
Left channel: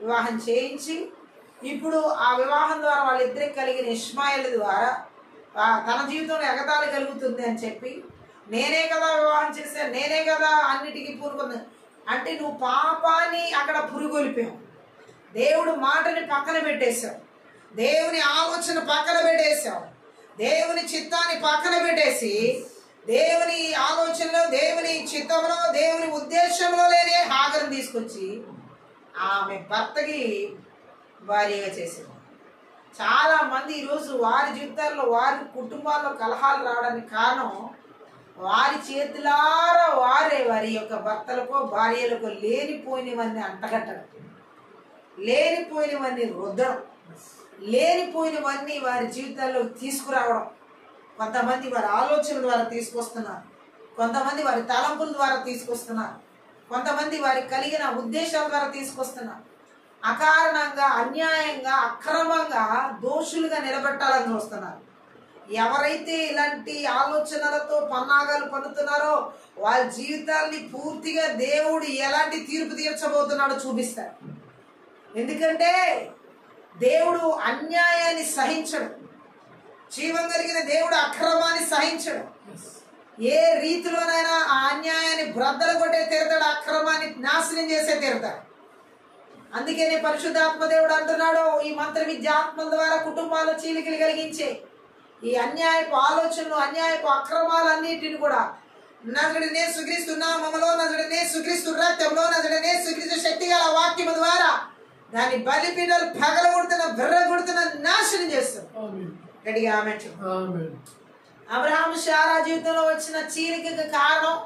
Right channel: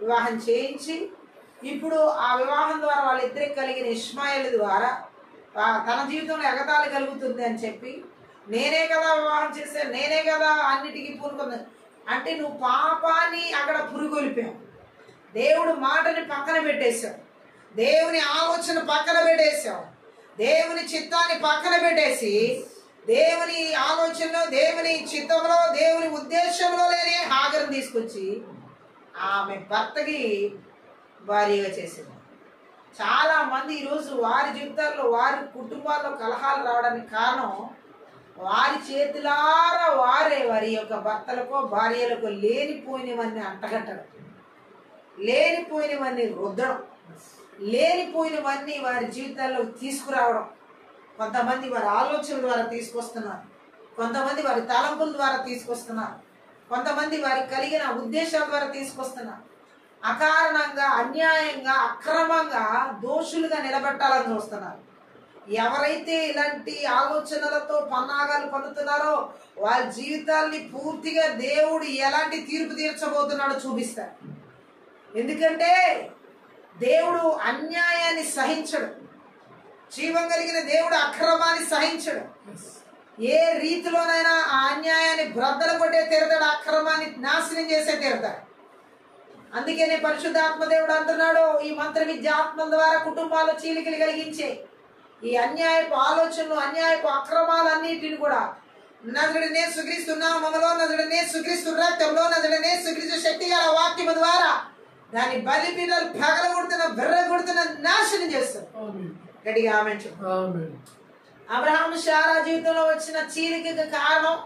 వివాహం చేయించి, ఇప్పుడు ఆ వివాహం ద్వారా వాళ్ళిద్దరికి కలిగిన ఇష్మాయిల్ ద్వారా తన జీవితంలో ఎగతాళి కలుగుతుంది అని చెప్పి, నేనే కదా వివాహం చేశాను, నేనే కదా అన్నిటికీ పూనుకుంది. అంటే నువ్వు పాపాన్ని అక్కడ పురుగొలిపావు, దేవుడు మాటని పక్కన పెట్టేశావు, దేవుని ఆలోచన పక్కన పెట్టేశావు, దేవుని చిత్తాన్ని పక్కన పెట్టేసి దేవుని ఆలోచనలో, దేవుని చిత్తంలో, దేవుని ఉద్దేశంలో లేని హాగర్ని తీసుకొచ్చి ఆమె భర్తకి భార్యగా చేసింది. చాలా మంది ఈరోజు వారి జీవితాల్లో, వారి కుటుంబాల్లో కలహాలు రావడానికి కారణం వారి చేతులారా వారే వారి యొక్క భర్తలకో భార్యలకో లేనిపోయినవన్నీ అంటగట్టడం, లేనిపోయినవన్నీ రుద్దడం, లేనిపోయినవన్నీ వారి జీవితాల్లో తీసుకురావడం. కొంతమంది వారి ఆలోచనల ద్వారా తీసుకొస్తున్నారు, కొంతమంది వారి తలంపుల ద్వారా తీసుకొస్తున్నారు, కొంతమంది వారికి కలిగిన ఉద్దేశాల ద్వారా తీసుకొస్తున్నారు. అకారణంగా, అన్యాయంగా, అక్రమంగా దోషులుగా నిలబెట్టాలని చూస్తున్నారు. ఎవరైతే ఇలాంటి ఆలోచనలతో పన్నాగాలు పన్నుతున్నారో వాళ్ళ జీవితాల్ని పూర్తిగా దేవుడు ఎలాంటి తీర్పు తీర్చబోతున్నాడో చూపిస్తారు. ఎందుకంటే దేవుడు అన్యాయాన్ని సహించడు, జీవం కలిగిన దేవుడు అక్రమాన్ని సహించడు. ఏ రీతిలోనైనా ఆ అన్యాయాన్ని బ్రద్దలు కొట్టే తీరుతాడు, అక్రమాన్ని నాశనం చేసే తీరుతాడు. అందుకనే పరిశుద్ధాత్మ దేవుడు అంటున్నాడు, ఈ మంత్ర విద్య ఆత్మల ద్వారా కుటుంబాల్లో చీలికలు కలిగించే ఈ అన్యాయపు ఆలోచనలు, అన్యాయపు అక్రమాలన్నిటిని కూడా నజరుడనే యేసుక్రీస్తు నామములో, నజరుడనే యేసుక్రీస్తు రక్తంలో, నజరుడనే యేసుక్రీస్తు శక్తి గల వాక్యము ద్వారా దాని బలిపీఠాలు పగలగొడుతున్న, బెర్రగొడుతున్న, నాశనం చేస్తారు. గట్టిగా ఆమేన్ చెప్పు. అబ్రహాము శారా జీవితంలో వచ్చిన చీలికకి కారణం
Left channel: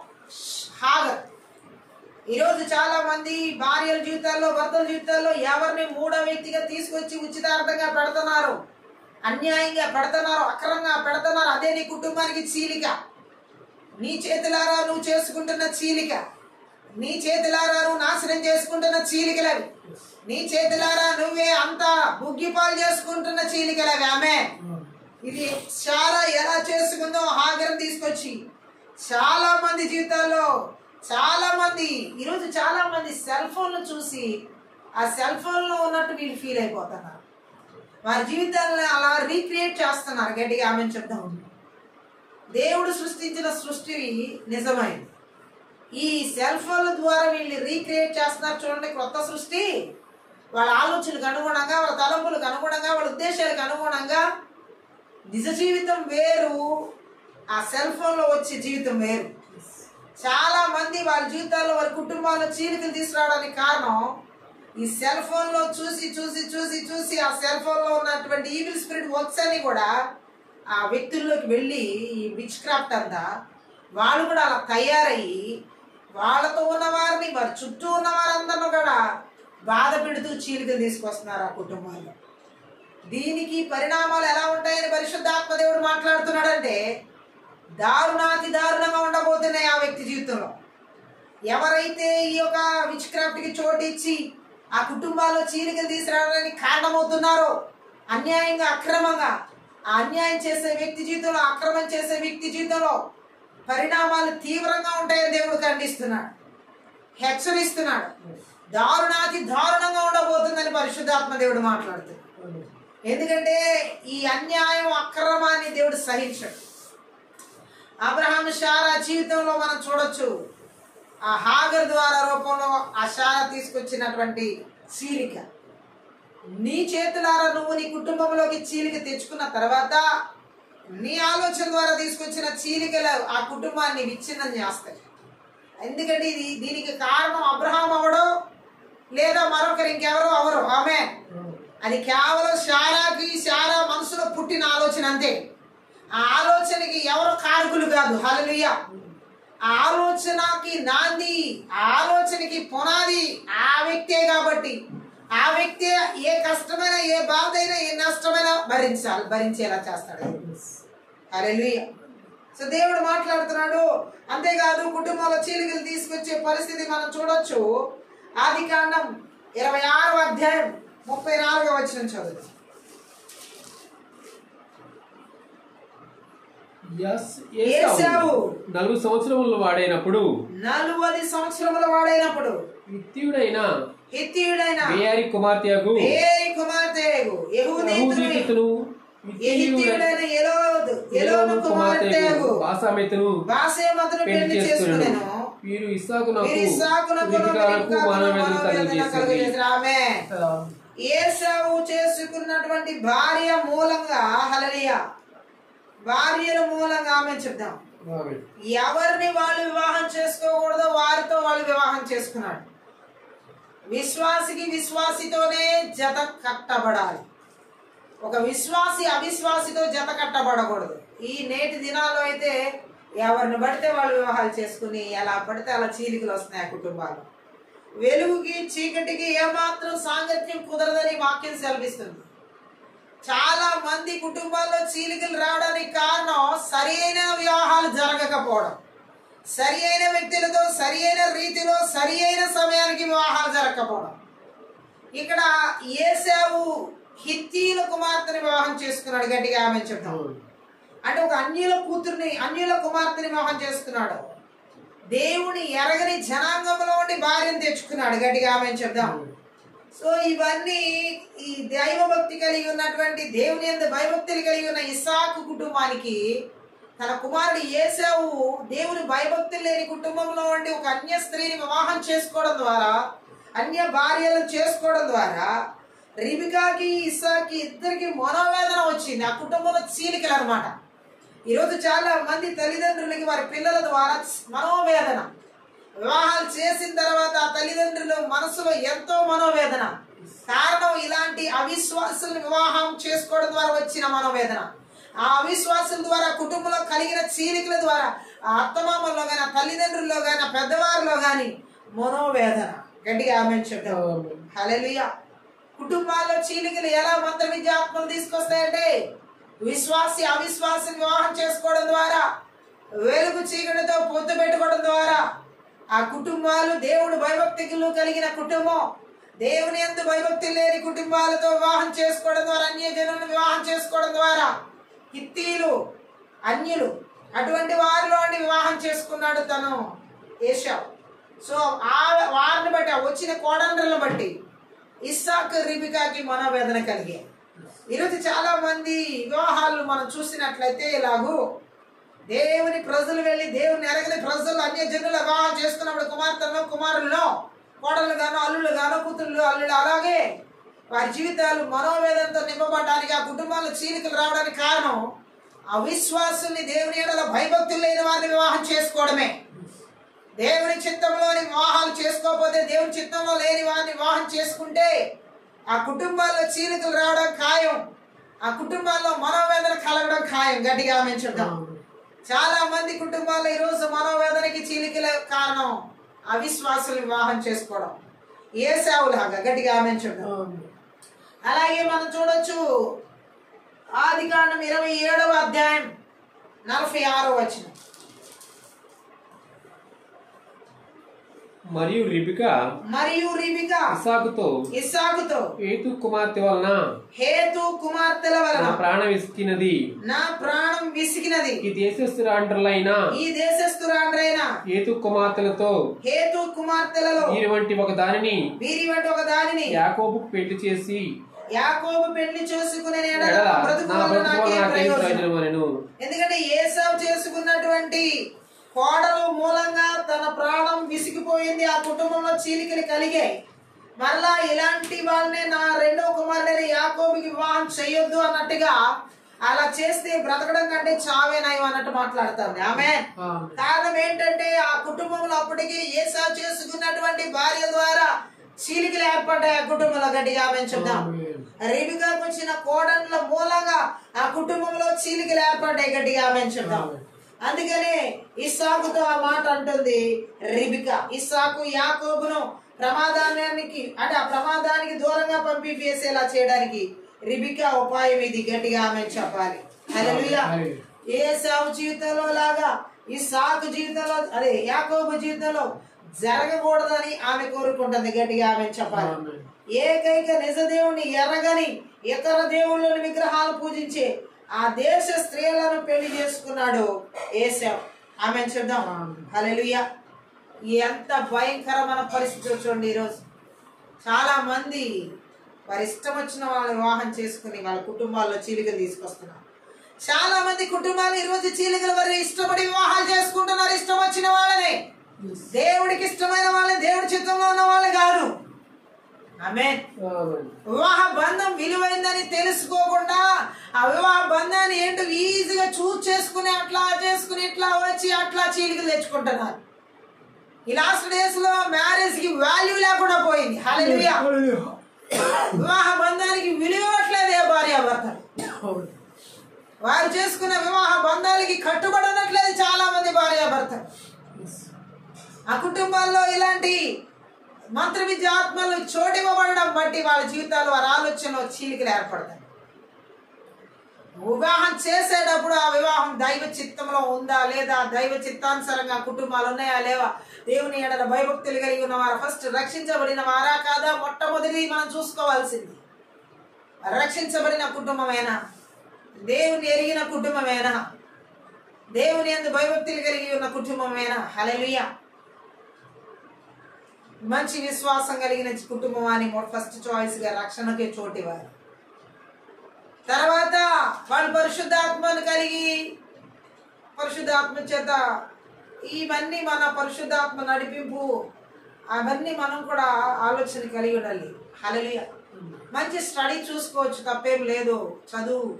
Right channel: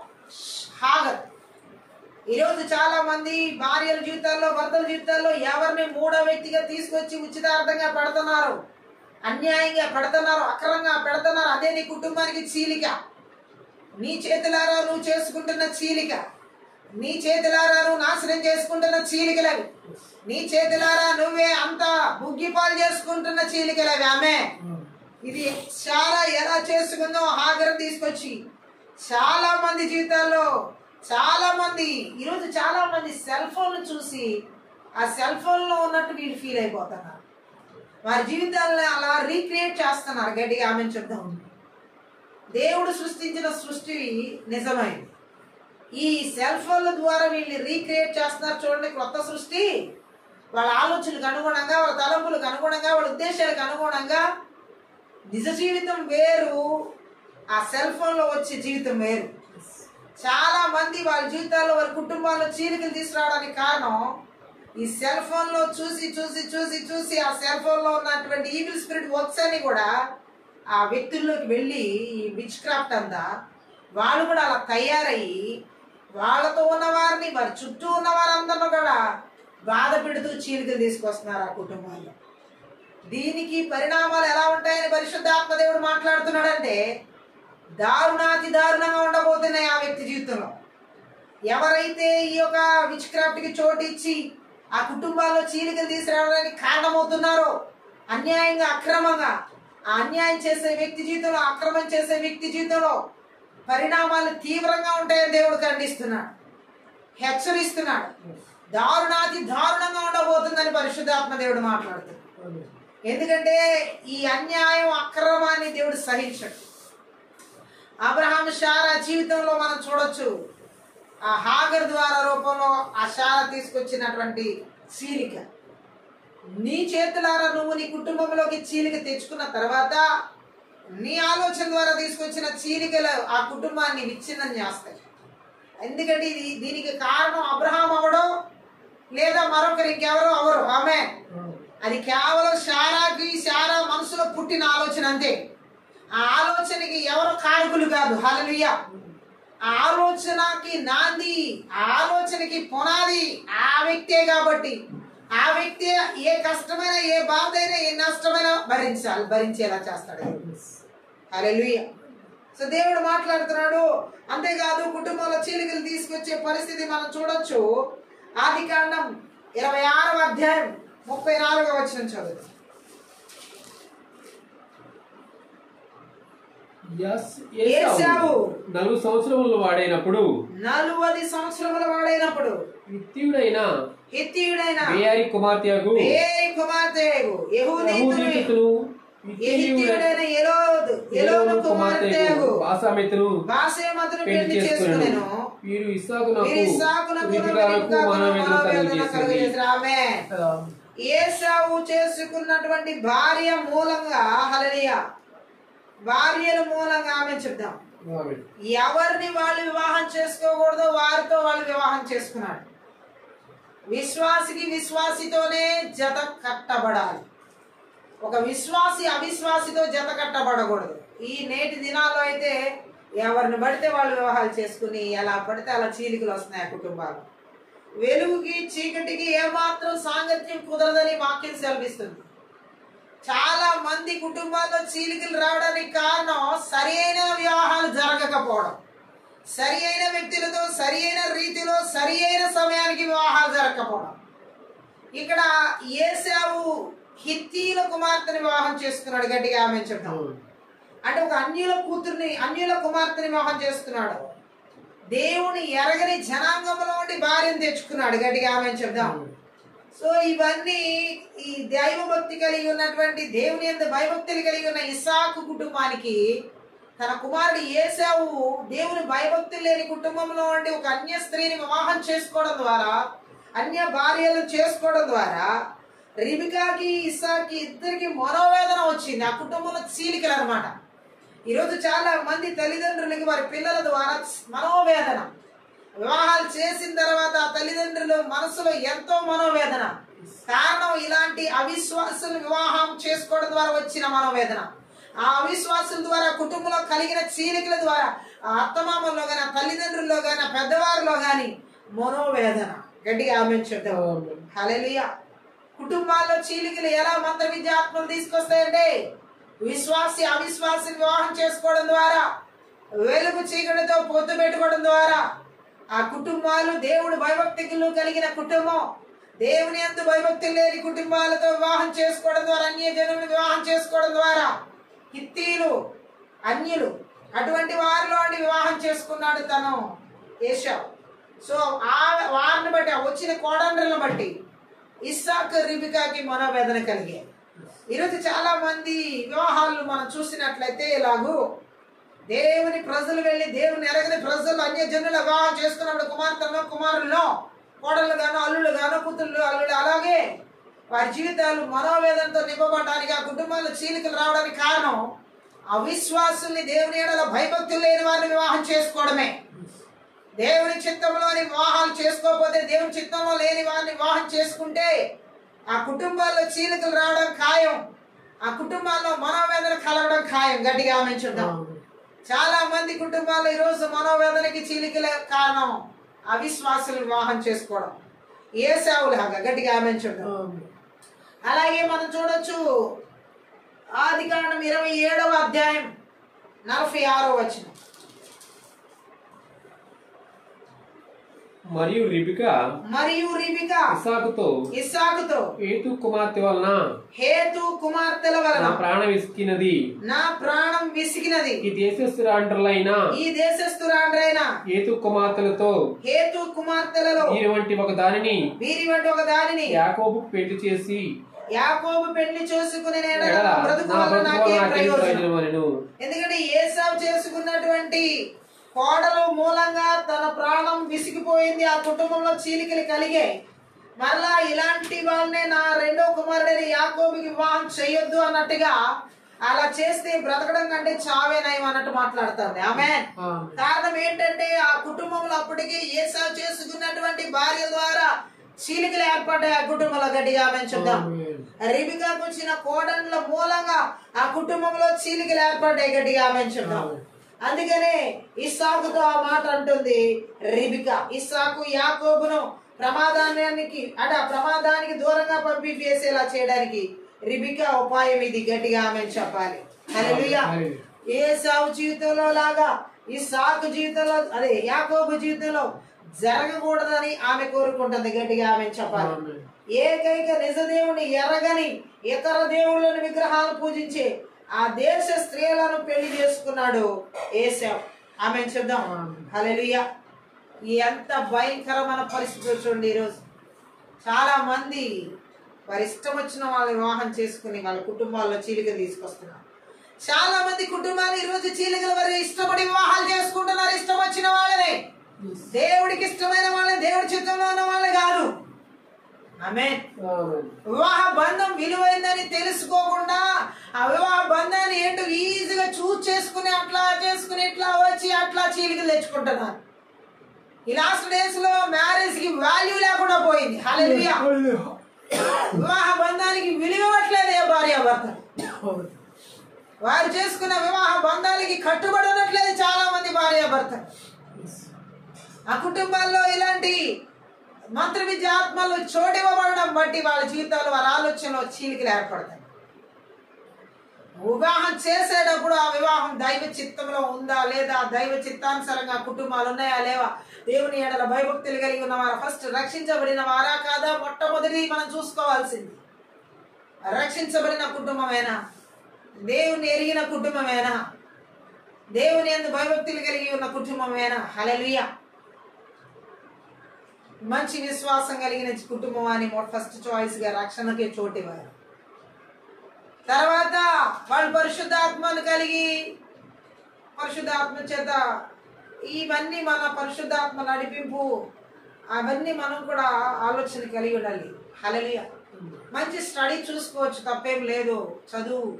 హాగర్. ఈరోజు చాలా మంది భార్యల జీవితాల్లో, భర్తల జీవితాల్లో ఎవరిని మూడో వ్యక్తిగా తీసుకొచ్చి ఉచితార్థంగా పెడుతున్నారు, అన్యాయంగా పెడుతున్నారు, అక్రమంగా పెడుతున్నారు. అదే నీ కుటుంబానికి చీలిక. నీ చేతులారా నువ్వు చేసుకుంటున్న చీలిక, నీ చేతులారా నువ్వు నాశనం చేసుకుంటున్న చీలికలవి, నీ చేతులారా నువ్వే అంతా బుగ్గిపాలు చేసుకుంటున్న చీలికలవి. ఆమె ఇది చాలా ఎలా చేసుకుందో హాగర్ తీసుకొచ్చి చాలా మంది జీవితాల్లో, చాలా మంది ఈరోజు చాలా మంది సెల్ ఫోన్ చూసి ఆ సెల్ ఫోన్ లో ఉన్నట్టు వీళ్ళు ఫీల్ అయిపోతున్నారు, వారి జీవితాలను అలా రీక్రియేట్ చేస్తున్నారు. గట్టిగా ఆమె చెప్తాం. దేవుడు సృష్టించిన సృష్టి నిజమైంది, ఈ సెల్ ఫోన్ల ద్వారా వీళ్ళు రీక్రియేట్ చేస్తున్నారు. చూడండి, కొత్త సృష్టి. వాళ్ళ ఆలోచనలకు అనుగుణంగా, వాళ్ళ తలంపులకు అనుగుణంగా, వాళ్ళ ఉద్దేశాలకు అనుగుణంగా నిజ జీవితం వేరు, ఆ సెల్ ఫోన్ లో వచ్చే జీవితం వేరు. చాలా మంది వాళ్ళ జీవితాల్లో, వారి కుటుంబాల్లో చీలికలు తీసుకురావడానికి కారణం ఈ సెల్ ఫోన్ లో చూసి చూసి చూసి చూసి ఆ సెల్ ఫోన్ లో ఉన్నటువంటి ఈవిల్ స్పిరిట్ వర్క్స్ అని కూడా ఆ వ్యక్తుల్లోకి వెళ్ళి ఈ విచ్ క్రాఫ్ట్ అంతా వాళ్ళు కూడా అలా తయారయ్యి వాళ్ళతో ఉన్న వారిని, వారి చుట్టూ ఉన్న వారందరూ కూడా బాధ పెడుతూ చీలికలు తీసుకొస్తున్నారు ఆ కుటుంబాల్లో. దీనికి పరిణామాలు ఎలా ఉంటాయని పరిశుద్ధాత్మ దేవుడు మాట్లాడుతున్నాడంటే దారుణాతి దారుణంగా ఉండబోతున్నాయి ఆ వ్యక్తి జీవితంలో. ఎవరైతే ఈ యొక్క విచ్ క్రాఫ్ట్ కి చోటు ఇచ్చి ఆ కుటుంబాల్లో చీలికలు తీసుకురావడానికి కారణమవుతున్నారో, అన్యాయంగా, అక్రమంగా ఆ అన్యాయం చేసే వ్యక్తి జీవితంలో, అక్రమం చేసే వ్యక్తి జీవితంలో పరిణామాలు తీవ్రంగా ఉంటాయని దేవుడు ఖండిస్తున్నాడు, హెచ్చరిస్తున్నాడు. దారుణాతి దారుణంగా ఉండబోతుందని పరిశుద్ధాత్మ దేవుడు మాట్లాడుతున్నాడు. ఎందుకంటే ఈ అన్యాయం, అక్రమాన్ని దేవుడు సహించడు. అబ్రహాం శారా జీవితంలో మనం చూడొచ్చు, ఆ హాగర్ ద్వారా రూపంలో ఆ శారా తీసుకొచ్చినటువంటి చీలిక. నీ చేతులారా నువ్వు నీ కుటుంబంలోకి చీలిక తెచ్చుకున్న తర్వాత నీ ఆలోచన ద్వారా తీసుకొచ్చిన చీలికలు ఆ కుటుంబాన్ని విచ్ఛిన్నం చేస్తాయి. ఎందుకంటే దీనికి కారణం అబ్రహాం అవడం లేదా మరొకరు ఇంకెవరో అవరు. ఆమె అది కేవలం శారా మనసులో పుట్టిన ఆలోచన అంతే. ఆ ఆలోచనకి ఎవరు కారకులు కాదు. హల్లెలూయా. ఆ ఆలోచనకి నాంది, ఆ ఆలోచనకి పునాది ఆ వ్యక్తే కాబట్టి ఆ వ్యక్తి ఏ కష్టమైనా, ఏ బాధ అయినా, ఏ నష్టమైనా భరించేలా చేస్తాడు. హల్లెలూయా. సో దేవుడు మాట్లాడుతున్నాడు. అంతేకాదు కుటుంబంలో చీలికలు తీసుకొచ్చే పరిస్థితి మనం చూడొచ్చు. ఆదికాండం 26వ అధ్యాయం 34వ వచనం చదువు. ఏశావు 40 సంవత్సరముల వాడైనప్పుడు, 40 సంవత్సరముల వాడైనప్పుడు హిత్తీయుడైన హిత్తీయుడైన బేయారి కుమార్తెయగు యెహూదీతును ఎహిత్తీయుడైన ఎలోను కుమార్తెయగు బాసెమతును బాసెమతును పెళ్లి చేసుకునేను. వీరు ఇస్సాకునకు రిబెకాకు మనోవేదన కలుగజేశారు. ఆమేన్. ఏశావు చేసుకున్నటువంటి భార్య మూలంగా, హల్లెలూయా, భార్యల మూలంగా ఆమె చెప్దాం, ఎవరిని వాళ్ళు వివాహం చేసుకోకూడదో వారితో వాళ్ళు వివాహం చేసుకున్నాడు. విశ్వాసికి విశ్వాసితోనే జత కట్టబడాలి. ఒక విశ్వాసి అవిశ్వాసితో జత కట్టబడకూడదు. ఈ నేటి దినాల్లో అయితే ఎవరిని పడితే వాళ్ళు వివాహాలు చేసుకుని ఎలా పడితే అలా చీలికలు వస్తున్నాయి కుటుంబాలు. వెలుగుకి చీకటికి ఏమాత్రం సాంగత్యం కుదరదని వాక్యం సెలవిస్తుంది. చాలా మంది కుటుంబాల్లో చీలికలు రావడానికి కారణం సరి అయిన వివాహాలు జరగకపోవడం, సరి అయిన వ్యక్తులతో సరి అయిన రీతిలో సరి అయిన సమయానికి వివాహాలు జరగకపోవడం. ఇక్కడ ఏశావు హిత్తీల కుమార్తెని వివాహం చేసుకున్నాడు. గట్టిగా ఆమె చెప్తాం. అంటే ఒక అన్యుల కుమార్తెని వివాహం చేసుకున్నాడు. దేవుని ఎరగని జనాంగంలో ఉండి భార్యను తెచ్చుకున్నాడు. గట్టిగా ఆమె చెప్దాం. సో ఇవన్నీ ఈ దైవభక్తి కలిగి ఉన్నటువంటి, దేవుని యందు భయభక్తులు కలిగి ఉన్న ఇస్సాకు కుటుంబానికి తన కుమారుడు ఏశావు దేవుని భయభక్తులు లేని కుటుంబంలో ఉండి ఒక అన్య స్త్రీని వివాహం చేసుకోవడం ద్వారా, అన్య భార్యలను చేసుకోవడం ద్వారా రిబికాకి ఇస్సాకి ఇద్దరికి మనోవేదన వచ్చింది. ఆ కుటుంబంలో చీలికలు అనమాట. ఈరోజు చాలా మంది తల్లిదండ్రులకి వారి పిల్లల ద్వారా మనోవేదన. వివాహాలు చేసిన తర్వాత తల్లిదండ్రులు మనసులో ఎంతో మనోవేదన. కారణం ఇలాంటి అవిశ్వాసులు వివాహం చేసుకోవడం ద్వారా వచ్చిన మనోవేదన. ఆ అవిశ్వాసుల ద్వారా కుటుంబంలో కలిగిన చీలికల ద్వారా ఆ అత్తమామల్లో గాని, ఆ తల్లిదండ్రుల్లో గాని, ఆ పెద్దవారిలో గాని మనోవేదన. గట్టిగా ఆమె చెప్తాం. హల్లెలూయా. కుటుంబాల్లో చీలికలు ఎలా మంత్ర విద్యాత్మలు తీసుకొస్తాయంటే విశ్వాసి అవిశ్వాసి వివాహం చేసుకోవడం ద్వారా, వెలుగు చీకటితో పొత్తు పెట్టుకోవడం ద్వారా ఆ కుటుంబాలు దేవుడు భయభక్తులు కలిగిన కుటుంబం దేవుని యందు భయభక్తి లేని కుటుంబాలతో వివాహం చేసుకోవడం ద్వారా, అన్య జనులను వివాహం చేసుకోవడం ద్వారా హిత్తీలు అన్యులు అటువంటి వారిలో వివాహం చేసుకున్నాడు తను ఏశావు. సో వారిని బట్టి వచ్చిన కోడండ్రలను బట్టి ఇస్సాకు రిబికాకి మనోవేదన కలిగే. ఈరోజు చాలా మంది వివాహాలు మనం చూసినట్లయితే ఇలాగూ దేవుని ప్రజలు వెళ్ళి దేవుని ఎరగని ప్రజలు అన్య జనుల వివాహం చేసుకున్నప్పుడు కుమార్తెలను కుమారులను కోడళ్ళు గాను అల్లుళ్ళు గాను కూతుళ్ళు అల్లుళ్ళు అలాగే వారి జీవితాలు మనోవేదనతో నింపబడడానికి, ఆ కుటుంబాల్లో చీలికలు రావడానికి కారణం అవిశ్వాసుల్ని దేవుని ఎడల భయభక్తులు లేని వారిని వివాహం చేసుకోవడమే. దేవుని చిత్తంలోని వివాహాలు చేసుకోకపోతే, దేవుని చిత్తంలో లేని వారిని వివాహం చేసుకుంటే ఆ కుటుంబాల్లో చీలికలు రావడం ఖాయం, ఆ కుటుంబాల్లో మనోవేదన కలగడం ఖాయం. గట్టిగా ఆమెంచుంటాం. చాలా మంది కుటుంబాల్లో ఈరోజు మనోవేదనకి చీలికల కారణం అవిశ్వాసులు వివాహం చేసుకోవడం. ఏశావులాగా. గట్టిగా ఆమెంచుంటాం. అలాగే మనం చూడొచ్చు ఆదికాండం 27వ అధ్యాయం 46వ వచనం. మరియు రిబికా ఇస్సాకుతో హేతు కుమార్తెల వలన నా ప్రాణం విసిగినది. ఈ దేశస్థురాండ్రులైన హేతు కుమార్తెలలో వీరి వంటి ఒక దానిని యాకోబు పెళ్లి చేసి పెళ్లి చేసుకునే ఎందుకంటే ఏశావు చేసుకున్నటువంటి కోడలు మూలంగా తన ప్రాణం విసిగిపోయింది. ఆ కుటుంబంలో చీలికలు కలిగాయి. మరలా ఇలాంటి వాళ్ళనే నా రెండో కుమారుడైన యాకోబుకి వివాహం చేయొద్దు అన్నట్టుగా, అలా చేస్తే బ్రతకడం కంటే చావే నయం అన్నట్టు మాట్లాడుతుంది ఆమె. కారణం ఏంటంటే ఆ కుటుంబంలో అప్పటికి ఏశావు చేసుకున్నటువంటి భార్య ద్వారా చీలికలు ఏర్పడ్డాయి ఆ కుటుంబంలో. గట్టిగా ఆమె చెప్దాం. రిబికాకు వచ్చిన కోడళ్ళ మూలంగా ఆ కుటుంబంలో చీలికలు ఏర్పడ్డాయి. గట్టిగా ఆమె చెప్దాం. అందుకనే ఇస్సాకుతో ఆ మాట అంటుంది రిబికా. ఇస్సాకు యాకోబును ప్రమాదానికి దూరంగా పంపివేసేలా చేయడానికి రిబికా ఉపాయం ఇది. గట్టిగా ఆమె చెప్పాలి. హల్లెలూయా. ఏశావు జీవితంలో లాగా ఇస్సాకు జీవితంలో, అదే యాకోబు జీవితంలో జరగకూడదని ఆమె కోరుకుంటుంది. గట్టిగా ఆమె చెప్పాలి. ఏకైక నిజ దేవుని ఎరగని ఇతర దేవుళ్ళని విగ్రహాలు పూజించే ఆ దేశ స్త్రీలను పెళ్లి చేసుకున్నాడు ఏశావు. ఆమె చెప్దాం. హల్లెలూయా. ఎంత భయంకరమైన పరిస్థితి చూడండి. ఈరోజు చాలా మంది వారి ఇష్టం వచ్చిన వాళ్ళు వివాహం చేసుకుని వాళ్ళ కుటుంబాల్లో చీలికలు తీసుకొస్తున్నారు. చాలా మంది కుటుంబాలు ఈరోజు చీలికలు వారి ఇష్టపడి వివాహాలు చేసుకుంటున్నారు. ఇష్టం వచ్చిన వాళ్ళని, దేవుడికి ఇష్టమైన వాళ్ళని, దేవుడి చిత్తంలో ఉన్న వాళ్ళు కాదు. ఆమేన్. వివాహ బంధం విలువైందని తెలుసుకోకుండా ఆ వివాహ బంధాన్ని ఏంటో ఈజీగా చూస్ చేసుకుని అట్లా చేసుకుని ఇట్లా వచ్చి అట్లా చీలికలు తెచ్చుకుంటున్నారు. ఈ లాస్ట్ డేస్ లో మ్యారేజ్ కి వాల్యూ లేకుండా పోయింది. హల్లెలూయా. వివాహ బంధానికి విలువ ఇవ్వట్లేదు ఏ భార్యాభర్తలు. వారు చేసుకున్న వివాహ బంధాలకి కట్టుబడనట్లేదు చాలా మంది భార్యాభర్తలు. ఆ కుటుంబాల్లో ఇలాంటి మంత్ర విద్య ఆత్మలు చోటివ్వబడడం బట్టి వాళ్ళ జీవితాలు వారి ఆలోచనలో చీలికలు ఏర్పడతాయి. వివాహం చేసేటప్పుడు ఆ వివాహం దైవ చిత్తంలో ఉందా లేదా, దైవ చిత్తానుసారంగా కుటుంబాలు ఉన్నాయా లేవా, దేవుని ఎడల భయభక్తులు కలిగి ఉన్న వారు ఫస్ట్ రక్షించబడిన వారా కాదా మొట్టమొదటి మనం చూసుకోవాల్సింది. రక్షించబడిన కుటుంబమేనా, దేవుని ఎరిగిన కుటుంబమేనా, దేవుని యందు భయభక్తులు కలిగి ఉన్న కుటుంబమేనా. హల్లెలూయా. మంచి విశ్వాసం కలిగిన కుటుంబం అని ఫస్ట్ చాయిస్ గా రక్షణకే చోటివారు. తర్వాత వాళ్ళు పరిశుద్ధాత్మను కలిగి పరిశుద్ధాత్మ చేత ఇవన్నీ మన పరిశుద్ధాత్మ నడిపింపు అవన్నీ మనం కూడా ఆలోచన కలిగి ఉండాలి. హల్లెలూయా. మంచి స్టడీ చూసుకోవచ్చు, తప్పేం లేదు, చదువు.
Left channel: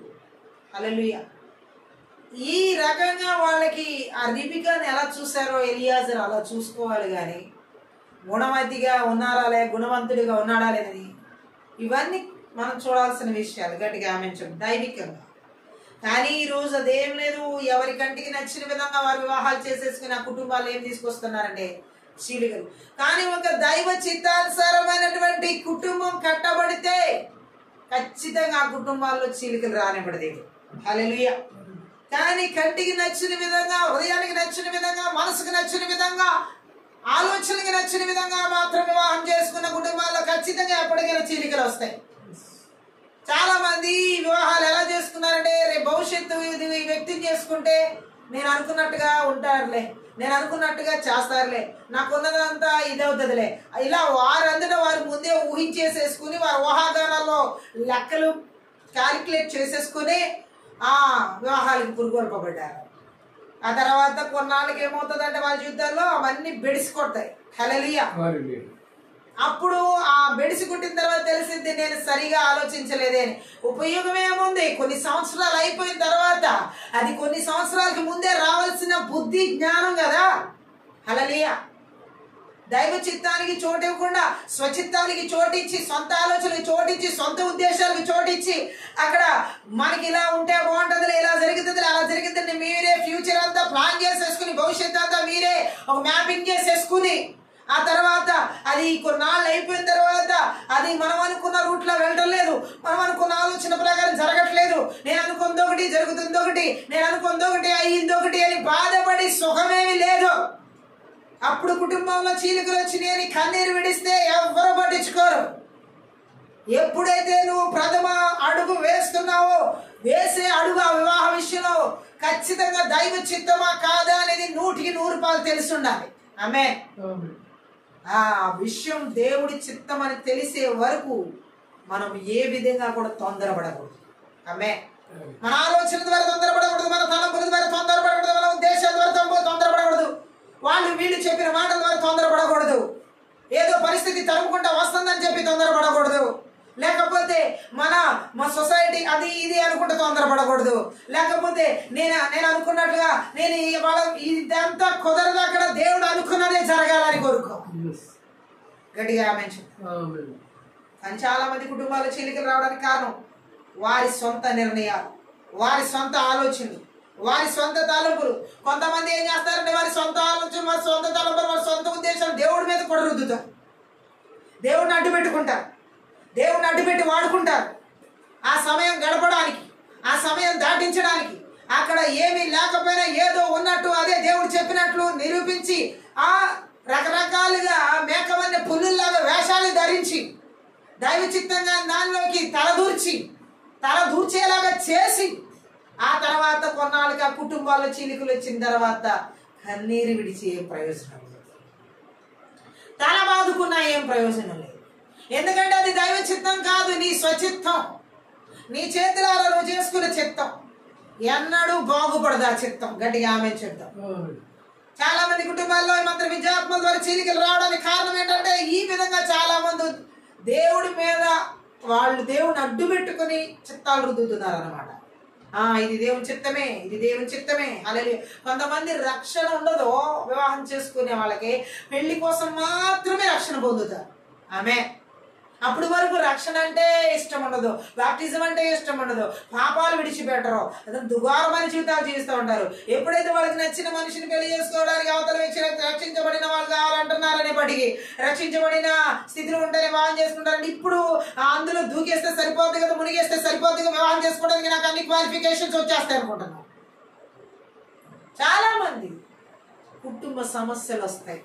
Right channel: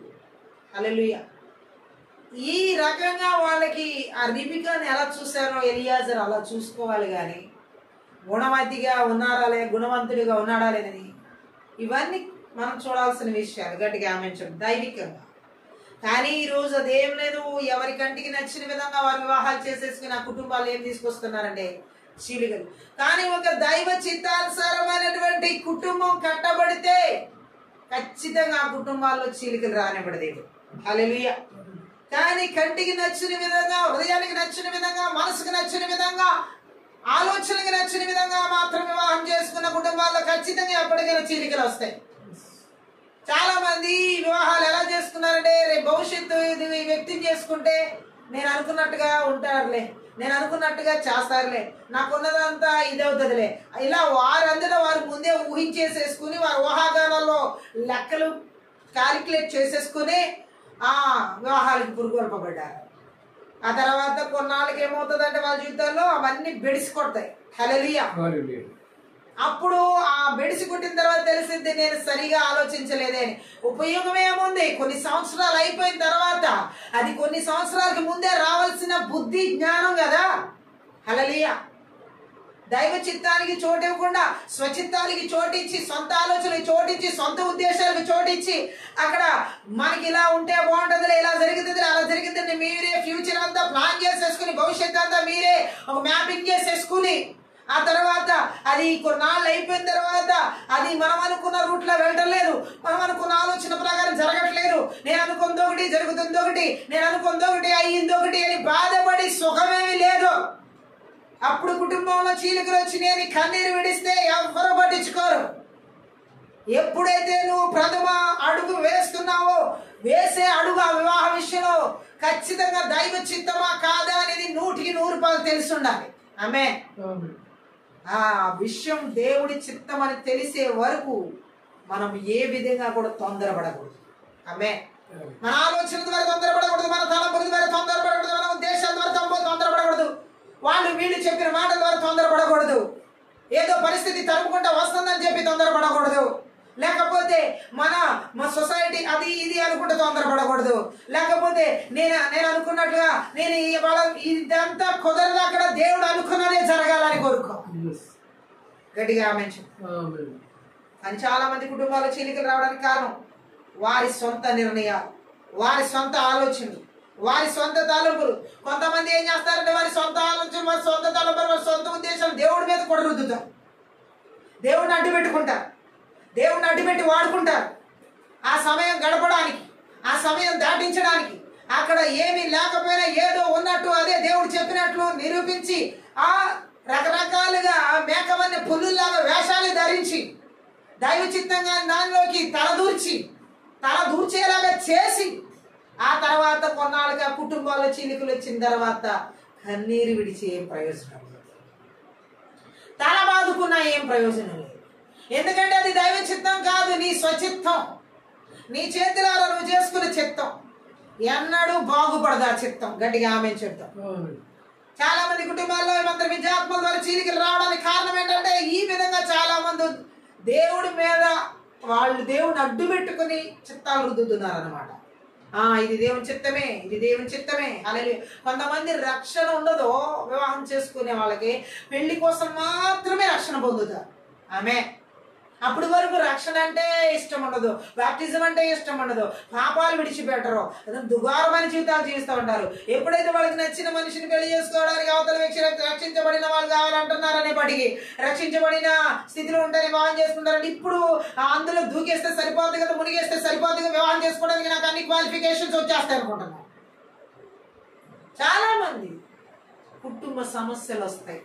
హల్లెలూయా. ఈ రకంగా వాళ్ళకి ఆ రిబికాని ఎలా చూసారో ఎలియాజరు అలా చూసుకోవాలి. కానీ గుణవతిగా ఉన్నారా లే, గుణవంతుడిగా ఉన్నాడా లేదని ఇవన్నీ మనం చూడాల్సిన విషయాలు. గట్టిగా ఆమెంచండి దైవికంగా. కానీ ఈరోజు అదేం లేదు. ఎవరి కంటికి నచ్చిన విధంగా వారు వివాహాలు చేసేసుకుని ఆ కుటుంబాలు ఏం తీసుకొస్తున్నారంటే చీలికలు. కానీ ఒక దైవ చిత్తానుసారమైనటువంటి కుటుంబం కట్టబడితే ఖచ్చితంగా ఆ కుటుంబాల్లో చీలికలు రానివ్వడలేదు. హల్లెలూయా. కానీ కంటికి నచ్చిన విధంగా, హృదయానికి నచ్చిన విధంగా, మనసుకు నచ్చిన విధంగా, ఆలోచనకి నచ్చిన విధంగా మాత్రం వివాహం చేసుకున్న కుటుంబాల్లో ఖచ్చితంగా ఎప్పటికైనా చీలికలు వస్తాయి. చాలా మంది వివాహాలు ఎలా చేసుకున్నారంటే రేపు భవిష్యత్తు ఇది వ్యక్తిని చేసుకుంటే నేను అనుకున్నట్టుగా ఉంటారులే, నేను అనుకున్నట్టుగా చేస్తారులే, నాకున్నదంతా ఇదవుతుందిలే, ఇలా వారందరూ వారు ముందే ఊహించేసేసుకుని వారు ఊహాగానాల్లో లెక్కలు క్యాలిక్యులేట్ చేసేసుకుని ఆ వివాహాలకు పురుగొల్పబడ్డారు. ఆ తర్వాత కొన్నాళ్ళకి ఏమవుతుందంటే వాళ్ళ జీవితాల్లో అవన్నీ బెడిసి కొడతాయి. హల్లెలూయా. అప్పుడు ఆ బెడిసి కుట్టిన తర్వాత తెలిసింది నేను సరిగా ఆలోచించలేదే అని. ఉపయోగం ఏముంది, కొన్ని సంవత్సరాలు అయిపోయిన తర్వాత అది కొన్ని సంవత్సరాలకి ముందే రావాల్సిన బుద్ధి జ్ఞానం కదా. హల్లెలూయా. దైవ చిత్తానికి చోటు ఇవ్వకుండా స్వచిత్తానికి చోటిచ్చి, సొంత ఆలోచనలకు చోటిచ్చి, సొంత ఉద్దేశాలకు చోటిచ్చి అక్కడ మనకి ఇలా ఉంటే బాగుంటుందిలే, ఇలా జరుగుతుంది, అలా జరుగుతుంది, మీరే ఫ్యూచర్ అంతా ప్లాన్ చేసేసుకుని భవిష్యత్తు అంతా మీరే ఒక మ్యాపింగ్ చేసేసుకుని ఆ తర్వాత అది కొన్నాళ్ళు అయిపోయిన తర్వాత అది మనం అనుకున్న రూట్లో వెళ్ళటం లేదు, మనం అనుకున్న ఆలోచన ప్రకారం జరగట్లేదు, నేను అనుకుంది ఒకటి జరుగుతుంది ఒకటి, నేను అనుకుంది ఒకటి అయ్యింది ఒకటి అని బాధపడి సుఖమేమీ లేదు. అప్పుడు కుటుంబంలో చీలికలు వచ్చినాయి అని కన్నీరు విడిస్తే ఎవ్వరు పట్టించుకోరు. ఎప్పుడైతే నువ్వు ప్రథమ అడుగు వేస్తున్నావో వేసే అడుగు ఆ వివాహ విషయంలో ఖచ్చితంగా దైవ చిత్తమా కాదా అనేది 100% తెలిసి ఉండాలి. ఆమేన్. ఆ విషయం దేవుడి చిత్తం అని తెలిసే వరకు మనం ఏ విధంగా కూడా తొందరపడకూడదు. ఆమేన్. మన ఆలోచన ద్వారా తొందరపడకూడదు, మన తలంపుల ద్వారా తొందరపడకూడదు, మన ఉద్దేశాల ద్వారా తొందరపడకూడదు, వాళ్ళు వీళ్ళు చెప్పిన మాటల ద్వారా తొందరపడకూడదు, ఏదో పరిస్థితి తరుముకుంటా వస్తుందని చెప్పి తొందరపడకూడదు, లేకపోతే మన సొసైటీ అది ఇది అనుకుంటే తొందరపడకూడదు, లేకపోతే నేను అనుకున్నట్లుగా నేను ఇదంతా కుదరదు, అక్కడ దేవుడు అనుకున్నదే జరగాలని కోరుకో. గట్టిగా ఆమేన్. అని చాలా మంది కుటుంబాల చీలికలు రావడానికి కారణం వారి సొంత నిర్ణయాలు, వారి సొంత ఆలోచనలు, వారి సొంత తలంపులు. కొంతమంది ఏం చేస్తారంటే వారి సొంత ఆలోచన, వారి సొంత తలంపులు, వారి సొంత ఉద్దేశాలు దేవుడి మీద కూడా రుద్దుతారు. దేవుడిని అడ్డు పెట్టుకుంటారు, దేవుడిని అడ్డుపెట్టి వాడుకుంటారు. ఆ సమయం గడపడానికి, ఆ సమయం దాటించడానికి, అక్కడ ఏమీ లేకపోయినా ఏదో ఉన్నట్టు అదే దేవుడు చెప్పినట్లు నిరూపించి ఆ రకరకాలుగా మేకవన్నీ పుల్లుల్లాగా వేషాలు ధరించి దైవ చిత్తంగా దానిలోకి తలదూర్చేలాగా చేసి ఆ తర్వాత కొన్నాళ్ళుగా కుటుంబాల చీలికలు వచ్చిన తర్వాత కన్నీరు విడిచి ఏం ప్రయోజనం లేదు, తల బాదుకున్నా ఏం ప్రయోజనం లేదు. ఎందుకంటే అది దైవ చిత్తం కాదు, నీ స్వచిత్తం, నీ చేతులారా నువ్వు చేసుకున్న చిత్తం. ఎన్నడూ బాగుపడదు ఆ చిత్తం. గట్టిగా ఆమె చెప్తాం. చాలా మంది కుటుంబాల్లో మాత్రం విద్యాత్మల ద్వారా చీలికలు రావడానికి కారణం ఏంటంటే ఈ విధంగా చాలా మంది దేవుడి మీద వాళ్ళు దేవుని అడ్డు పెట్టుకుని చిత్తాలు రుద్దుతున్నారు అనమాట. ఇది దేవుని చిత్తమే, ఇది దేవుని చిత్తమే అనేది. కొంతమంది రక్షణ ఉండదు, వివాహం చేసుకునే వాళ్ళకి పెళ్లి కోసం మాత్రమే రక్షణ పొందుతారు. ఆమె అప్పుడు వరకు రక్షణ అంటే ఇష్టం ఉండదు, బాప్టిజం అంటే ఇష్టం ఉండదు, పాపాలు విడిచిపెట్టరు, దుగారమైన జీవితాలు జీవిస్తూ ఉంటారు. ఎప్పుడైతే వాళ్ళకి నచ్చిన మనిషిని పెళ్లి చేసుకోవడానికి అవతల వ్యక్తి రక్షించబడిన వాళ్ళు కావాలంటున్నారనే బడికి రక్షించబడిన స్థితిలో ఉంటేనే వివాహం చేసుకుంటారంటే ఇప్పుడు అందులో దూకేస్తే సరిపోతుంది కదా, మునిగేస్తే సరిపోతుంది కదా, వివాహం చేసుకోవడానికి నాకు అన్ని క్వాలిఫికేషన్స్ వచ్చేస్తాయి అనుకుంటున్నాను. చాలా మంది కుటుంబ సమస్యలు వస్తాయి,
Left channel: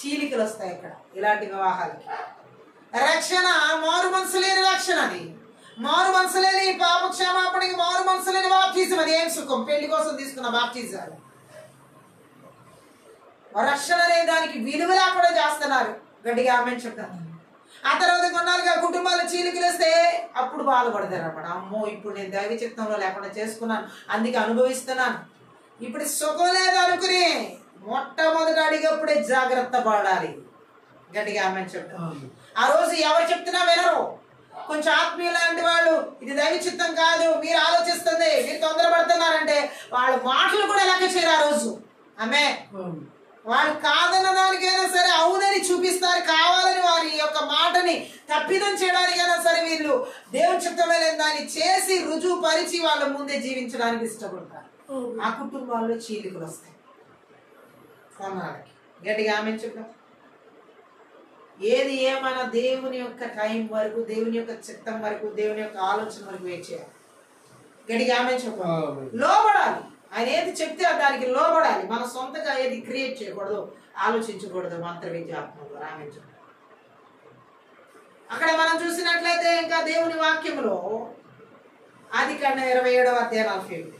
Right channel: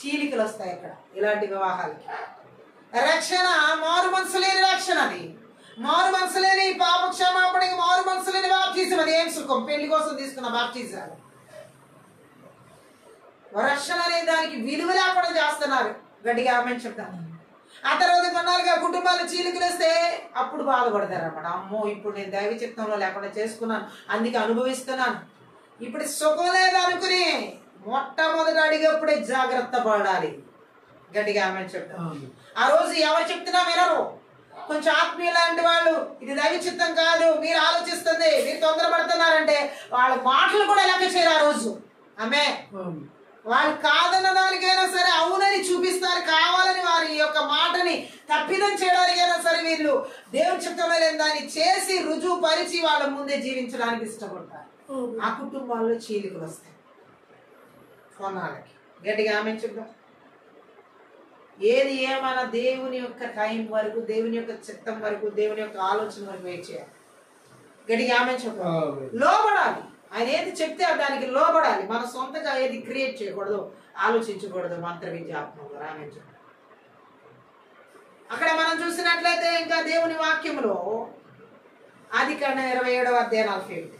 చీలికలు వస్తాయి అక్కడ ఇలాంటి వివాహాలకి. రక్షణ మారు మనసు లేని రక్షణ, అది మారు మనసు లేని పాప క్షమాపణకి మారు మనసు లేని బాప్టిజం. అది ఏం సుఖం? పెళ్లి కోసం తీసుకున్న బాప్టిజాలు. రక్షణ అనే దానికి విలువ లేకుండా చేస్తున్నారు. గట్టిగా ఆమె చెప్తాను. ఆ తర్వాత కొన్నాళ్ళుగా కుటుంబాలు చీలికలు వస్తే అప్పుడు బాధపడతారు అన్నమాట. అమ్మో, ఇప్పుడు నేను దైవ చిత్తంలో లేకుండా చేసుకున్నాను, అందుకే అనుభవిస్తున్నాను, ఇప్పుడు సుఖం లేదు అనుకుని మొట్టమొదటి అడిగప్పుడే జాగ్రత్త పడాలి. గట్టిగా ఆమె చెప్తాను. ఆ రోజు ఎవరు చెప్తున్నా వినరు. కొంచెం ఆత్మీయ లాంటి వాళ్ళు ఇది దైవ చిత్తం కాదు, మీరు ఆలోచిస్తుంది, మీరు తొందరపడుతున్నారంటే వాళ్ళ మాటలు కూడా లెక్క చేయరు ఆ రోజు. ఆమె వాళ్ళు కాదన్న దానికైనా సరే అవునని చూపిస్తారు, కావాలని వారి యొక్క మాటని తప్పిదం చేయడానికైనా సరే వీళ్ళు దేవుని చిత్తంలో లేని దాన్ని చేసి రుజువు పరిచి వాళ్ళ ముందే జీవించడానికి ఇష్టపడతారు. ఆ కుటుంబాల్లో చీలికలు వస్తాయి కొన్నాళ్ళకి. గట్టిగా ఆమె చెప్తాం. ఏది ఏమైనా దేవుని యొక్క టైం వరకు, దేవుని యొక్క చిత్తం వరకు, దేవుని యొక్క ఆలోచన వరకు వెయిట్ చేయాలి. గట్టిగా ఆమె చెప్పాలి. లోబడాలి. ఆయన ఏది చెప్తే దానికి లోబడాలి. మన సొంతగా ఏది క్రియేట్ చేయకూడదు, ఆలోచించకూడదు. మంత్ర విద్యాత్మకంగా ఆమె చెప్పాలి. అక్కడ మనం చూసినట్లయితే ఇంకా దేవుని వాక్యంలో ఆదికాండం 27వ అధ్యాయం 47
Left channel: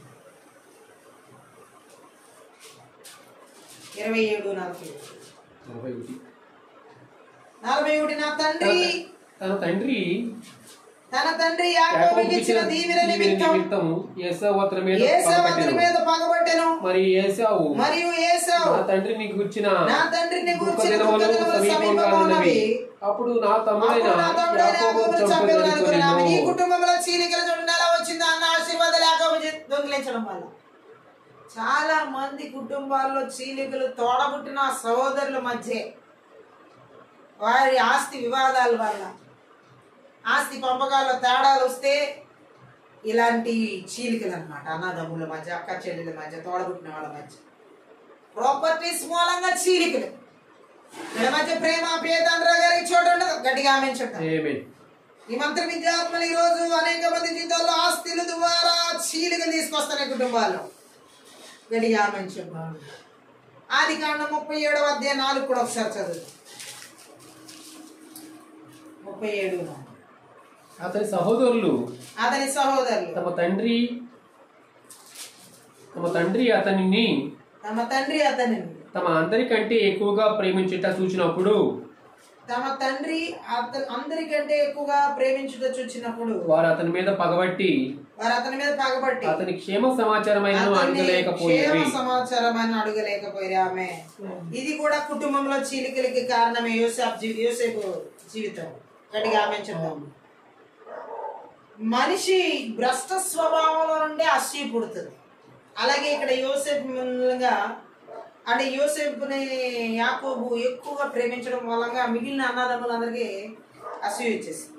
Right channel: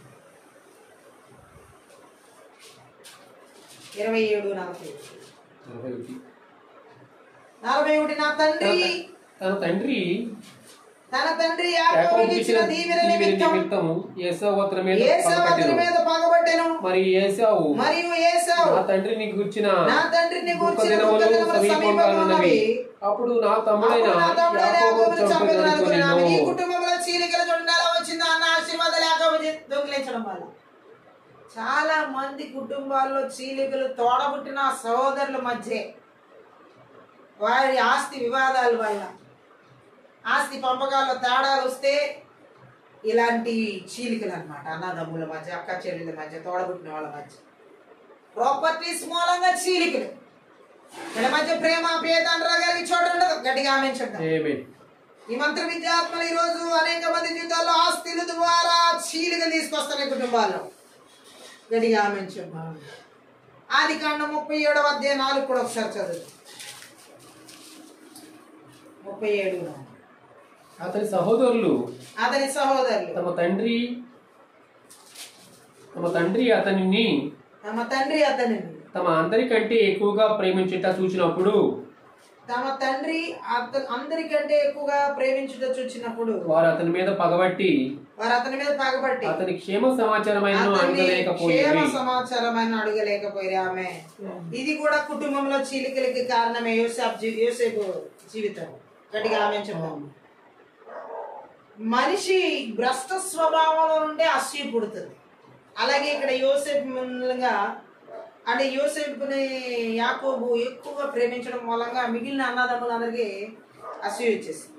47 తన తండ్రి యాకోబుకి ఇచ్చిన దీవెన నిమిత్తం ఏశావు అతని మీద పగబట్టెను. మరియు ఏశావు నా తండ్రిని గూర్చిన దుఃఖ దినములు సమీపంగా ఉన్నవి, అప్పుడు నా తమ్ముడైన యాకోబు చంపబడుకొనెను. ఈ కుటుంబంలో చీలికల చూడండి ఎలా వచ్చిందో అన్న ఆశీర్వాదాలు యాకోబు దొంగిలించడం వల్ల. చాలా మంది కుటుంబాల్లో చీలికలు తోడబుట్టిన సహోదరుల మధ్య, వారి ఆస్తి వివాదాల వల్ల, ఆస్తి పంపకాల్లో తేడాలు వస్తే ఇలాంటి చీలికలు అనమాట. అన్నదమ్ముల మధ్య, అక్క చెల్లెల మధ్య, తోడబుట్టిన వాళ్ళ మధ్య ప్రాపర్టీస్ మూలంగా చీలికలు. వీళ్ళ మధ్య ప్రేమ పేదరాగారికి చోటు ఉండదు. గట్టిగా ఆమె చెప్తాం. ఈ మంత్ర విద్యాత్మలు ఈ రోజు అనేక మంది జీవితాల్లో ఆస్తుల ద్వారా చీలికలు తీసుకొస్తున్నాయి కుటుంబాల్లో. గట్టిగా ఆమె చెప్తాం. ఆదికాండం 37వ అధ్యాయం 4 కూడా ఒకసారి చదువు. 37 అతని సహోదరులు తమ తండ్రి అతనిని తమ అందరికంటే ఎక్కువగా ప్రేమించుట చూచినప్పుడు వారు అతని మీద పగబట్టి అతని క్షేమ సమాచారమైన అడగలేకపోయారు. ఆమె ఇది కూడా కుటుంబంలో చీలికలకి కారణమే. యోసేపు జీవితం. గట్టిగా ఆమె చెప్తాము. మనిషి భ్రష్ట స్వభావంలో నుండి అసూయ పుడుతుంది. అలాగే ఇక్కడ యోసేపు మూలంగా, అంటే యోసేపుని యాకోబు ఎక్కువగా ప్రేమించడం మూలంగా మిగిలిన అన్నదమ్ములందరికీ అసూయ వచ్చేసింది.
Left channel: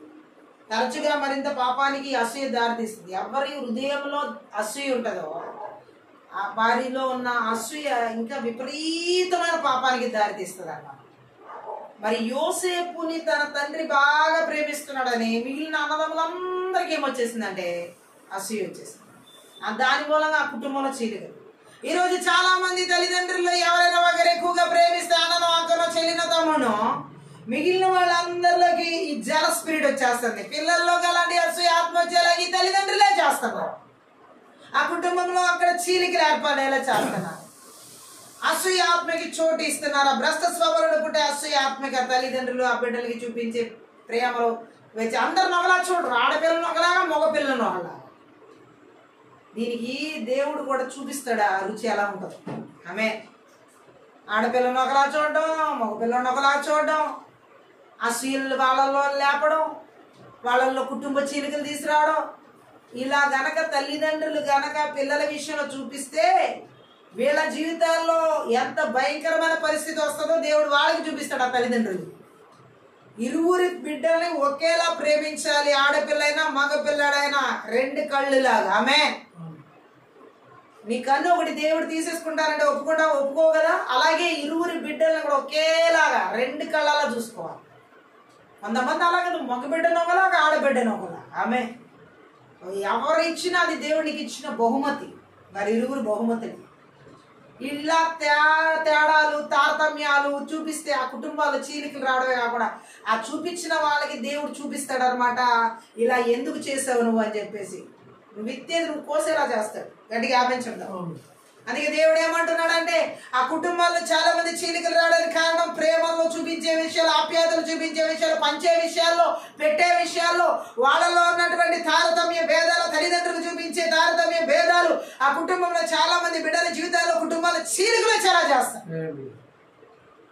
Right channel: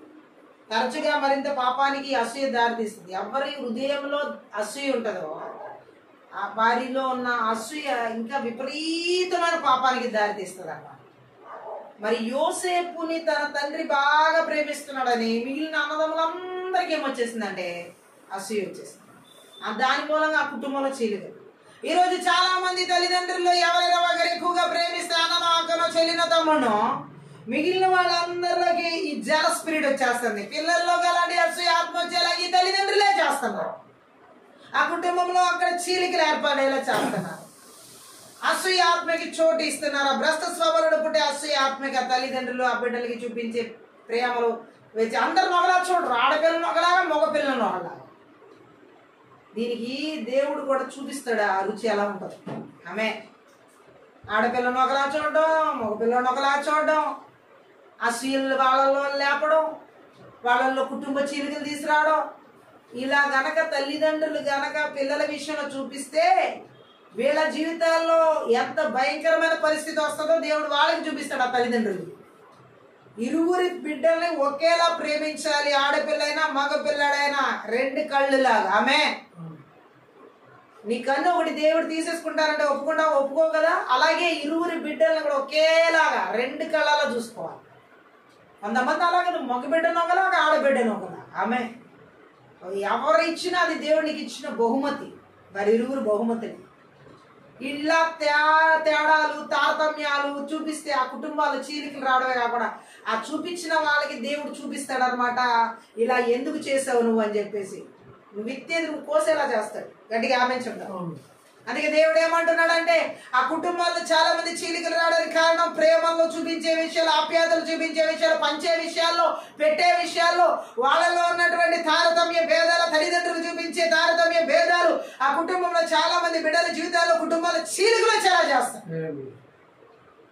తరచుగా మరింత పాపానికి అసూయ దారితీస్తుంది. ఎవరి హృదయంలో అసూయ ఉంటుందో ఆ వారిలో ఉన్న అసూయ ఇంకా విపరీతమైన పాపానికి దారితీస్తుంది అన్నమాట. మరి యోసేపుని తన తండ్రి బాగా ప్రేమిస్తున్నాడని మిగిలిన అన్నదమ్ములందరికీ ఏమొచ్చేసిందంటే అసూయ వచ్చేసింది. దాని మూలంగా ఆ కుటుంబంలో చీలికలు. ఈ రోజు చాలా మంది తల్లిదండ్రులు ఎవరైనా ఒకరు ఎక్కువగా ప్రేమిస్తే అన్ననో అక్కనో చెల్లిన తమ్మునో మిగిలిన వాళ్ళందరిలోకి ఈ జల స్పిరిట్ వచ్చేస్తుంది. పిల్లల్లో అలాంటి అసూయ ఆత్మ వచ్చేలా ఈ తల్లిదండ్రులే చేస్తున్నారు. ఆ కుటుంబంలో అక్కడ చీలికలు ఏర్పడేలా చేస్తున్నారు. అసూయ ఆత్మకి చోటు ఇస్తున్నారు. భ్రష్ట స్వభావాలు పుట్టే అసూయ ఆత్మకి తల్లిదండ్రులు ఆ బిడ్డలకి చూపించే ప్రేమలో వచ్చి అందరిని ఒకలా చూడరు, ఆడపిల్లను ఒకలాగా మగపిల్లను ఒకలా. దీనికి దేవుడు కూడా చూపిస్తాడు ఆ రుచి ఎలా ఉంటుంది. ఆమె ఆడపిల్లను ఒకలా చూడడం, మగపిల్లను ఒకలా చూడడం, ఆ చీలు వాళ్ళలో లేపడం, వాళ్ళల్లో కుటుంబ చీలికలు తీసుకురావడం, ఇలా గనక తల్లిదండ్రులు గనక పిల్లల విషయంలో చూపిస్తే వీళ్ళ జీవితాల్లో ఎంత భయంకరమైన పరిస్థితి వస్తుందో దేవుడు వాళ్ళకి చూపిస్తాడు. ఆ తల్లిదండ్రులు ఇరువురి బిడ్డల్ని ఒకేలా ప్రేమించాలి. ఆడపిల్లైనా మగపిల్లడైనా రెండు కళ్ళులాగా. ఆమె నీ కన్ను ఒకటి దేవుడు తీసేసుకుంటారంటే ఒప్పుకో కదా. అలాగే ఇరువురి బిడ్డలను కూడా ఒకేలాగా రెండు కళ్ళలా చూసుకోవాలి. కొంతమంది అలాగే మగ బిడ్డను ఒకలాగా ఆడబిడ్డను ఒకలా. ఆమె ఎవరు ఇచ్చినా అది దేవునికి ఇచ్చిన బహుమతి. మరి ఇరువురు బహుమతులు ఇలా తేడాలు తారతమ్యాలు చూపిస్తే ఆ కుటుంబాలు చీలికలు రావడమే కాకుండా ఆ చూపించిన వాళ్ళకి దేవుడు చూపిస్తాడనమాట. ఇలా ఎందుకు చేసావు నువ్వు అని చెప్పేసి నువ్వు విత్తేది నువ్వు కోసేలా చేస్తాడు. గట్టిగా ఆపించడం. అందుకే దేవుడు ఏమంటున్నాడంటే ఆ కుటుంబాల్లో చాలా మంది చీలికలు రావడానికి కారణం ప్రేమల్లో చూపించే విషయాలు, ఆప్యాయతలు చూపించే విషయాలు, పంచే విషయాల్లో, పెట్టే విషయాల్లో వాళ్ళలో ఉన్నటువంటి తారతమ్య భేదాలు, తల్లిదండ్రులు చూపించే తారతమ్య భేదాలు ఆ కుటుంబంలో చాలా మంది బిడ్డల జీవితాల్లో కుటుంబాల చీలికలు చాలా చేస్తారు.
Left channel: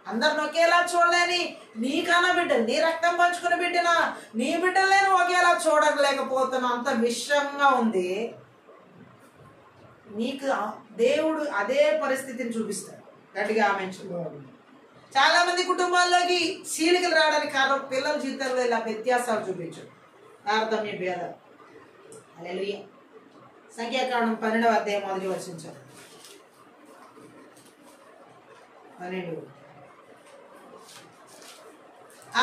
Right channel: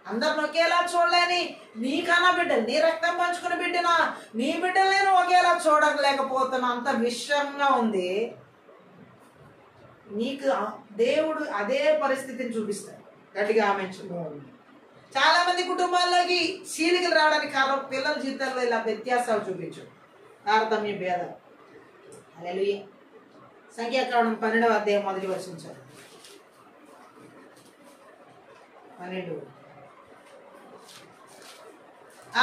అందరిని ఒకేలా చూడలేని నీకన్నా బిడ్డలు, నీ రక్తం పంచుకున్న బిడ్డనా నీ బిడ్డలు నేను ఒకేలా చూడలేకపోతున్నా, అంత విషయంగా ఉంది. నీకు దేవుడు అదే పరిస్థితిని చూపిస్తాడు. గట్టిగా ఆమెచ్చు. చాలా మంది కుటుంబాల్లోకి చీలికలు రావడానికి కారణం పిల్లల జీవితాల్లో ఇలా వ్యత్యాసాలు చూపించు, తారతమ్య భేదాలు. హల్లెలూయా. సంఖ్యాకాండం 12వ అధ్యాయం మొదటి వచనం 12.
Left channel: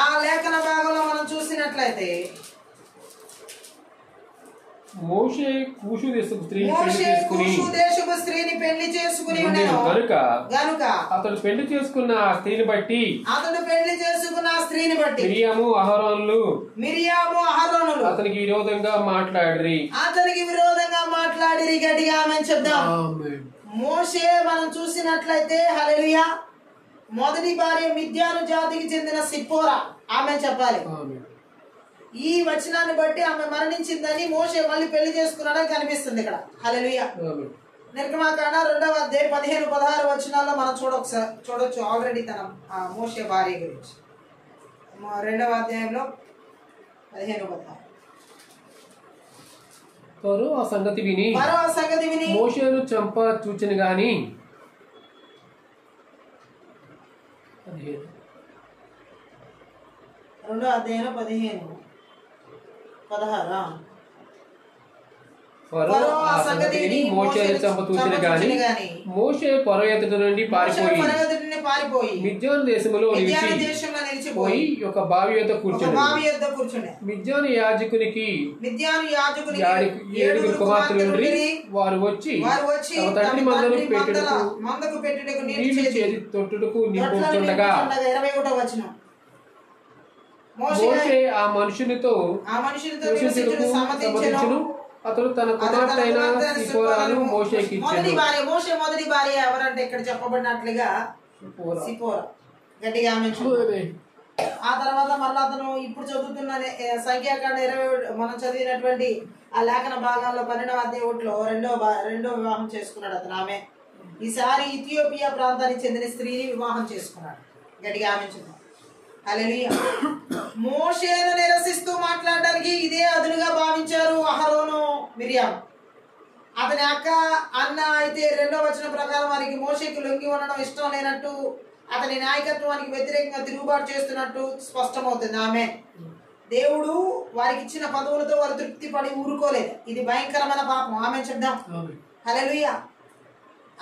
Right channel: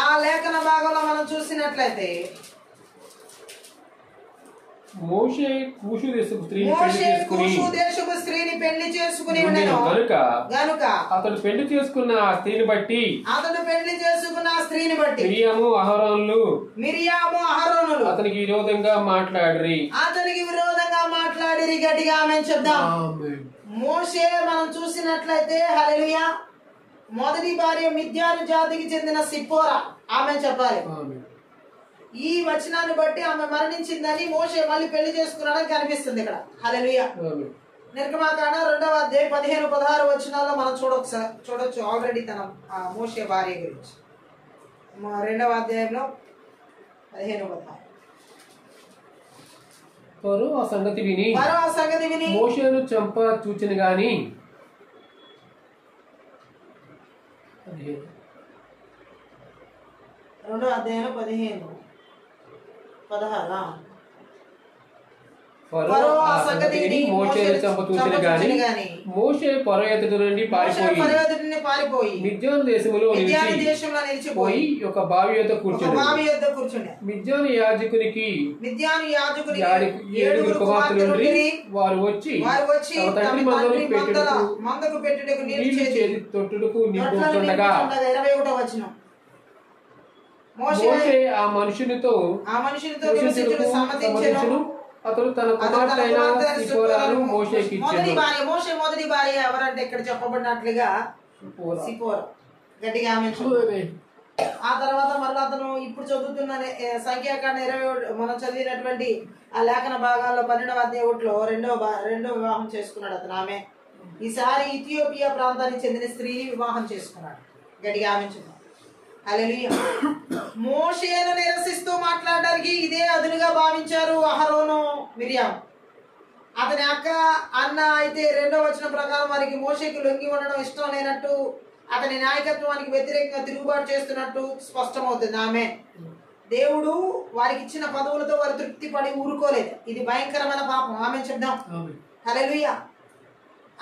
ఆ లేఖన భాగంలో మనం చూసినట్లయితే మోషే కూషు దేశపు స్త్రీని పెళ్లి చేసుకుని గనుక అతడు పెళ్లి చేసుకున్న స్త్రీని బట్టి మిరియాము అహరోనులు అతనికి విరోధంగా మాట్లాడిరి. గట్టిగా ఆమె చెప్దాం. మోషే మనం చూసినట్లయితే హల్లెలూయా మొదటి భార్య మిద్యాను జాతికి చెందిన సిప్పోరా ఆమె చెప్పాలి. ఈ వచనాన్ని బట్టి ఆమె మరణించిందని మోషే మళ్ళీ పెళ్లి చేసుకున్నాడని కనిపిస్తుంది ఇక్కడ. హల్లెలూయా. నిర్గమాకాండ 2వ అధ్యాయం 15-16 వచనాల్లో మనం చూడొచ్చు ఆల్రెడీ తన మోషే భార్య గురించి. 2వ అధ్యాయంలో 15-16 వారు ఆ సంగతి విని మోషేను చంప చూచెను గాని 2వ అధ్యాయంలో 15-16 మోషేను చంప చూచెను గాని మోషే ఫరో ఎదుట నుండి పారిపోయి మిద్యాను దేశములో నిలిచిపోయి ఒక బావి యొద్ద కూర్చుండెను. మిద్యాను యాజకునికి 7 కుమార్తెలు వారు వచ్చి తమ తండ్రి మందకు పెట్టుటకు నీళ్లు చేతి తొట్టుటకు నింపుతుండగా మోషే ఆ మనుషునితో సమ్మతించెను. అతడు తన కుమార్తె అయిన సిపోరాను మోషేకి ఇచ్చెను. మొదటి భార్య ఎవరంటే ఇక్కడ చెప్పబడినట్లుగా సిపోరా. గట్టిగా ఆమె. ఆ తర్వాత మళ్ళీ అతను ఇప్పుడు చదువుతున్న సంఖ్యాకాండ 20 మనం చదివినటువంటి ఆ లేఖన భాగాల్లో 12వ అధ్యాయంలో రెండో వివాహం చేసుకున్నాడు అతను. ఆమె ఈసారి ఇథియోపియా ప్రాంతానికి చెందిన స్త్రీని వివాహం చేసుకున్నాడు. గట్టిగా ఆమె. హల్లెలూయా. మోషేను నిరసిస్తూ మాట్లాడడానికి ఇదే అదునుగా భావించారు అహరోను మిరియాం. అతని అక్క అన్న అయితే 2వ వచనం ప్రకారం వారికి మోషేకి లొంగి ఉండడం ఇష్టం లేనట్టు, అతని నాయకత్వానికి వ్యతిరేకంగా తిరుగుబాటు చేస్తున్నట్టు స్పష్టమవుతుంది. ఆమె దేవుడు వారికి ఇచ్చిన పదవులతో వారు తృప్తి పడి ఊరుకోలేదు. ఇది భయంకరమైన పాపం. ఆమె చెప్దాం. హల్లెలూయా.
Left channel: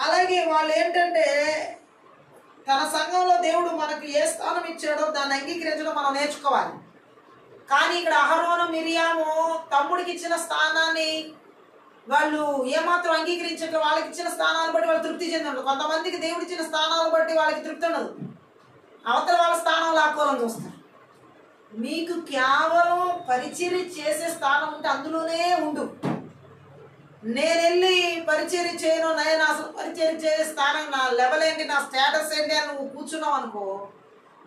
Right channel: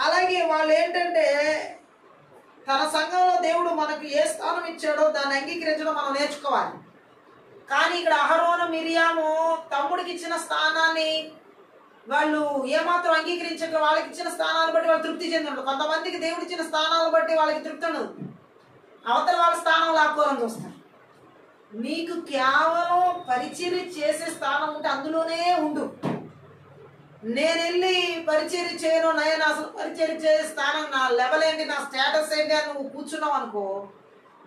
అలాగే వాళ్ళు ఏంటంటే తన సంఘంలో దేవుడు మనకు ఏ స్థానం ఇచ్చాడో దాన్ని అంగీకరించడం మనం నేర్చుకోవాలి. కానీ ఇక్కడ అహరోను మిరియాము తమ్ముడికి ఇచ్చిన స్థానాన్ని వాళ్ళు ఏమాత్రం అంగీకరించట్లేదు. వాళ్ళకి ఇచ్చిన స్థానాలను బట్టి వాళ్ళు తృప్తి చెందరు. కొంతమందికి దేవుడు ఇచ్చిన స్థానాలను బట్టి వాళ్ళకి తృప్తి ఉండదు. అవతల వాళ్ళ స్థానం లాక్కోవాలని చూస్తారు. నీకు కేవలం పరిచర్య చేసే స్థానం ఉంటే అందులోనే ఉండు. నేను వెళ్ళి పరిచర్య చేయను, నేను అసలు పరిచర్య చేసే స్థానం నా లెవెల్ ఏంటి, నా స్టేటస్ ఏంటి అని నువ్వు కూర్చున్నావు అనుకో,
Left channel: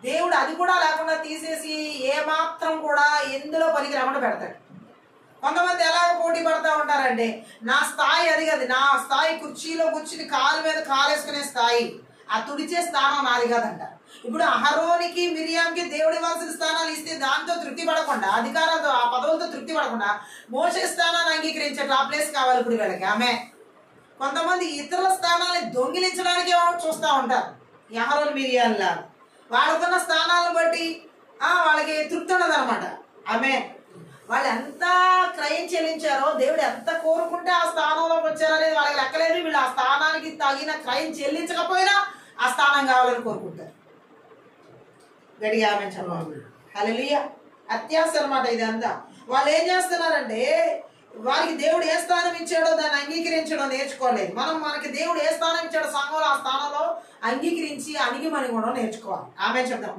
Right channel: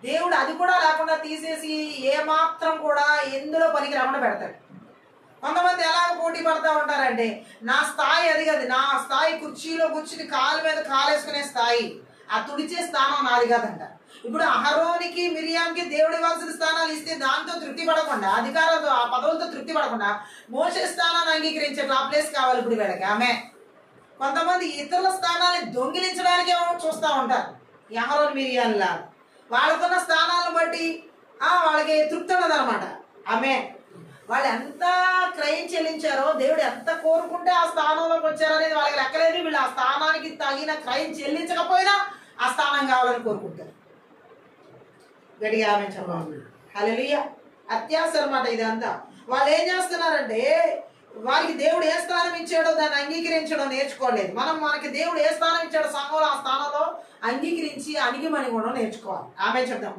దేవుడు అది కూడా లేకుండా తీసేసి ఏమాత్రం కూడా ఎందులో పనికి రాకుండా పెడతాడు. కొంతమంది ఎలాగ పోటీ పడతా ఉంటారంటే, నా స్థాయి అది కాదు, నా స్థాయి కుర్చీలో కూర్చుని కాలు మీద కాలేసుకునే స్థాయి, ఆ తుడిచే స్థానం నాది కాదంట. ఇప్పుడు అహరోనికి మిరియాంకి దేవుడు ఇవ్వాల్సిన స్థానాలు ఇస్తే దాంతో తృప్తి పడకుండా, అధికారంతో ఆ పదవులతో తృప్తి పడకుండా మోసే స్థానాన్ని అంగీకరించే ఆ ప్లేస్ కావాలి ఇప్పుడు వీళ్ళకి. ఆమె కొంతమంది ఇతరుల స్థానాన్ని దొంగిలించడానికే చూస్తూ ఉంటారు. అహరోను మిరియాల్లా వాళ్ళకున్న స్థానాలను బట్టి వాళ్ళకి తృప్తి ఉండదు అనమాట. ఆమె వాళ్ళు ఎంత క్రయం చెల్లించారో, దేవుడు ఎంత కోరుకుంటే ఆ స్థానంలోకి వచ్చారనేది వాళ్ళకి లెక్కలేదు. వీళ్ళు ఆ స్థానానికి తగిన క్రయం చెల్లించకపోయినా ఆ స్థానం కావాలని కోరుకుంటారు. గడిగా ఆమె చెప్పాలి. హల్లెలూయా. అత్యాశ అనమాట ఇదంతా. వాళ్ళు ఏం చేస్తున్నారంటే, వారికి దేవుడు ఏ స్థానం ఇచ్చాడో దాన్ని అంగీకరించడం నేర్చుకోలేదు. మనకి దేవుడు ఏ స్థానం ఇచ్చాడో సంఘంలో ఆ స్థానంలో అంగీకరించి అణిగిమని కూడా నేర్చుకోవాలి. ఆమె చెప్తాం.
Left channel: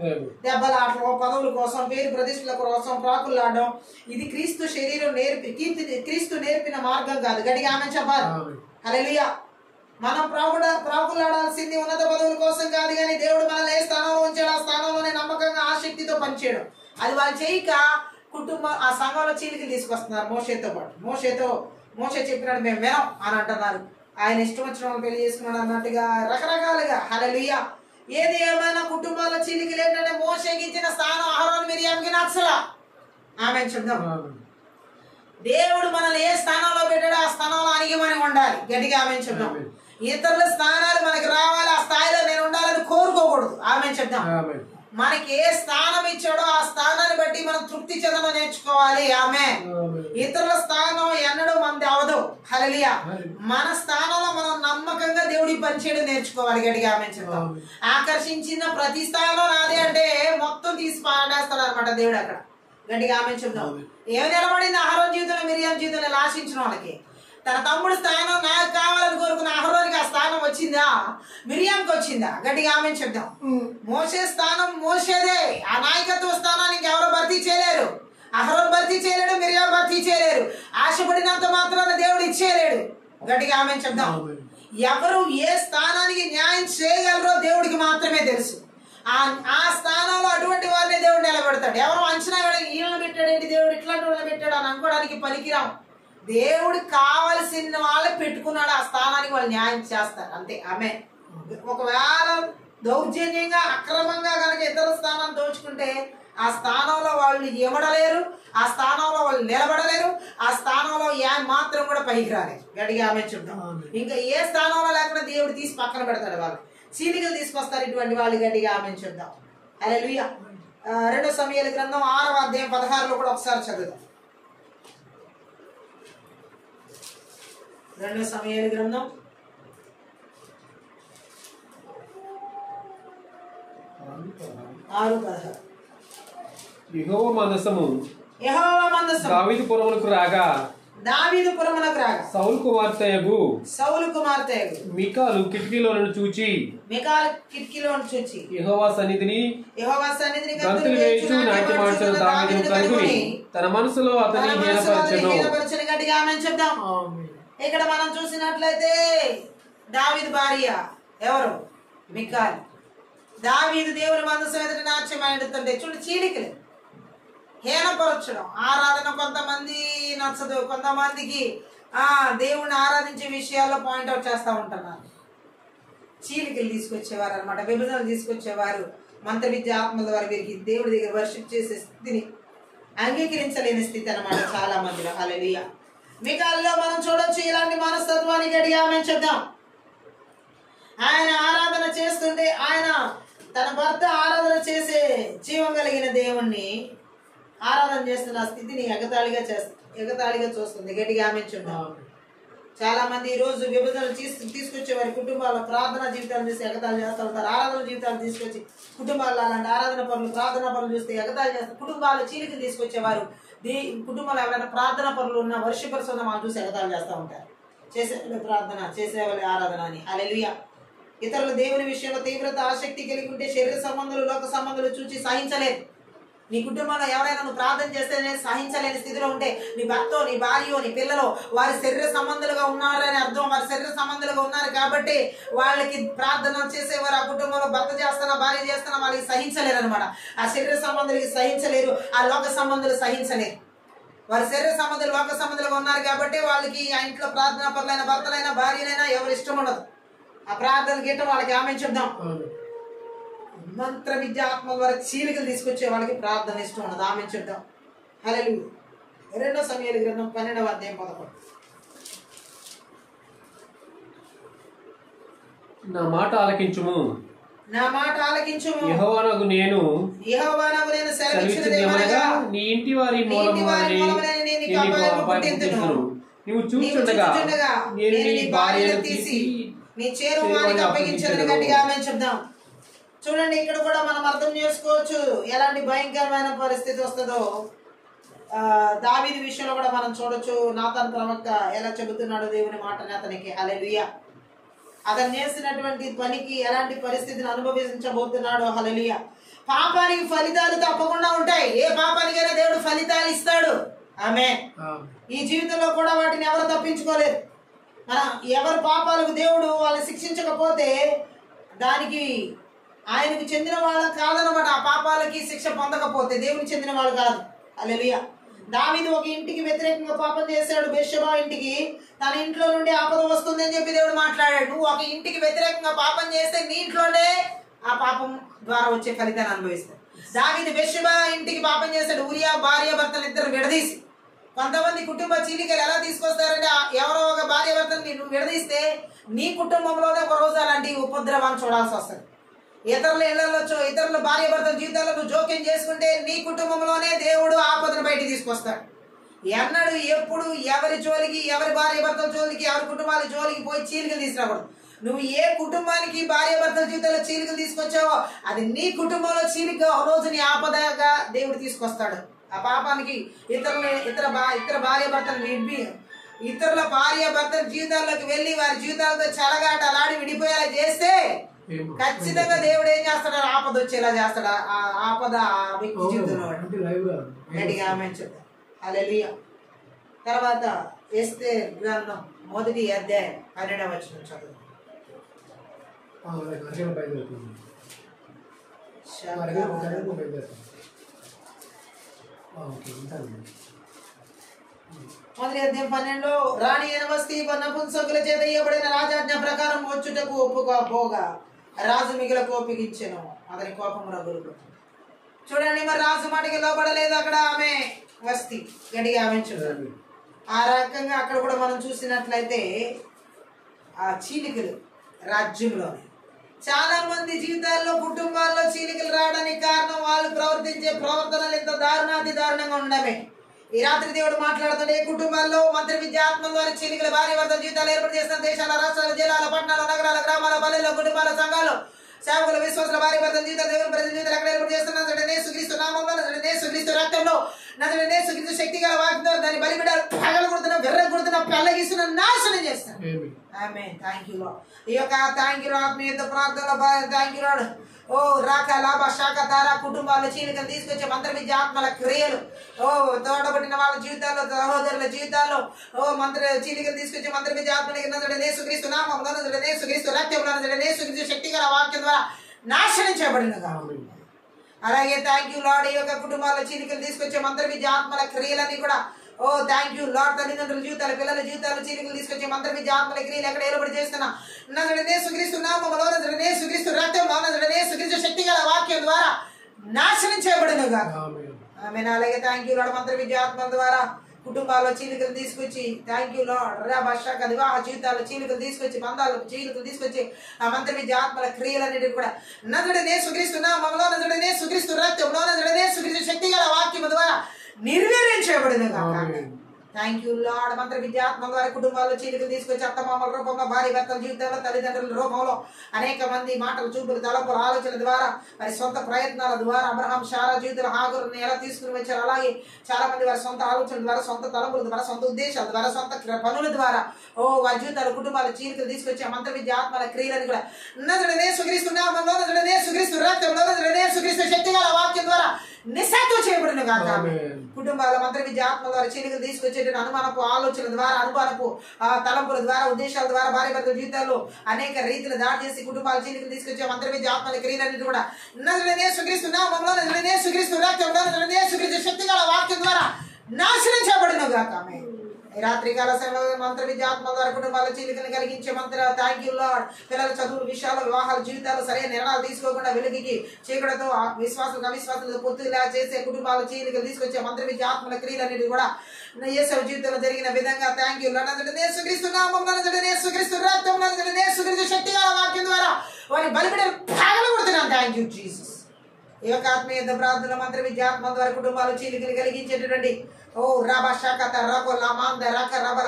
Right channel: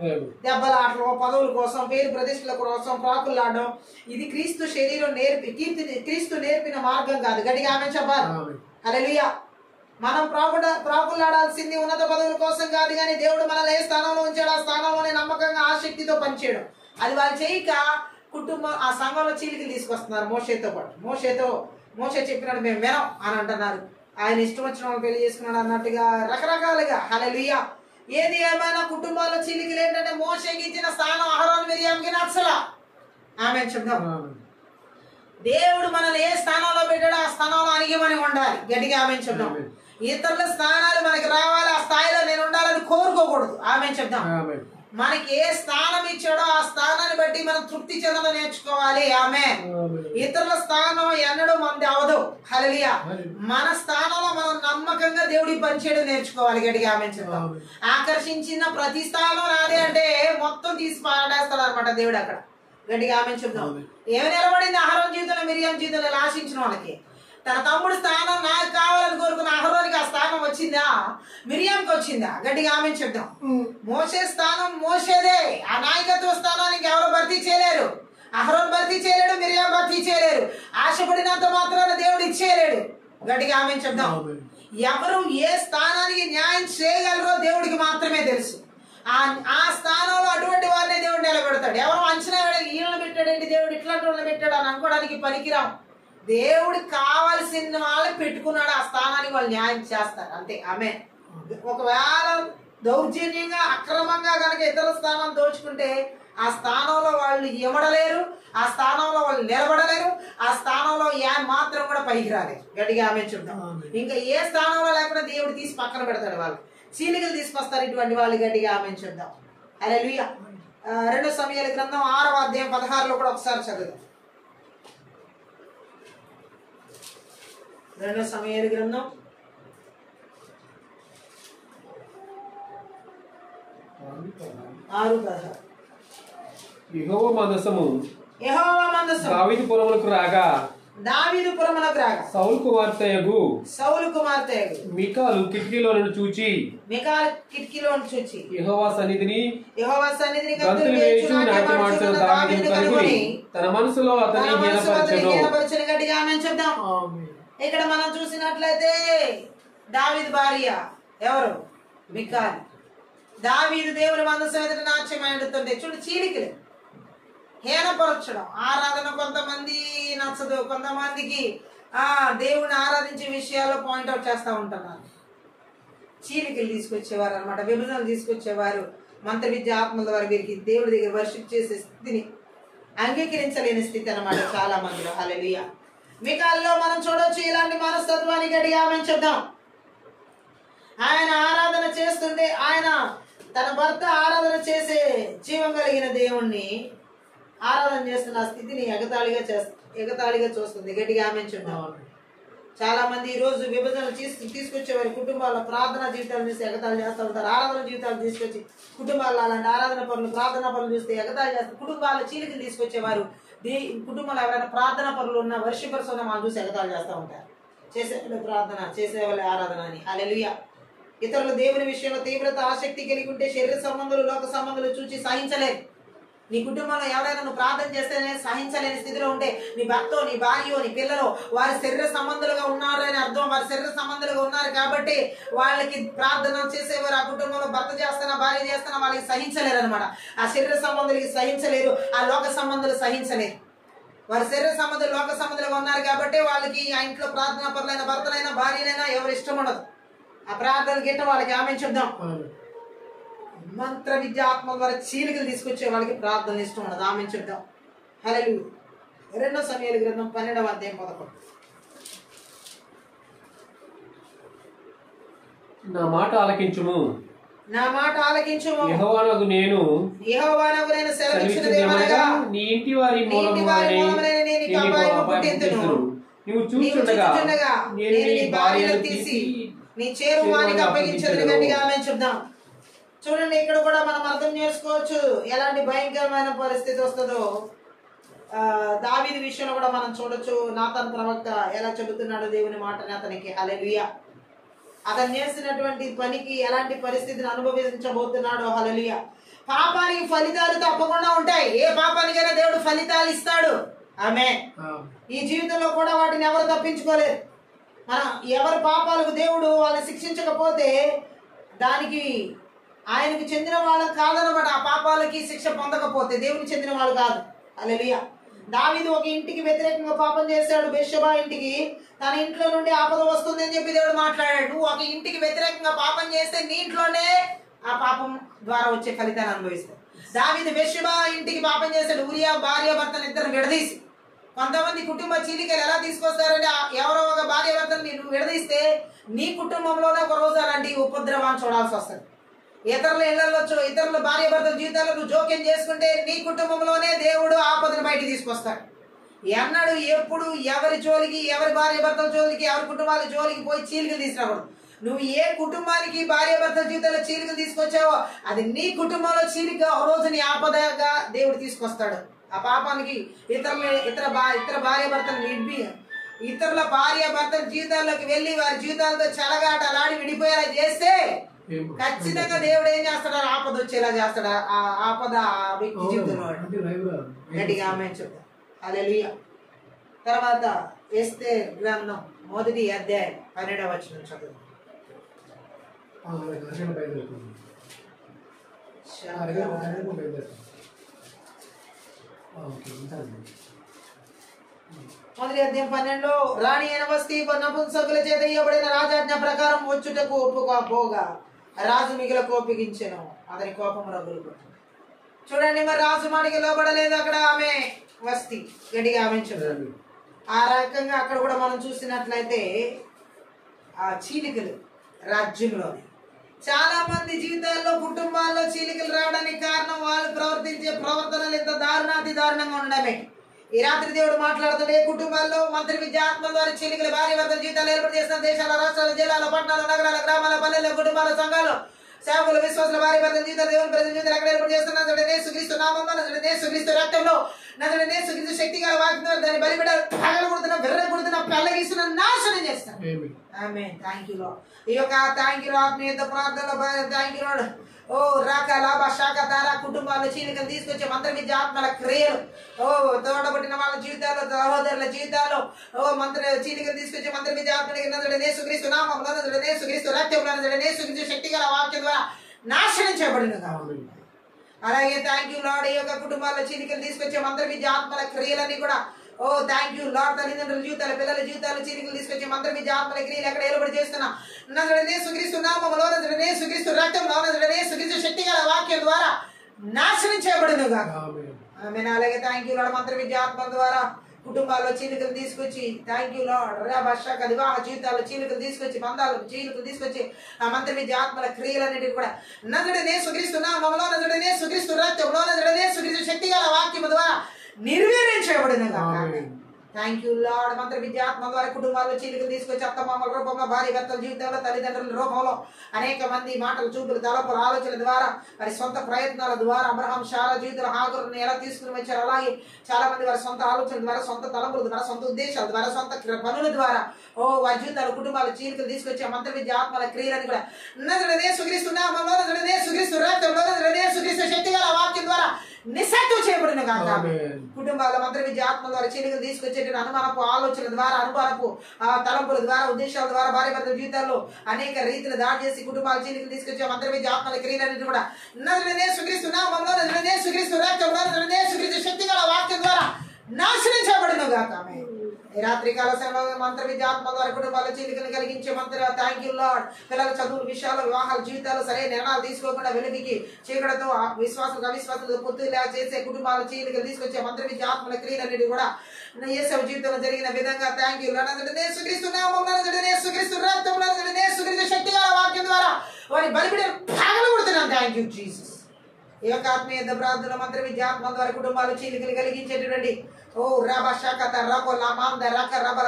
దెబ్బలాటలు, పదవుల కోసం, పేరు ప్రతిష్టల కోసం ప్రాకులాడడం ఇది క్రీస్తు శరీరం క్రీస్తు నేర్పిన మార్గం కాదు. గట్టిగా ఆమె చెప్పాలి. హల్లెలూయా. మనం ప్రాకులాడాల్సింది ఉన్నత పదవుల కోసం కాదు, కానీ దేవుడు మనల్ని ఏ స్థానంలో ఉంచాడు ఆ స్థానంలోనే నమ్మకంగా ఆసక్తితో పనిచేయడం. అది వాళ్ళు చేయక కుటుంబం ఆ సంఘంలో చీలికలు తీసుకొస్తున్నారు. మోషేతో పాటు మోషే చెప్పినట్టు మేము వినం అని అంటున్నారు. ఆయన ఇష్టం వచ్చిన వాళ్ళు పెళ్లి చేసుకున్నాడు అన్నట్టుగా రకరకాలుగా. హల్లెలూయా. ఏది ఏమైనా కుటుంబాల చీలికలు ఏంటంటే, మోషేకి ఇచ్చిన స్థానం అహరోను మిరియాంకి నచ్చలా. ఆమె చెప్దాం. దేవుడు మనల్ని ఏ స్థానంలో పెట్టాడో ఆ స్థానంలో అణిగిమని ఉండాలి. గట్టిగా ఆమె చెప్దాం. ఇతరుల స్థానాలు మనకి రావాలి, ఆ స్థాయిలో నేను ఉండాలని కోరుకోకూడదు. ఆమె చెప్దాం. మనకి ఏ స్థానం ఇచ్చాడో ఆ స్థానాన్ని బట్టి మనం తృప్తి చెందడం నేర్చుకోవాలి. ఆమె ఇతరుల స్థానం ఎన్నడూ మనది అవదు. హల్లెలూయా. మన స్థానంలో మనం నమ్మకంగా దేవుడి పనిచేయడం నేర్చుకోవాలి. గట్టిగా ఆమె చెప్తాం. ఆకర్షించిన ప్రతి స్థానం నాదే అంటే మొత్తం తీసి పాడేస్తాడు అనమాట దేవుడు అక్కడ. గట్టిగా ఆమె చెప్తాం. ఏమి నిలబడింది అహరోను జీవితంలో, మిరియాం జీవితంలో ఆశించిన వాళ్ళకి? తన తమ్ముడి స్థానం నాకు కావాలని కోరుకున్న అహరోనికి ఆ స్థానం వచ్చిందా? మిరియాంకి వచ్చిందా? గట్టిగా ఆమె చెప్తాం. మోసే స్థానం మోసేదే. ఆ నాయకత్వ స్థానానికి ఎవరు భర్తీ చేయలేరు. అహరోను భర్తీ చేయలేడు, మిరియాం భర్తీ చేయలేరు. ఆశపడినంత మాత్రాన దేవుడు ఇచ్చేయలేడు. గట్టిగా ఆమె చెప్తాం. ఎవరు ఏ స్థానానికి న్యాయం చేయగలరో దేవుడికి మాత్రమే తెలుసు. ఆ స్థానంలో అటువంటి వారిని దేవుడు నిలబెడతాడు. ఎవరు అంచనా ఈయనను పెట్టాడేంటి దేవుడు ఇట్లాంటి వాళ్ళని పెట్టాడు అని అనుకోవడానికి పనికిరాం. దేవుడు కావలసిన వాళ్ళే పెట్టుకున్నాడు ఆ స్థానానికి, వాళ్ళు న్యాయం చేస్తారు అంతే. ఆమె ఒకవేళ దౌర్జన్యంగా అక్రమంగా కనుక ఇతర స్థానం దోచుకుంటే ఆ స్థానంలో వాళ్ళు ఇవ్వడలేరు, ఆ స్థానంలో వాళ్ళు నిలబడలేరు, ఆ స్థానంలో మాత్రం కూడా పైకి రాలేరు. గట్టిగా ఆమె చెప్తాం. ఇంకా ఏ స్థానంలో లేకుండా దేవుడు తీసి పక్కన పెడతాడు. వాళ్ళు చీలికలు తీసుకొస్తారు ఇటువంటి వాళ్ళు. గట్టిగా ఆమె చెప్దాం. హల్లెలూయా. 2 సమూయేలు గ్రంథం 6వ అధ్యాయం 16లో కూడా ఒకసారి చదువుదాం. 2 సమూయేలు గ్రంథం 6:16. యెహోవా మందసము దావీదు పురమునకు రాగా సౌలు కుమార్తెయగు మీకాలు కిటికీలో చూచి యెహోవా సన్నిధిని గంతులు వేయుచు నాట్యమాడుచున్న దావీదును కనుగొని తన మనసులో అతన్ని హీనపరచెను. గట్టిగా ఆమేన్ చెప్దాం. ఇక్కడ మనం చూసినట్లయితే దావీదు భార్య ఎవరు? మికాల్. దావీదు దేవుని మందసం ఎదుట నాట్యమాడుతుంటే చూడు చీలికలు, హీనపరచడం. ఆరాధన కొంతమంది నచ్చదు, కొంతమందికి దేవుణ్ణి ఆరాధించే విషయాల్లో పాయింట్అవుట్ చేస్తూ ఉంటున్నారు. చీలికలు తీసుకొచ్చేవారు అనమాట, విభజనలు తీసుకొచ్చేవారు. మంత్ర విద్య ఆత్మల ద్వారా వీరికి దేవుడి దగ్గర వర్షిప్ చేసే స్థితిని అంగీకరించలేని స్థితి అనమాట చాలా మందిలో. హల్లెలూయా. మికాల్లో మనం చూడొచ్చు ఇలాంటి మనస్తత్వానికి. గట్టిగా ఆమేన్ చెప్దాం. ఆయన ఆరాధన చేస్తుంటే, ఆయన తన భర్త ఆరాధన చేసే జీవం కలిగిన దేవుణ్ణి ఆరాధన చేస్తున్న స్థితిని ఎగతాళిగా చూస్తుంది. గట్టిగా ఆమేన్ చెప్దాం. చాలా మంది ఈ రోజు విభజన తీసుకొచ్చే వారి కుటుంబాల్లో ప్రార్థనా జీవితాలు చూసి ఎగతాళి చేస్తూ ఉంటారు. ఆరాధన జీవితాలు తీసుకొచ్చి కుటుంబాల్లో అలాంటి ఆరాధన పనులు, ప్రార్థనా పనులు చూస్తే ఎగతాళి చేస్తారు. కుటుంబాల్లో చీలికలు తీసుకొచ్చేవారు కుటుంబంలో ఎవరైనా ప్రార్థనా పనులు ఉన్న వర్షిపర్స్ ఉన్న వాళ్ళు చూసి ఎగతాళి చేస్తూ ఉంటారు. చేసేవాళ్ళు ప్రార్థన, చేసేవాళ్ళే ఆరాధన అని. హల్లెలూయా. ఇతరులు దేవుని విషయంలో తీవ్రత ఆసక్తి కలిగి ఉంటే శరీర సంబంధాలు, లోక సంబంధాలు చూసి సహించలేదు. నీ కుటుంబంలో ఎవరైనా నువ్వు ప్రార్థన చేస్తేనే సహించలేని స్థితిలో ఉంటే నీ భర్త నీ భార్య నీ పిల్లలు వారి శరీర సంబంధులుగా ఉన్నారు అని అర్థం. వారి శరీర సంబంధులుగా ఉన్నారు కాబట్టి వాళ్ళకి ప్రార్థన చేసేవారు ఆ కుటుంబంలో భర్త చేస్తున్నా భార్య చేస్తున్నా వాళ్ళకి సహించలేరు అనమాట. ఆ శరీర సంబంధులకి సహించలేరు, ఆ లోక సంబంధులు సహించలేరు. వారి శరీర సంబంధులు లోక సంబంధులుగా ఉన్నారు కాబట్టి వాళ్ళకి ఆ ఇంట్లో ప్రార్థనా పరులైన భర్తలైనా భార్యలైనా ఎవరు ఇష్టం ఉండదు. ఆ ప్రార్థన గీట వాళ్ళకి ఆమె చెప్దాం. మంత్ర విద్య ఆత్మ ద్వారా చీలికలు తీసుకొచ్చే వాళ్ళకి ప్రార్థన ఇష్టం ఉండదు. ఆమె చెప్దాం. హల్లెలూయా. 2 సమూయేలు గ్రంథం 12వ అధ్యాయం 11. నా మాట ఆలకించుము, నా మాట ఆలకించుము, యెహోవానగు నేను సెలవిచ్చినదేమనగా నీ ఇంటి వారి మూలమున నీకు అపాయము పుట్టింతును. నీవు చూచుండగా నేను నీ భార్యను తీసి నీ చేరువానికి అప్పగించదు. గట్టిగా ఆమె చెప్దాం. చూడండి, ఇక్కడ కూడా మనం అర్థం చేసుకోవచ్చు ఎలాంటి భయంకరమైన పరిస్థితి వస్తుందో. దావీదు విషయంలో కూడా మనం చూడొచ్చు. నాతాను ప్రవక్త ఎలా చెబుతున్నాడో దేవుని మాటని అతనికి. హల్లెలూయా. అతను చేసినటువంటి పనికి ఎలాంటి పరిస్థితిని అనుభవించబోతున్నాడో. హల్లెలూయా. పాపానికి ఫలితాలు తప్పకుండా ఉంటాయి. ఏ పాపానికైనా దేవుడు ఫలితాలు ఇస్తాడు. ఆమేన్. ఈ జీవితంలో కూడా వాటిని ఎవరు తప్పించుకోలేరు. ఎవరి పాపాలకు దేవుడు వాళ్ళని శిక్షించకపోతే దానికి ఆయనకు చెందిన వాళ్ళ కాదనమాట. ఆ పాపాలకి శిక్ష పొందకపోతే దేవునికి చెందిన వాళ్ళు కాదు. హల్లెలూయా. దావీదు ఒక ఇంటికి వ్యతిరేకంగా పాపం చేశాడు, బెత్షెబా ఇంటికి. తన ఇంట్లో నుండి ఆపద వస్తుంది అని చెప్పి దేవుడు మాట్లాడాడు. నువ్వు ఒక ఇంటికి వ్యతిరేకంగా పాపం చేస్తే నీ ఇంట్లోనే ఆ పాపం ద్వారా వచ్చే ఫలితాన్ని అనుభవిస్తావు. దావీదు బెత్షెబా ఇంటికి పాపం చేశాడు. ఉరియా భార్య భర్తను ఇద్దరు విడదీసి. కొంతమంది కుటుంబ చీలికలు ఎలా తీసుకొస్తారంటే ఎవరో ఒక భార్య భర్తను నువ్వు విడదీస్తే నీ కుటుంబంలోనే ఒక రోజు అలాంటి ఉపద్రవాన్ని చూడాల్సి వస్తుంది. ఇతరుల ఇళ్లలో ఇతరుల భార్య భర్తల జీవితాల్లో నువ్వు జోక్యం చేసుకుంటే నీ కుటుంబంలోనే దేవుడు ఆపదను బయటికి తీసుకొస్తాడు. ఎన్నడు ఎప్పుడు ఎవరి జోలికి, ఎవరి భార్య భర్తల జోలికి, ఎవరి కుటుంబాల జోలికి పోయి చీలికలు తీసుకురాకూడదు. నువ్వు ఏ కుటుంబానికి భార్య భర్తల జీవితంలో చీలికలు తీసుకొచ్చావో అది నీ కుటుంబంలో చీలిక రోజు నీ ఆపదగా దేవుడు తీసుకొస్తాడు. ఆ పాపానికి ఇతర భార్య భర్తలు ఇతరుల భార్య భర్తల జీవితాల్లోకి వెళ్ళి వారి జీవితాలతో చెలగాటలాడి విడిపోయేలా చేస్తే ఖచ్చితంగా దేవుడు ఏం చేస్తాడు? ఆపద వచ్చేలా చేస్తాడు. ఆ ఆపద ఆ వ్యక్తి జీవితంలో గట్టిగా ఆమె చెప్తాడు. హల్లెలూయా. తర్వాత ఎస్తేరు గ్రంథం 1వ అధ్యాయం 12వ వచనం చదువు. మొదటి అధ్యాయం 12లో రాణి అయిన వస్తీ నపుంసకుల చేత ఇవ్వబడిన రాజాజ్ఞ ప్రకారం వచ్చుటకు ఒప్పుకోపోగా రాజు మిగిల కోపిగించెను, అతని కోపం రగులు. చూడండి, మరి రాజు మాటకి లోపడలేదు అక్కడ ఆమె వస్తీ. గట్టిగా ఆమె చూడండి. ఆ రకంగా అక్కడ కూడా మనం చూసినట్లయితే ఆ చీలికలు రాజ్యంలోని చాలా మంది జీవితాల్లో కుటుంబాల్లో చీలికలు రావడానికి కారణం వాళ్ళు ప్రవర్తించే ప్రవర్తనలు ఎంత దారుణాతి దారుణంగా ఉండమే. ఈ రాత్రి దేవుడు మాట్లాడుతాడు. ఏ కుటుంబాల్లో మంత్రి విద్య ఆత్మ ద్వారా చీలికలు భార్య భర్తల జీవితాలు ఏర్పాటు చేస్తున్న దేశాల, రాష్ట్రాల, జిల్లాల, పట్టణాల, నగరాల, గ్రామాల, పల్లెల్లో, కుటుంబాల, సంఘాల్లో సేవకుల, విశ్వాసుల భార్య భర్తల జీవితాలు దేవుని ప్రజల జీవితాలు ఎక్కడ ఏర్పాటు చేస్తున్నారు? యేసుక్రీస్తు నామంలో, యేసుక్రీస్తు రక్తంలో, యేసుక్రీస్తు శక్తి గల వాక్యంతో దాన్ని బలిబిడ్డలు పగలగొడుతున్న, విర్రగొడుతున్న, పెళ్ళగిస్తున్న, నాశనం చేస్తారు. ఆమేన్. Thank you lord. ఈ యొక్క థ్యాంక్ యూ లార్డ్. మీ యొక్క ప్రార్థనలో థ్యాంక్ యూ లార్డ్. ఓ రాక లాభ శాఖ తారా కుటుంబాల్లో చీలికలు తీసుకొచ్చే మంత్ర విద్య ఆత్మల క్రియలు, ఓ తోడబట్టిన వాళ్ళ జీవితాల్లో, సహోదరుల జీవితాల్లో మంత్ర చీలికలు తీసుకొచ్చే మంత్ర విద్య ఆత్మని యేసుక్రీస్తు నామములో, యేసుక్రీస్తు రక్తంలో, యేసుక్రీస్తు శక్తి గల వాక్యం ద్వారా నాశనం చేయబడినగా. అలాగే థ్యాంక్ యూ లార్డ్. ఈ యొక్క కుటుంబాల్లో చీలికలు తీసుకొచ్చే మంత్ర విద్య ఆత్మల క్రియలన్నీ కూడా ఓ థ్యాంక్ యూ లార్డ్. తల్లిదండ్రుల జీవితాలు, పిల్లల జీవితాలు చీలికలు తీసుకొచ్చే మంత్ర విద్య ఆత్మల క్రియలు ఎక్కడ ఏర్పాటు చేస్తున్నా యేసుక్రీస్తు నామములో, యేసుక్రీస్తు రక్తంలో, యేసుక్రీస్తు శక్తి గల వాక్యం ద్వారా నాశనం చేయబడినగా. ఆమేన్. అలాగే థ్యాంక్ యూ లార్డ్. మంత్ర విద్య ఆత్మ ద్వారా కుటుంబాల్లో చీలికలు తీసుకొచ్చి థ్యాంక్ యూ లార్డ్. భాషక వివాహ జీవితాల్లో చీలికలు తీసుకొచ్చి, బంధాలు చీలికలు తీసుకొచ్చి ఆ మంత్ర విద్య ఆత్మల క్రియలన్నిటి కూడా యేసుక్రీస్తు నామములో, యేసుక్రీస్తు రక్తంలో, యేసుక్రీస్తు శక్తి గల వాక్యం ద్వారా నిర్వీర్యం చేయబడినగా. Thank you lord. మంత్ర విద్య ఆత్మ ద్వారా కుటుంబాల్లో చీలికలు తీసుకొచ్చి అత్తమామల రూపంలో, భార్య భర్తల జీవితంలో, తల్లిదండ్రుల రూపంలో అనేక మంది మాటలు, చూపులు, తలపుల, ఆలోచనల ద్వారా, వారి సొంత ప్రయత్నాల ద్వారా అబ్రహాం, శారా జీవితంలో హాగరుని ఎలా తీసుకుని వచ్చారు, అలాగే చాలా మంది వారి సొంత ఆలోచనల ద్వారా, సొంత తలపుల ద్వారా, సొంత ఉద్దేశాల ద్వారా, సొంత పనుల ద్వారా వారి జీవితాలు, కుటుంబాల చీలికలు తీసుకొచ్చి ఆ మంత్ర విద్య ఆత్మల క్రియలని కూడా యేసుక్రీస్తు నామములో, యేసుక్రీస్తు రక్తంలో, యేసుక్రీస్తు శక్తి గల వాక్యం ద్వారా నిశ్శబ్దం చేయబడును గాక. ఆమేన్. కుటుంబాల మంత్ర విద్య ఆత్మ ద్వారా చీలికలు తీసుకొచ్చేట అనుమానపు ఆలోచనల ద్వారా, అనుమానపు తలంపుల ద్వారా, ఉద్దేశాల ద్వారా భార్య భర్తల జీవితాల్లో అనేక రీతిలో దాడి చేసి కుటుంబాల చీలికలు తీసుకొచ్చే మంత్ర విద్య ఆత్మల క్రియలన్నిటి కూడా నజరేయుడైన యేసుక్రీస్తు నామములో, నజరేయుడైన యేసుక్రీస్తు రక్తంలో, నజరేయుడైన యేసుక్రీస్తు శక్తిగల వాక్యం ద్వారా నాశనం చేయబడును గాక. ఆమేన్. ఈ రాత్రికాల సమయంలో మంత్ర విద్య ఆత్మ ద్వారా కుటుంబాల చీలికలను కలిగించే మంత్ర థ్యాంక్ యూ లార్డ్. పిల్లల చదువులు విషయాలు వివాహాల జీవితాలు సరైన నిర్ణయాలు తీసుకోకుండా వెలుగుకి చీకటితో విశ్వాసం అవిశ్వాసంతో పొత్తులా చేసే కుటుంబాల చీలికలు తీసుకొచ్చే మంత్ర విద్య ఆత్మల క్రియలన్నిటి కూడా యేసు జీవితంలో జరిగిన విధంగా థ్యాంక్ యూ లార్డ్. యేసుక్రీస్తు నామములో, యేసుక్రీస్తు రక్తంలో, యేసుక్రీస్తు శక్తిగల వాక్యం ద్వారా వారి బలిపిడి పగలగొడుతున్నాను. Thank you Jesus. ఈ యొక్క ఆత్మీయ ప్రార్థన మంత్ర విద్యాత్మ ద్వారా కుటుంబాలు చీలికలు కలిగించేటటువంటి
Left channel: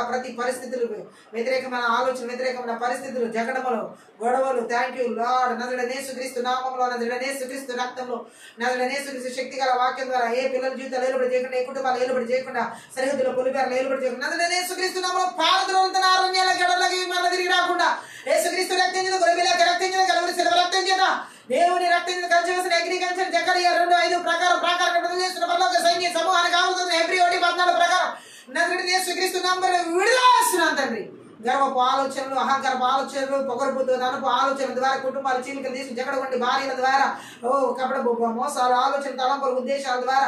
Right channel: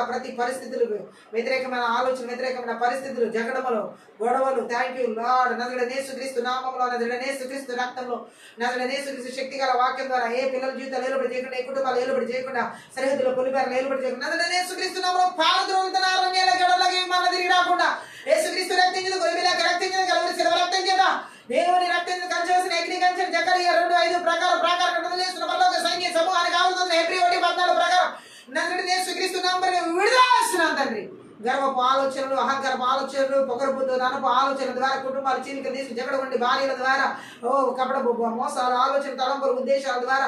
ప్రతి పరిస్థితులు, వ్యతిరేకమైన ఆలోచన, వ్యతిరేకమైన పరిస్థితులు, జగడములు, గొడవలు థ్యాంక్ యూ లార్డ్. నజరేయుడైన యేసుక్రీస్తు నామములో, నజరేయుడైన యేసుక్రీస్తు రక్తంలో, నజరేయుడైన యేసుక్రీస్తు శక్తిగల వాక్యం ద్వారా ఏ పిల్లల జీవితాలు ఏలుబడి చేయకుండా, ఏ కుటుంబాలు ఏలుబడి చేయకుండా, సరిహద్దులో పొలిపేరలు ఏలుబడి చేయకుండా, నజరేయుడైన యేసుక్రీస్తు నామములో పారద్రోలుతున్న అరణ్యాల గడలకి మన తిరిగి రాకుండా యేసుక్రీస్తు రక్తం చేత, గొర్రెపిల్ల రక్తం చేత, కలవరి శిలువ రక్తం చేత, దేవుని రక్తం కంచెవలసిన అగ్నికంచె జకరియా 2:5 ప్రకారం చేస్తున్న పరలోక సైన్య సమూహానికి ఆవుతుంది. హెబ్రీ 1:14 ప్రకారం నజరేయుడైన యేసుక్రీస్తు నామములో విడుదల చేస్తున్నాను తండ్రి. గర్వపు ఆలోచనలు, అహంకారపు ఆలోచనలు, పొగరుపుతో అనుపు ఆలోచనల ద్వారా కుటుంబాల చీలికలు తీసి జగడగొండి భార్యల ద్వారా కపటపు మోసాలు, ఆలోచన, తలంపుల ఉద్దేశాల ద్వారా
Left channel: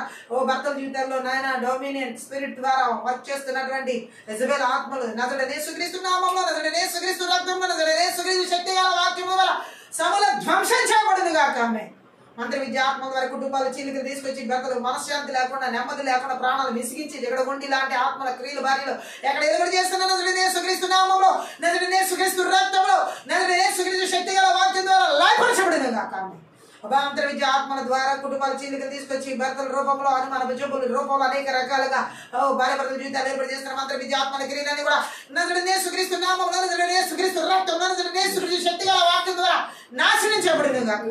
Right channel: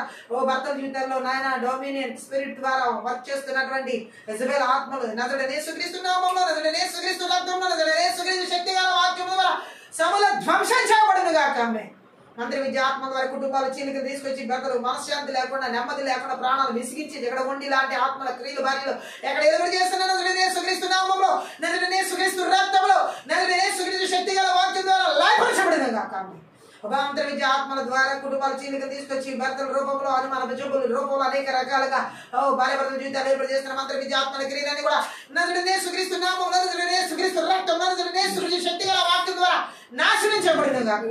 భర్తల జీవితంలో నాయన డొమినియన్ స్పిరిట్ ద్వారా వర్క్ చేస్తున్నటువంటి యెజబెల్ ఆత్మలు నజరేయుడైన యేసుక్రీస్తు నామములో, నజరేయుడైన యేసుక్రీస్తు రక్తంలో, నజరేయుడైన యేసుక్రీస్తు శక్తిగల వాక్యము ద్వారా సమూల ధ్వంసం చేయబడును గాక. ఆమేన్. మంత్ర విద్య ఆత్మ ద్వారా కుటుంబాల చీలికలు తీసుకొచ్చి భర్తలు మనశ్శాంతి లేకుండా, నెమ్మది లేకుండా, ప్రాణాలు విసిగించి జగడగొండి లాంటి ఆత్మల క్రియలు భార్యలు ఎక్కడ ఎదురు చేస్తున్నా నజరేయుడైన యేసుక్రీస్తు నామములో, నజరేయుడైన యేసుక్రీస్తు రక్తంలో, నజరేయుడైన యేసుక్రీస్తు శక్తిగల వాక్యం ద్వారా లయపరచబడును గాక. ఆమేన్. మంత్ర విద్య ఆత్మల ద్వారా కుటుంబాల చీలికలు తీసుకొచ్చి భర్తల రూపంలో, అనుమాన జబ్బుల రూపంలో అనేక రకాలుగా భార్య భర్తల జీవితాలు ఏర్పాటు చేస్తున్న మంత్ర విద్య ఆత్మల క్రియలన్నీ కూడా నజరేయుడైన యేసుక్రీస్తు నామములో, నజరేయుడైన యేసుక్రీస్తు రక్తంలో, నజరేయుడైన యేసుక్రీస్తు శక్తిగల వాక్యం ద్వారా నాశనం చేయబడును గాక.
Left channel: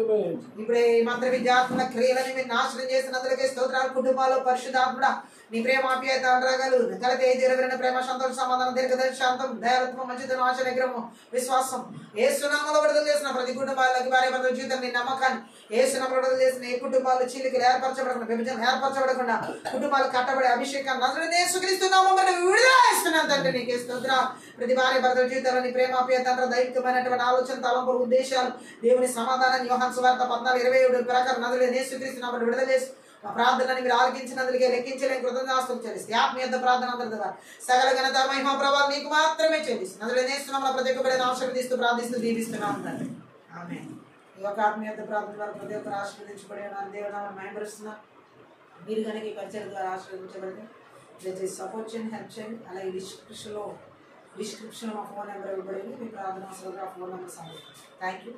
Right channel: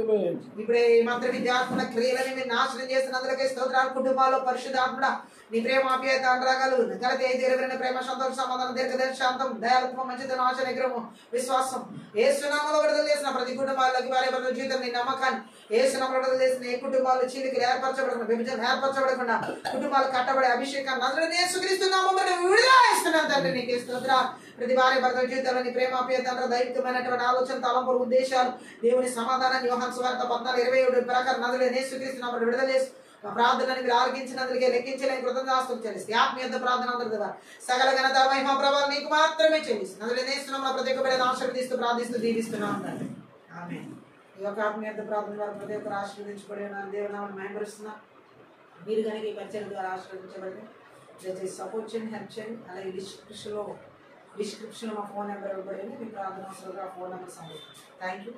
ఇప్పుడే ఈ మంత్ర విద్య ఆత్మల క్రియలని మీరు నాశనం చేస్తున్నందుకే స్తోత్రాలు. కుటుంబాల్లో పరిశుద్ధాత్ముడా నీ ప్రేమ, ఆప్యాయత, అనురాగాలు, గలతీ 5:20 ప్రేమ, సంతోషం, సమాధానం, దీర్ఘదర్శి, శాంతం, దయాలత్వం, మంచితనం, ఆశ, నిగ్రహం, విశ్వాసం యేసు నామములో విడుదల చేసిన ప్రతి కుటుంబాలకి భార్య భర్తల జీవితం నీ నమ్మకాన్ని యేసు నామములో విడుదల చేసిన ఏ కుటుంబాలు చీలికలు ఏర్పరచబడకుండా, విభజన ఏర్పరచబడకుండా, కుటుంబాలు కట్టబడే అభిషేకాన్ని నజరేయుడైన యేసుక్రీస్తు నామములో విడుదల చేస్తున్నాను తండ్రి. నీకే స్తోత్రం. ప్రతి భార్య భర్తల జీవితంలో నీ ప్రేమ, ఆప్యాయత, దైవికమైనటువంటి ఆలోచన, తలంపులు, ఉద్దేశాలు, దేవుని సమాధానాన్ని యోహాను సువార్త 14:27 ప్రకారం నజరేయుడైన యేసుక్రీస్తు నామములో విడుదల చేసి ప్రార్థనని మీరు ఆలకించినందుకే లెక్కించలేని కృతజ్ఞతాస్తులు చెల్లిస్తే ఆత్మీయ ప్రార్థన అందరి ద్వారా సకల ఘనత, మహిమ, ప్రభావం నీకు మాత్రమే చెల్లిస్తుంది. నజరేయుడైన యేసు నామములో ప్రతి ఒక్క బిడ్డను ఆశీర్వదిస్తూ ప్రార్థిస్తూ దీవిస్తున్నాం తండ్రి. ఆమేన్. ఈ యొక్క ఆత్మీయ ప్రార్థన ద్వారా ప్రతి ఒక్కరు ఆశీర్వదించబడి దేవుని నామమును మహిమపరుస్తున్నా. మీరు కనుక ఈ పరిచయం ద్వారా ఆశీర్వదించబడితే దయచేసి సపోర్ట్ చేయండి, హెల్ప్ చేయండి. అలాగే డిస్క్రిప్షన్లో మా ఫోన్ నెంబర్ ఇవ్వబడింది. మీ ప్రార్థన అవసరంగా ఆ ఫోన్ నెంబర్ సంబంధించి. Thank you.